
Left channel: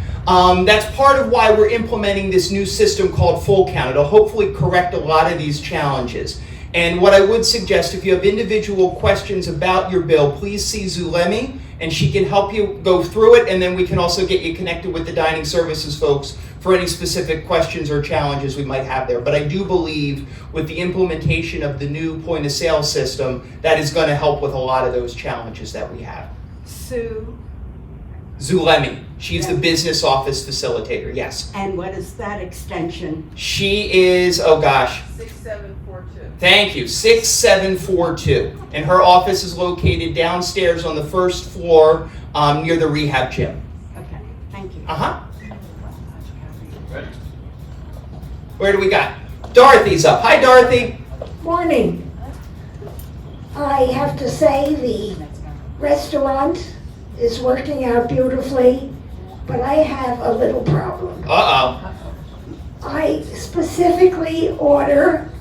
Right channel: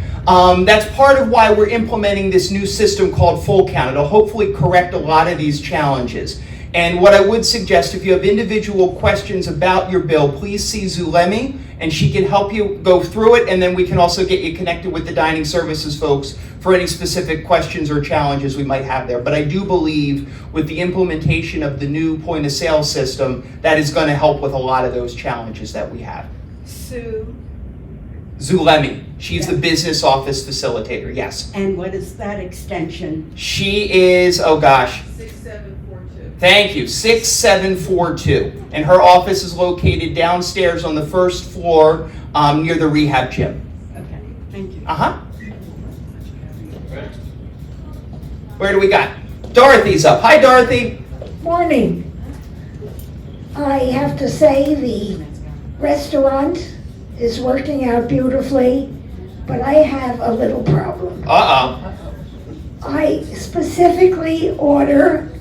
That's part of why we're implementing this new system called Full Count. It'll hopefully correct a lot of these challenges. And what I would suggest, if you have individual questions about your bill, please see Zulemi, and she can help you go through it, and then we can also get you connected with the dining services folks for any specific questions or challenges we might have there. But I do believe with the implementation of the new point of sale system, that is going to help with a lot of those challenges that we have. Sue? Zulemi, she's the business office facilitator, yes. And what is that extension? She is, oh gosh. 6742. Thank you, 6742. And her office is located downstairs on the first floor near the rehab gym. Okay, thank you. Where do we got? Dorothy's up. Hi, Dorothy. Morning. I have to say the restaurant is working out beautifully, but I have a little problem. I specifically order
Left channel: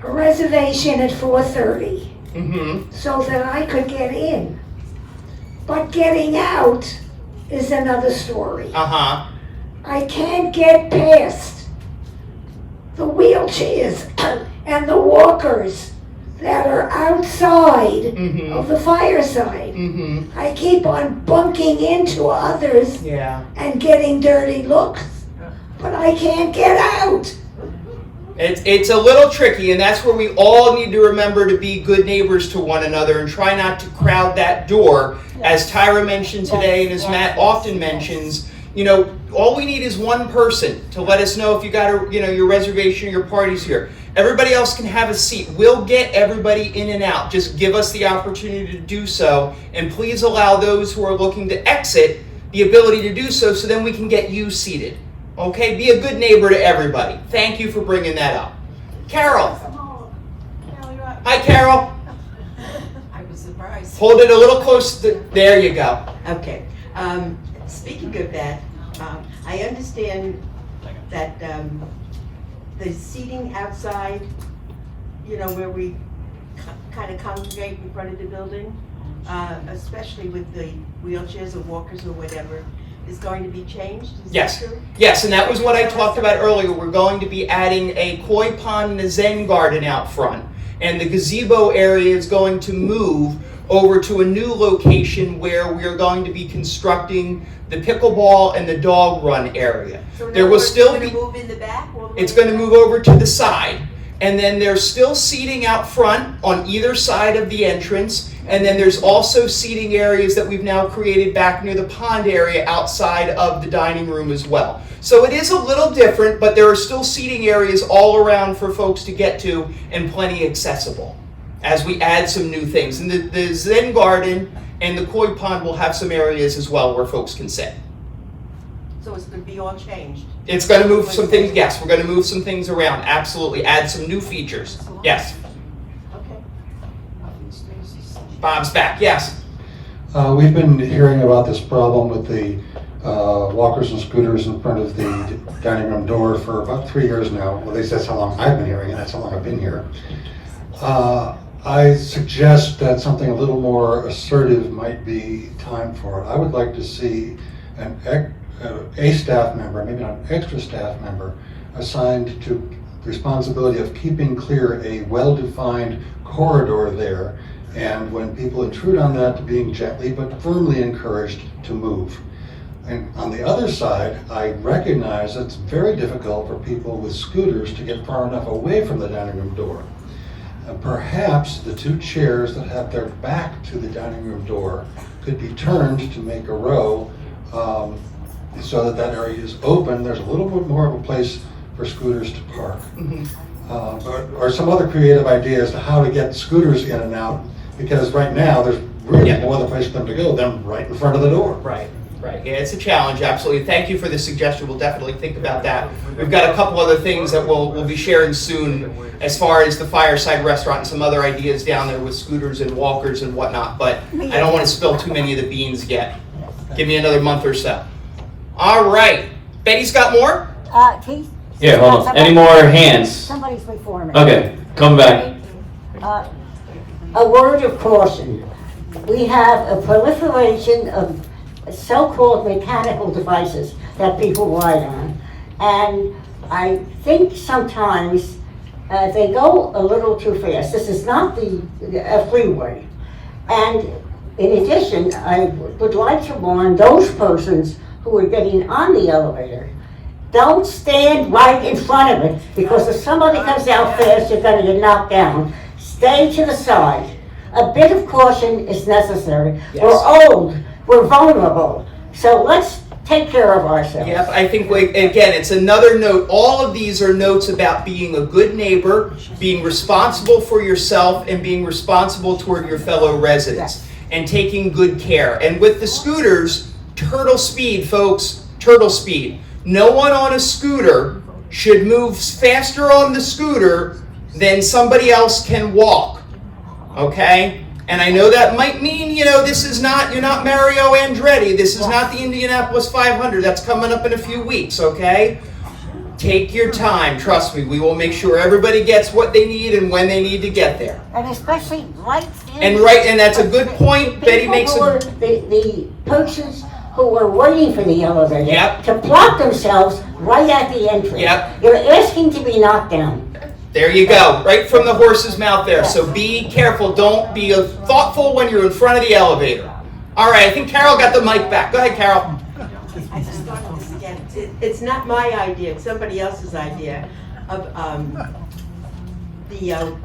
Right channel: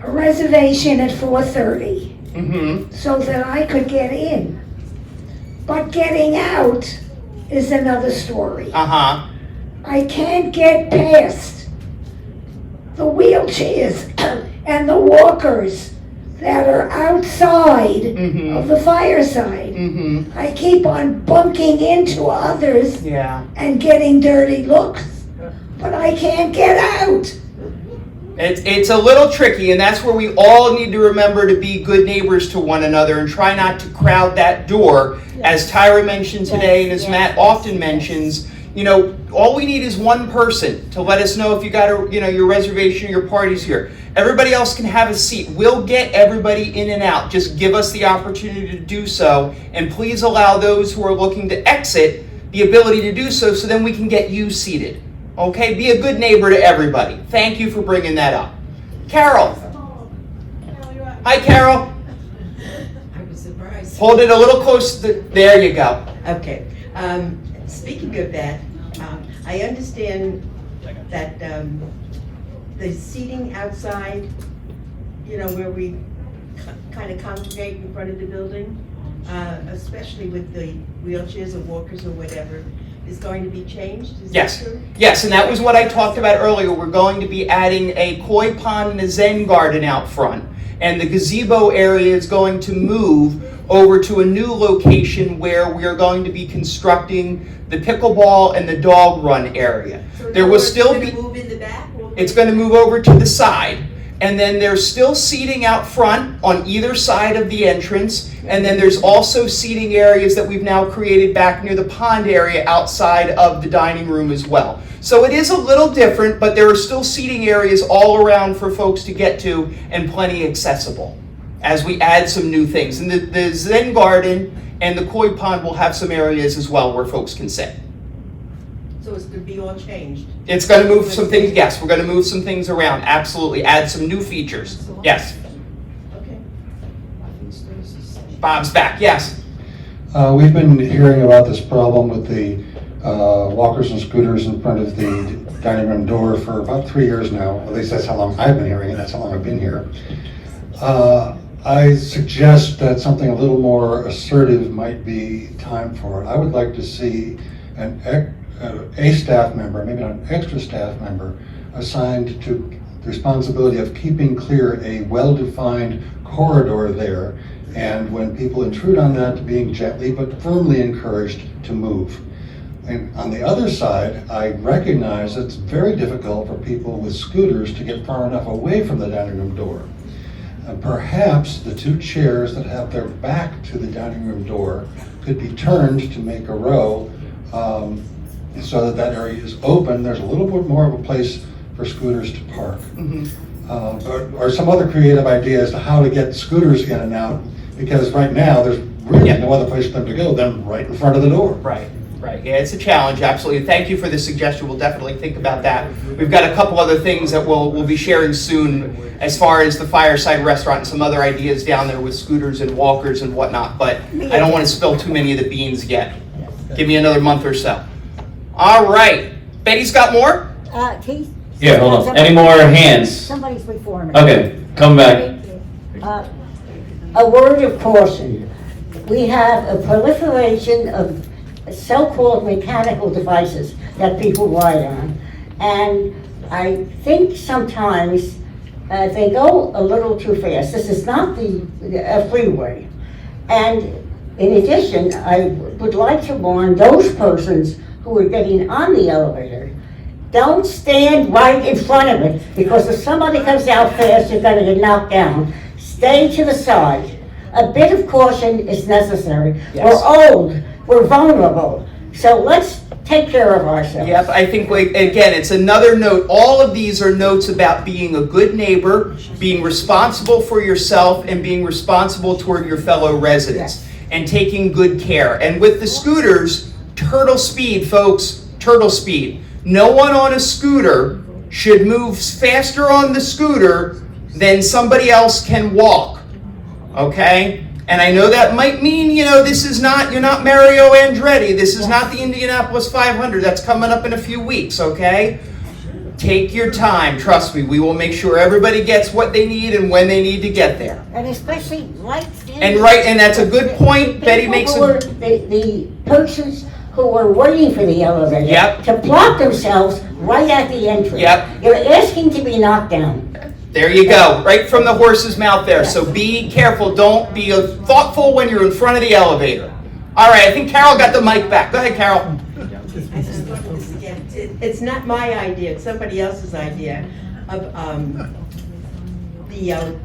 a reservation at 4:30 so that I could get in. But getting out is another story. I can't get past the wheelchairs and the walkers that are outside of the fireside. I keep on bunking into others and getting dirty looks, but I can't get out. It's a little tricky, and that's where we all need to remember to be good neighbors to one another and try not to crowd that door. As Tyra mentioned today, and as Matt often mentions, you know, all we need is one person to let us know if you got your reservation or your party's here. Everybody else can have a seat. We'll get everybody in and out. Just give us the opportunity to do so, and please allow those who are looking to exit the ability to do so, so then we can get you seated. Okay, be a good neighbor to everybody. Thank you for bringing that up. Carol. Hi, Carol. I was surprised. Hold it a little close. There you go. Okay. Speaking of that, I understand that the seating outside, you know, where we kind of congregate in front of the building, especially with the wheelchairs or walkers or whatever, is going to be changed? Is that true? Yes, and that was what I talked about earlier. We're going to be adding a koi pond and a zen garden out front. And the gazebo area is going to move over to a new location where we are going to be constructing the pickleball and the dog run area. So there will still be. Move in the back? It's going to move over to the side. And then there's still seating out front on either side of the entrance. And then there's also seating areas that we've now created back near the pond area outside of the dining room as well. So it is a little different, but there are still seating areas all around for folks to get to and plenty accessible as we add some new things. And the Zen Garden and the koi pond will have some areas as well where folks can sit. So it's going to be all changed? It's going to move some things, yes, we're going to move some things around, absolutely, add some new features, yes. Okay. Bob's back, yes. We've been hearing about this problem with the walkers and scooters in front of the dining room door for about 3 years now. At least that's how long I've been hearing it, that's how long I've been here. I suggest that something a little more assertive might be time for it. I would like to see a staff member, maybe not an extra staff member, assigned to the responsibility of keeping clear a well-defined corridor there, and when people intrude on that, being gently but firmly encouraged to move. And on the other side, I recognize it's very difficult for people with scooters to get far enough away from the dining room door. And perhaps the two chairs that have their back to the dining room door could be turned to make a row so that area is open. There's a little bit more of a place for scooters to park. or some other creative ideas to how to get scooters in and out, because right now, there's really no other place for them to go than right in front of the door. Right. Right, yeah, it's a challenge, absolutely. Thank you for the suggestion. We'll definitely think about that. We've got a couple other things that we'll be sharing soon as far as the Fireside Restaurant and some other ideas down there with scooters and walkers and whatnot, but I don't want to spill too many of the beans yet. Give me another month or so. All right, Betty's got more? Keith? Yeah, hold on. Any more hands? Somebody's before me. Okay, come back. A word of caution. We have a proliferation of so-called mechanical devices that people ride on. And I think sometimes they go a little too fast. This is not a freeway. And in addition, I would like to warn those persons who are getting on the elevator, don't stand right in front of it, because if somebody comes out fast, you're going to get knocked down. Stay to the side. A bit of caution is necessary. Yes. We're old. We're vulnerable, so let's take care of ourselves. Yep, I think, again, it's another note. All of these are notes about being a good neighbor, being responsible for yourself, and being responsible toward your fellow residents, and taking good care. And with the scooters, turtle speed, folks, turtle speed. No one on a scooter should move faster on the scooter than somebody else can walk, okay? And I know that might mean, you're not Mario Andretti. This is not the Indianapolis 500. That's coming up in a few weeks, okay? Take your time. Trust me. We will make sure everybody gets what they need and when they need to get there. And especially lights. And that's a good point. Betty makes the persons who were waiting for the elevator to plot themselves right at the entrance. Yep. They're asking to be knocked down. There you go, right from the horse's mouth there. So be careful. Don't be thoughtful when you're in front of the elevator. All right, I think Carol got the mic back. Go ahead, Carol. I just thought of this again. It's not my idea. It's somebody else's idea of the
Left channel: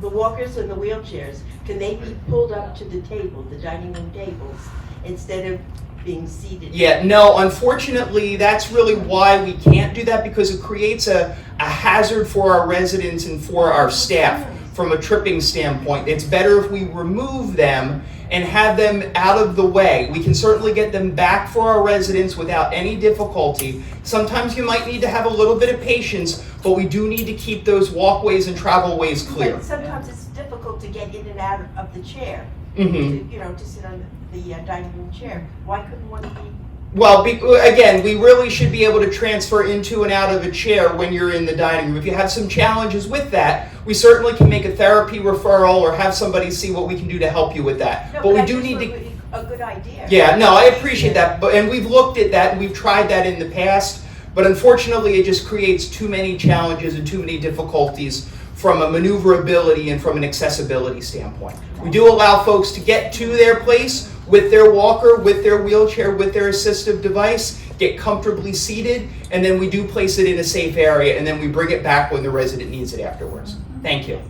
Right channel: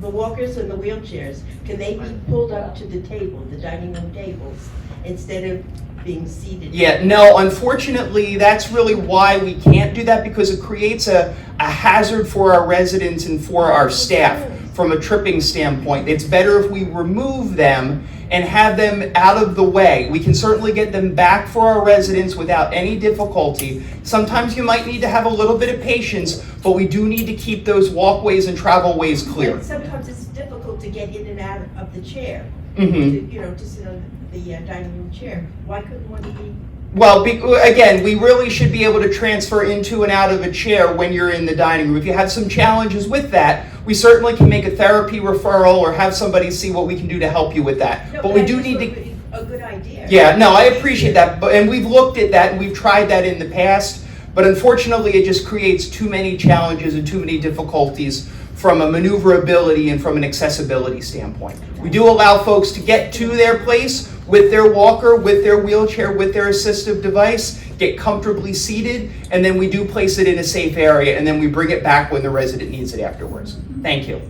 walkers and the wheelchairs. Can they be pulled up to the table, the dining room tables, instead of being seated? Yeah, no, unfortunately, that's really why we can't do that, because it creates a hazard for our residents and for our staff from a tripping standpoint. It's better if we remove them and have them out of the way. We can certainly get them back for our residents without any difficulty. Sometimes you might need to have a little bit of patience, but we do need to keep those walkways and travel ways clear. But sometimes it's difficult to get in and out of the chair. Mm-hmm. To sit on the dining room chair. Why couldn't one be? Well, again, we really should be able to transfer into and out of a chair when you're in the dining room. If you have some challenges with that, we certainly can make a therapy referral or have somebody see what we can do to help you with that. No, but we do need to. A good idea. Yeah, no, I appreciate that, and we've looked at that and we've tried that in the past, but unfortunately, it just creates too many challenges and too many difficulties from a maneuverability and from an accessibility standpoint. We do allow folks to get to their place with their walker, with their wheelchair, with their assistive device, get comfortably seated, and then we do place it in a safe area, and then we bring it back when the resident needs it afterwards. Thank you.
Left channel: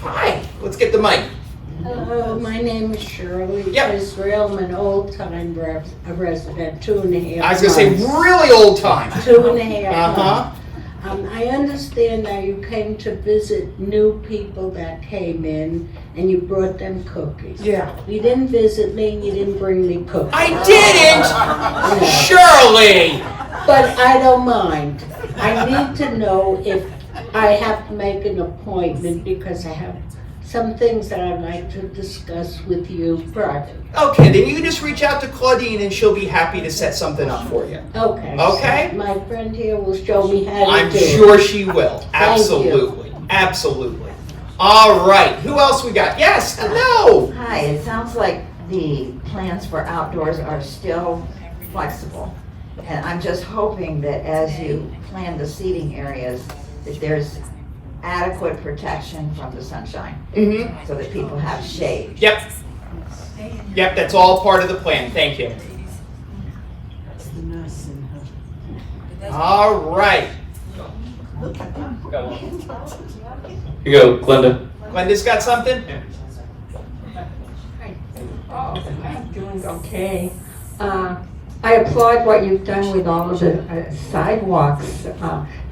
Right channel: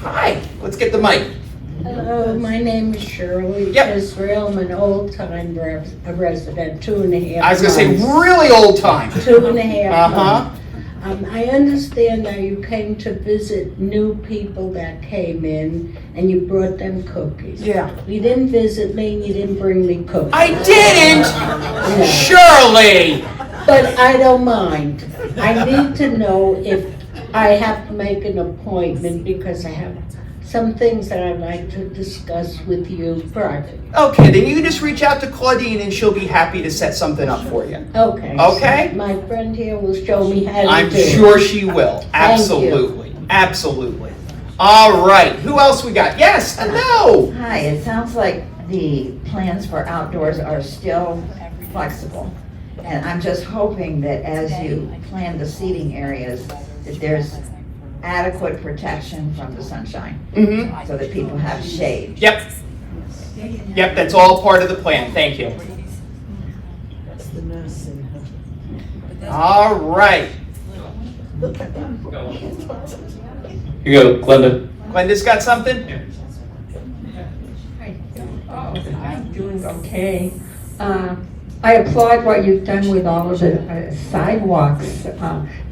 Hi, let's get the mic. Hello, my name is Shirley Israel. I'm an old-time resident, 2.5 months. I was going to say really old time. 2.5 months. I understand that you came to visit new people that came in and you brought them cookies. Yeah. You didn't visit me and you didn't bring me cookies. I didn't! Shirley! But I don't mind. I need to know if I have to make an appointment because I have some things that I'd like to discuss with you privately. Okay, then you can just reach out to Claudine and she'll be happy to set something up for you. Okay. Okay? So my friend here will show me how to do it. I'm sure she will. Thank Absolutely. Absolutely. All right. Who else we got? Yes. No. Hi. It sounds like the plans for outdoors are still flexible. And I'm just hoping that as you plan the seating areas, that there's adequate protection from the sunshine, so that people have shade. Yep. Yep, that's all part of the plan. Thank you. All right. Here you go, Glenda. Glenda's got something? I'm doing okay. I applaud what you've done with all of the sidewalks.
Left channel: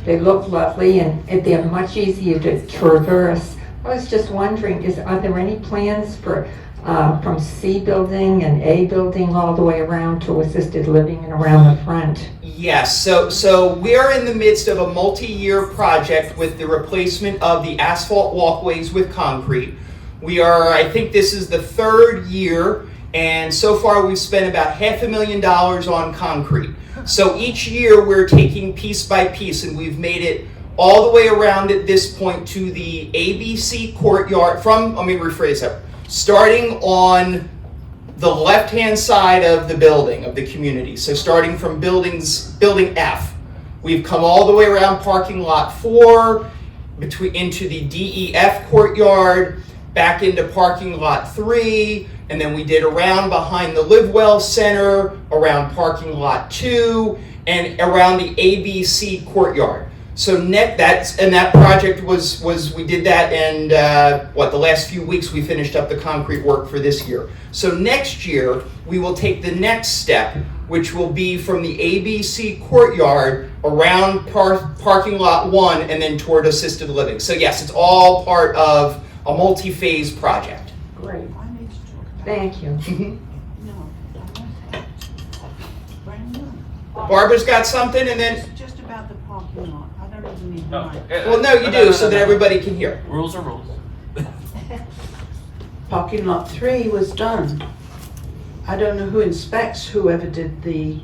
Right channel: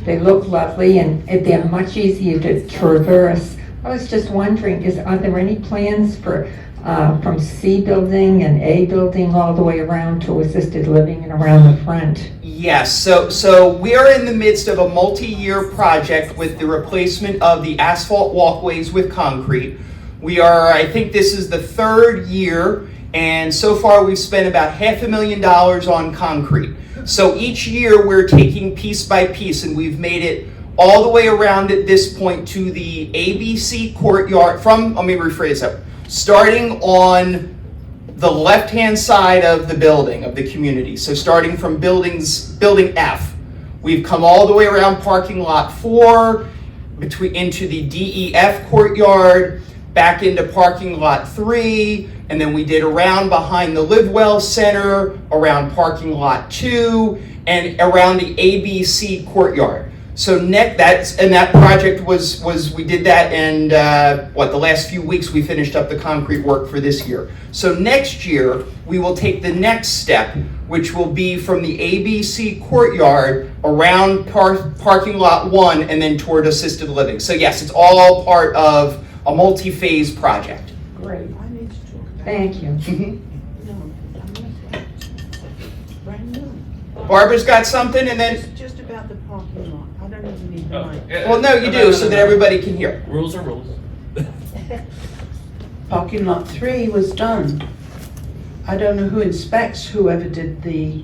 They look lovely and they're much easier to traverse. I was just wondering, are there any plans for from C building and A building all the way around to assisted living and around the front? Yes, so we are in the midst of a multi-year project with the replacement of the asphalt walkways with concrete. I think this is the third year, and so far we've spent about $500,000 on concrete. So each year we're taking piece by piece, and we've made it all the way around at this point to the ABC courtyard let me rephrase that, starting on the left-hand side of the building, of the community. So starting from building F, we've come all the way around parking lot 4, into the DEF courtyard, back into parking lot 3, and then we did around behind the LiveWell Center, around parking lot 2, and around the ABC courtyard. So that project was we did that, and the last few weeks we finished up the concrete work for this year. So next year we will take the next step, which will be from the ABC courtyard around parking lot 1 and then toward assisted living. So yes, it's all part of a multi-phase project. Great. Thank you. Barbara's got something, and then. Just about the parking lot. I don't even need to Well, no, you do, so that everybody can hear. Rules are rules. Parking lot 3 was done. I don't know who inspects whoever did the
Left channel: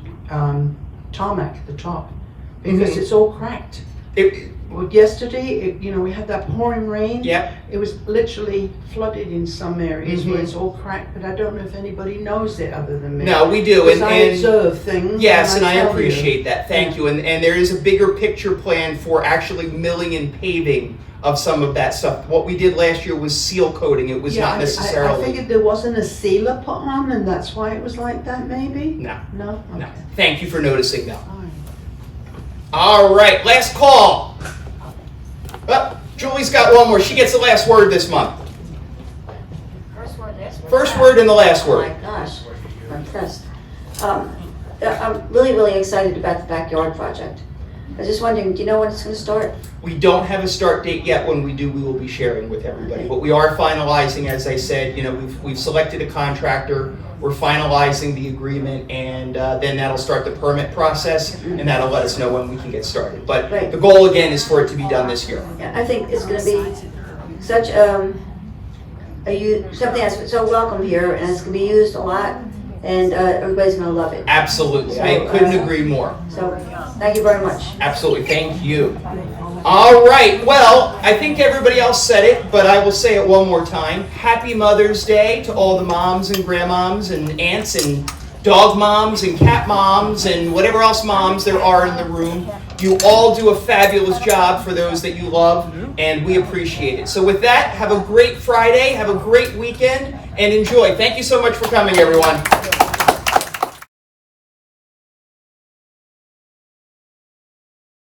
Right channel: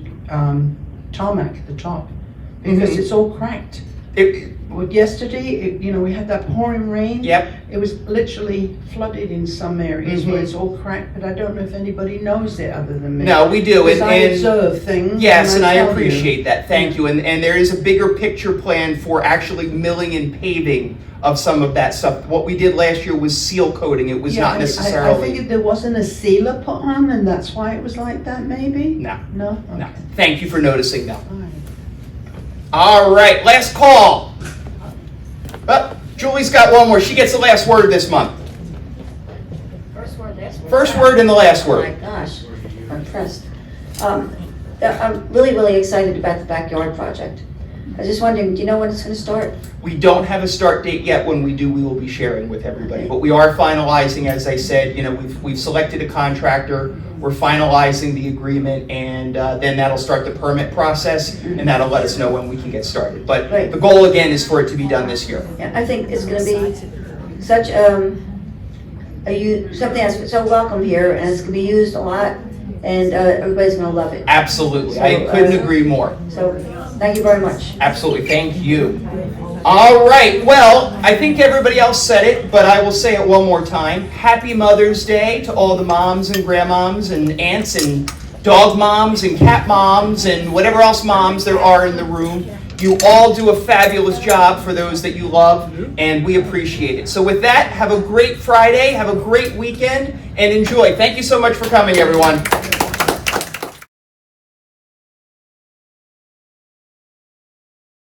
tarmac at the top, because it's all cracked. Yesterday, we had that pouring rain. Yep. It was literally flooded in some areas where it's all cracked, but I don't know if anybody knows it other than me. No, we do. Because I observe things. Yes, and I tell appreciate you. that. Thank you. And there is a bigger picture plan for actually milling and paving of some of that stuff. What we did last year was seal coating. It was not necessarily. I figured there wasn't a sealer put on, and that's why it was like that, maybe? No. No? Okay. No. Thank you for noticing that. All right, last call. Julie's got one more. She gets the last word this month. First word and the last word. Oh my gosh, I'm impressed. I'm really, really excited about the backyard project. I was just wondering, do you know when it's going to start? We don't have a start date yet. When we do, we will be sharing with everybody. But we are finalizing, as I said, we've selected a contractor. We're finalizing the agreement, and then that'll start the permit process, and that'll let us know when we can get started. But the goal, again, is for it to be done this year. Yeah, I think it's going to be such something that's so welcome here, and it's going to be used a lot, and everybody's going to love it. Absolutely. So, I couldn't agree more. So, thank you very much. Absolutely. Thank you. All right. Well, I think everybody else said it, but I will say it one more time. Happy Mother's Day to all the moms and grandmoms and aunts and dog moms and cat moms and whatever else moms there are in the room. You all do a fabulous job for those that you love, and we appreciate it. So with that, have a great Friday, have a great weekend, and enjoy. Thank you so much for coming, everyone.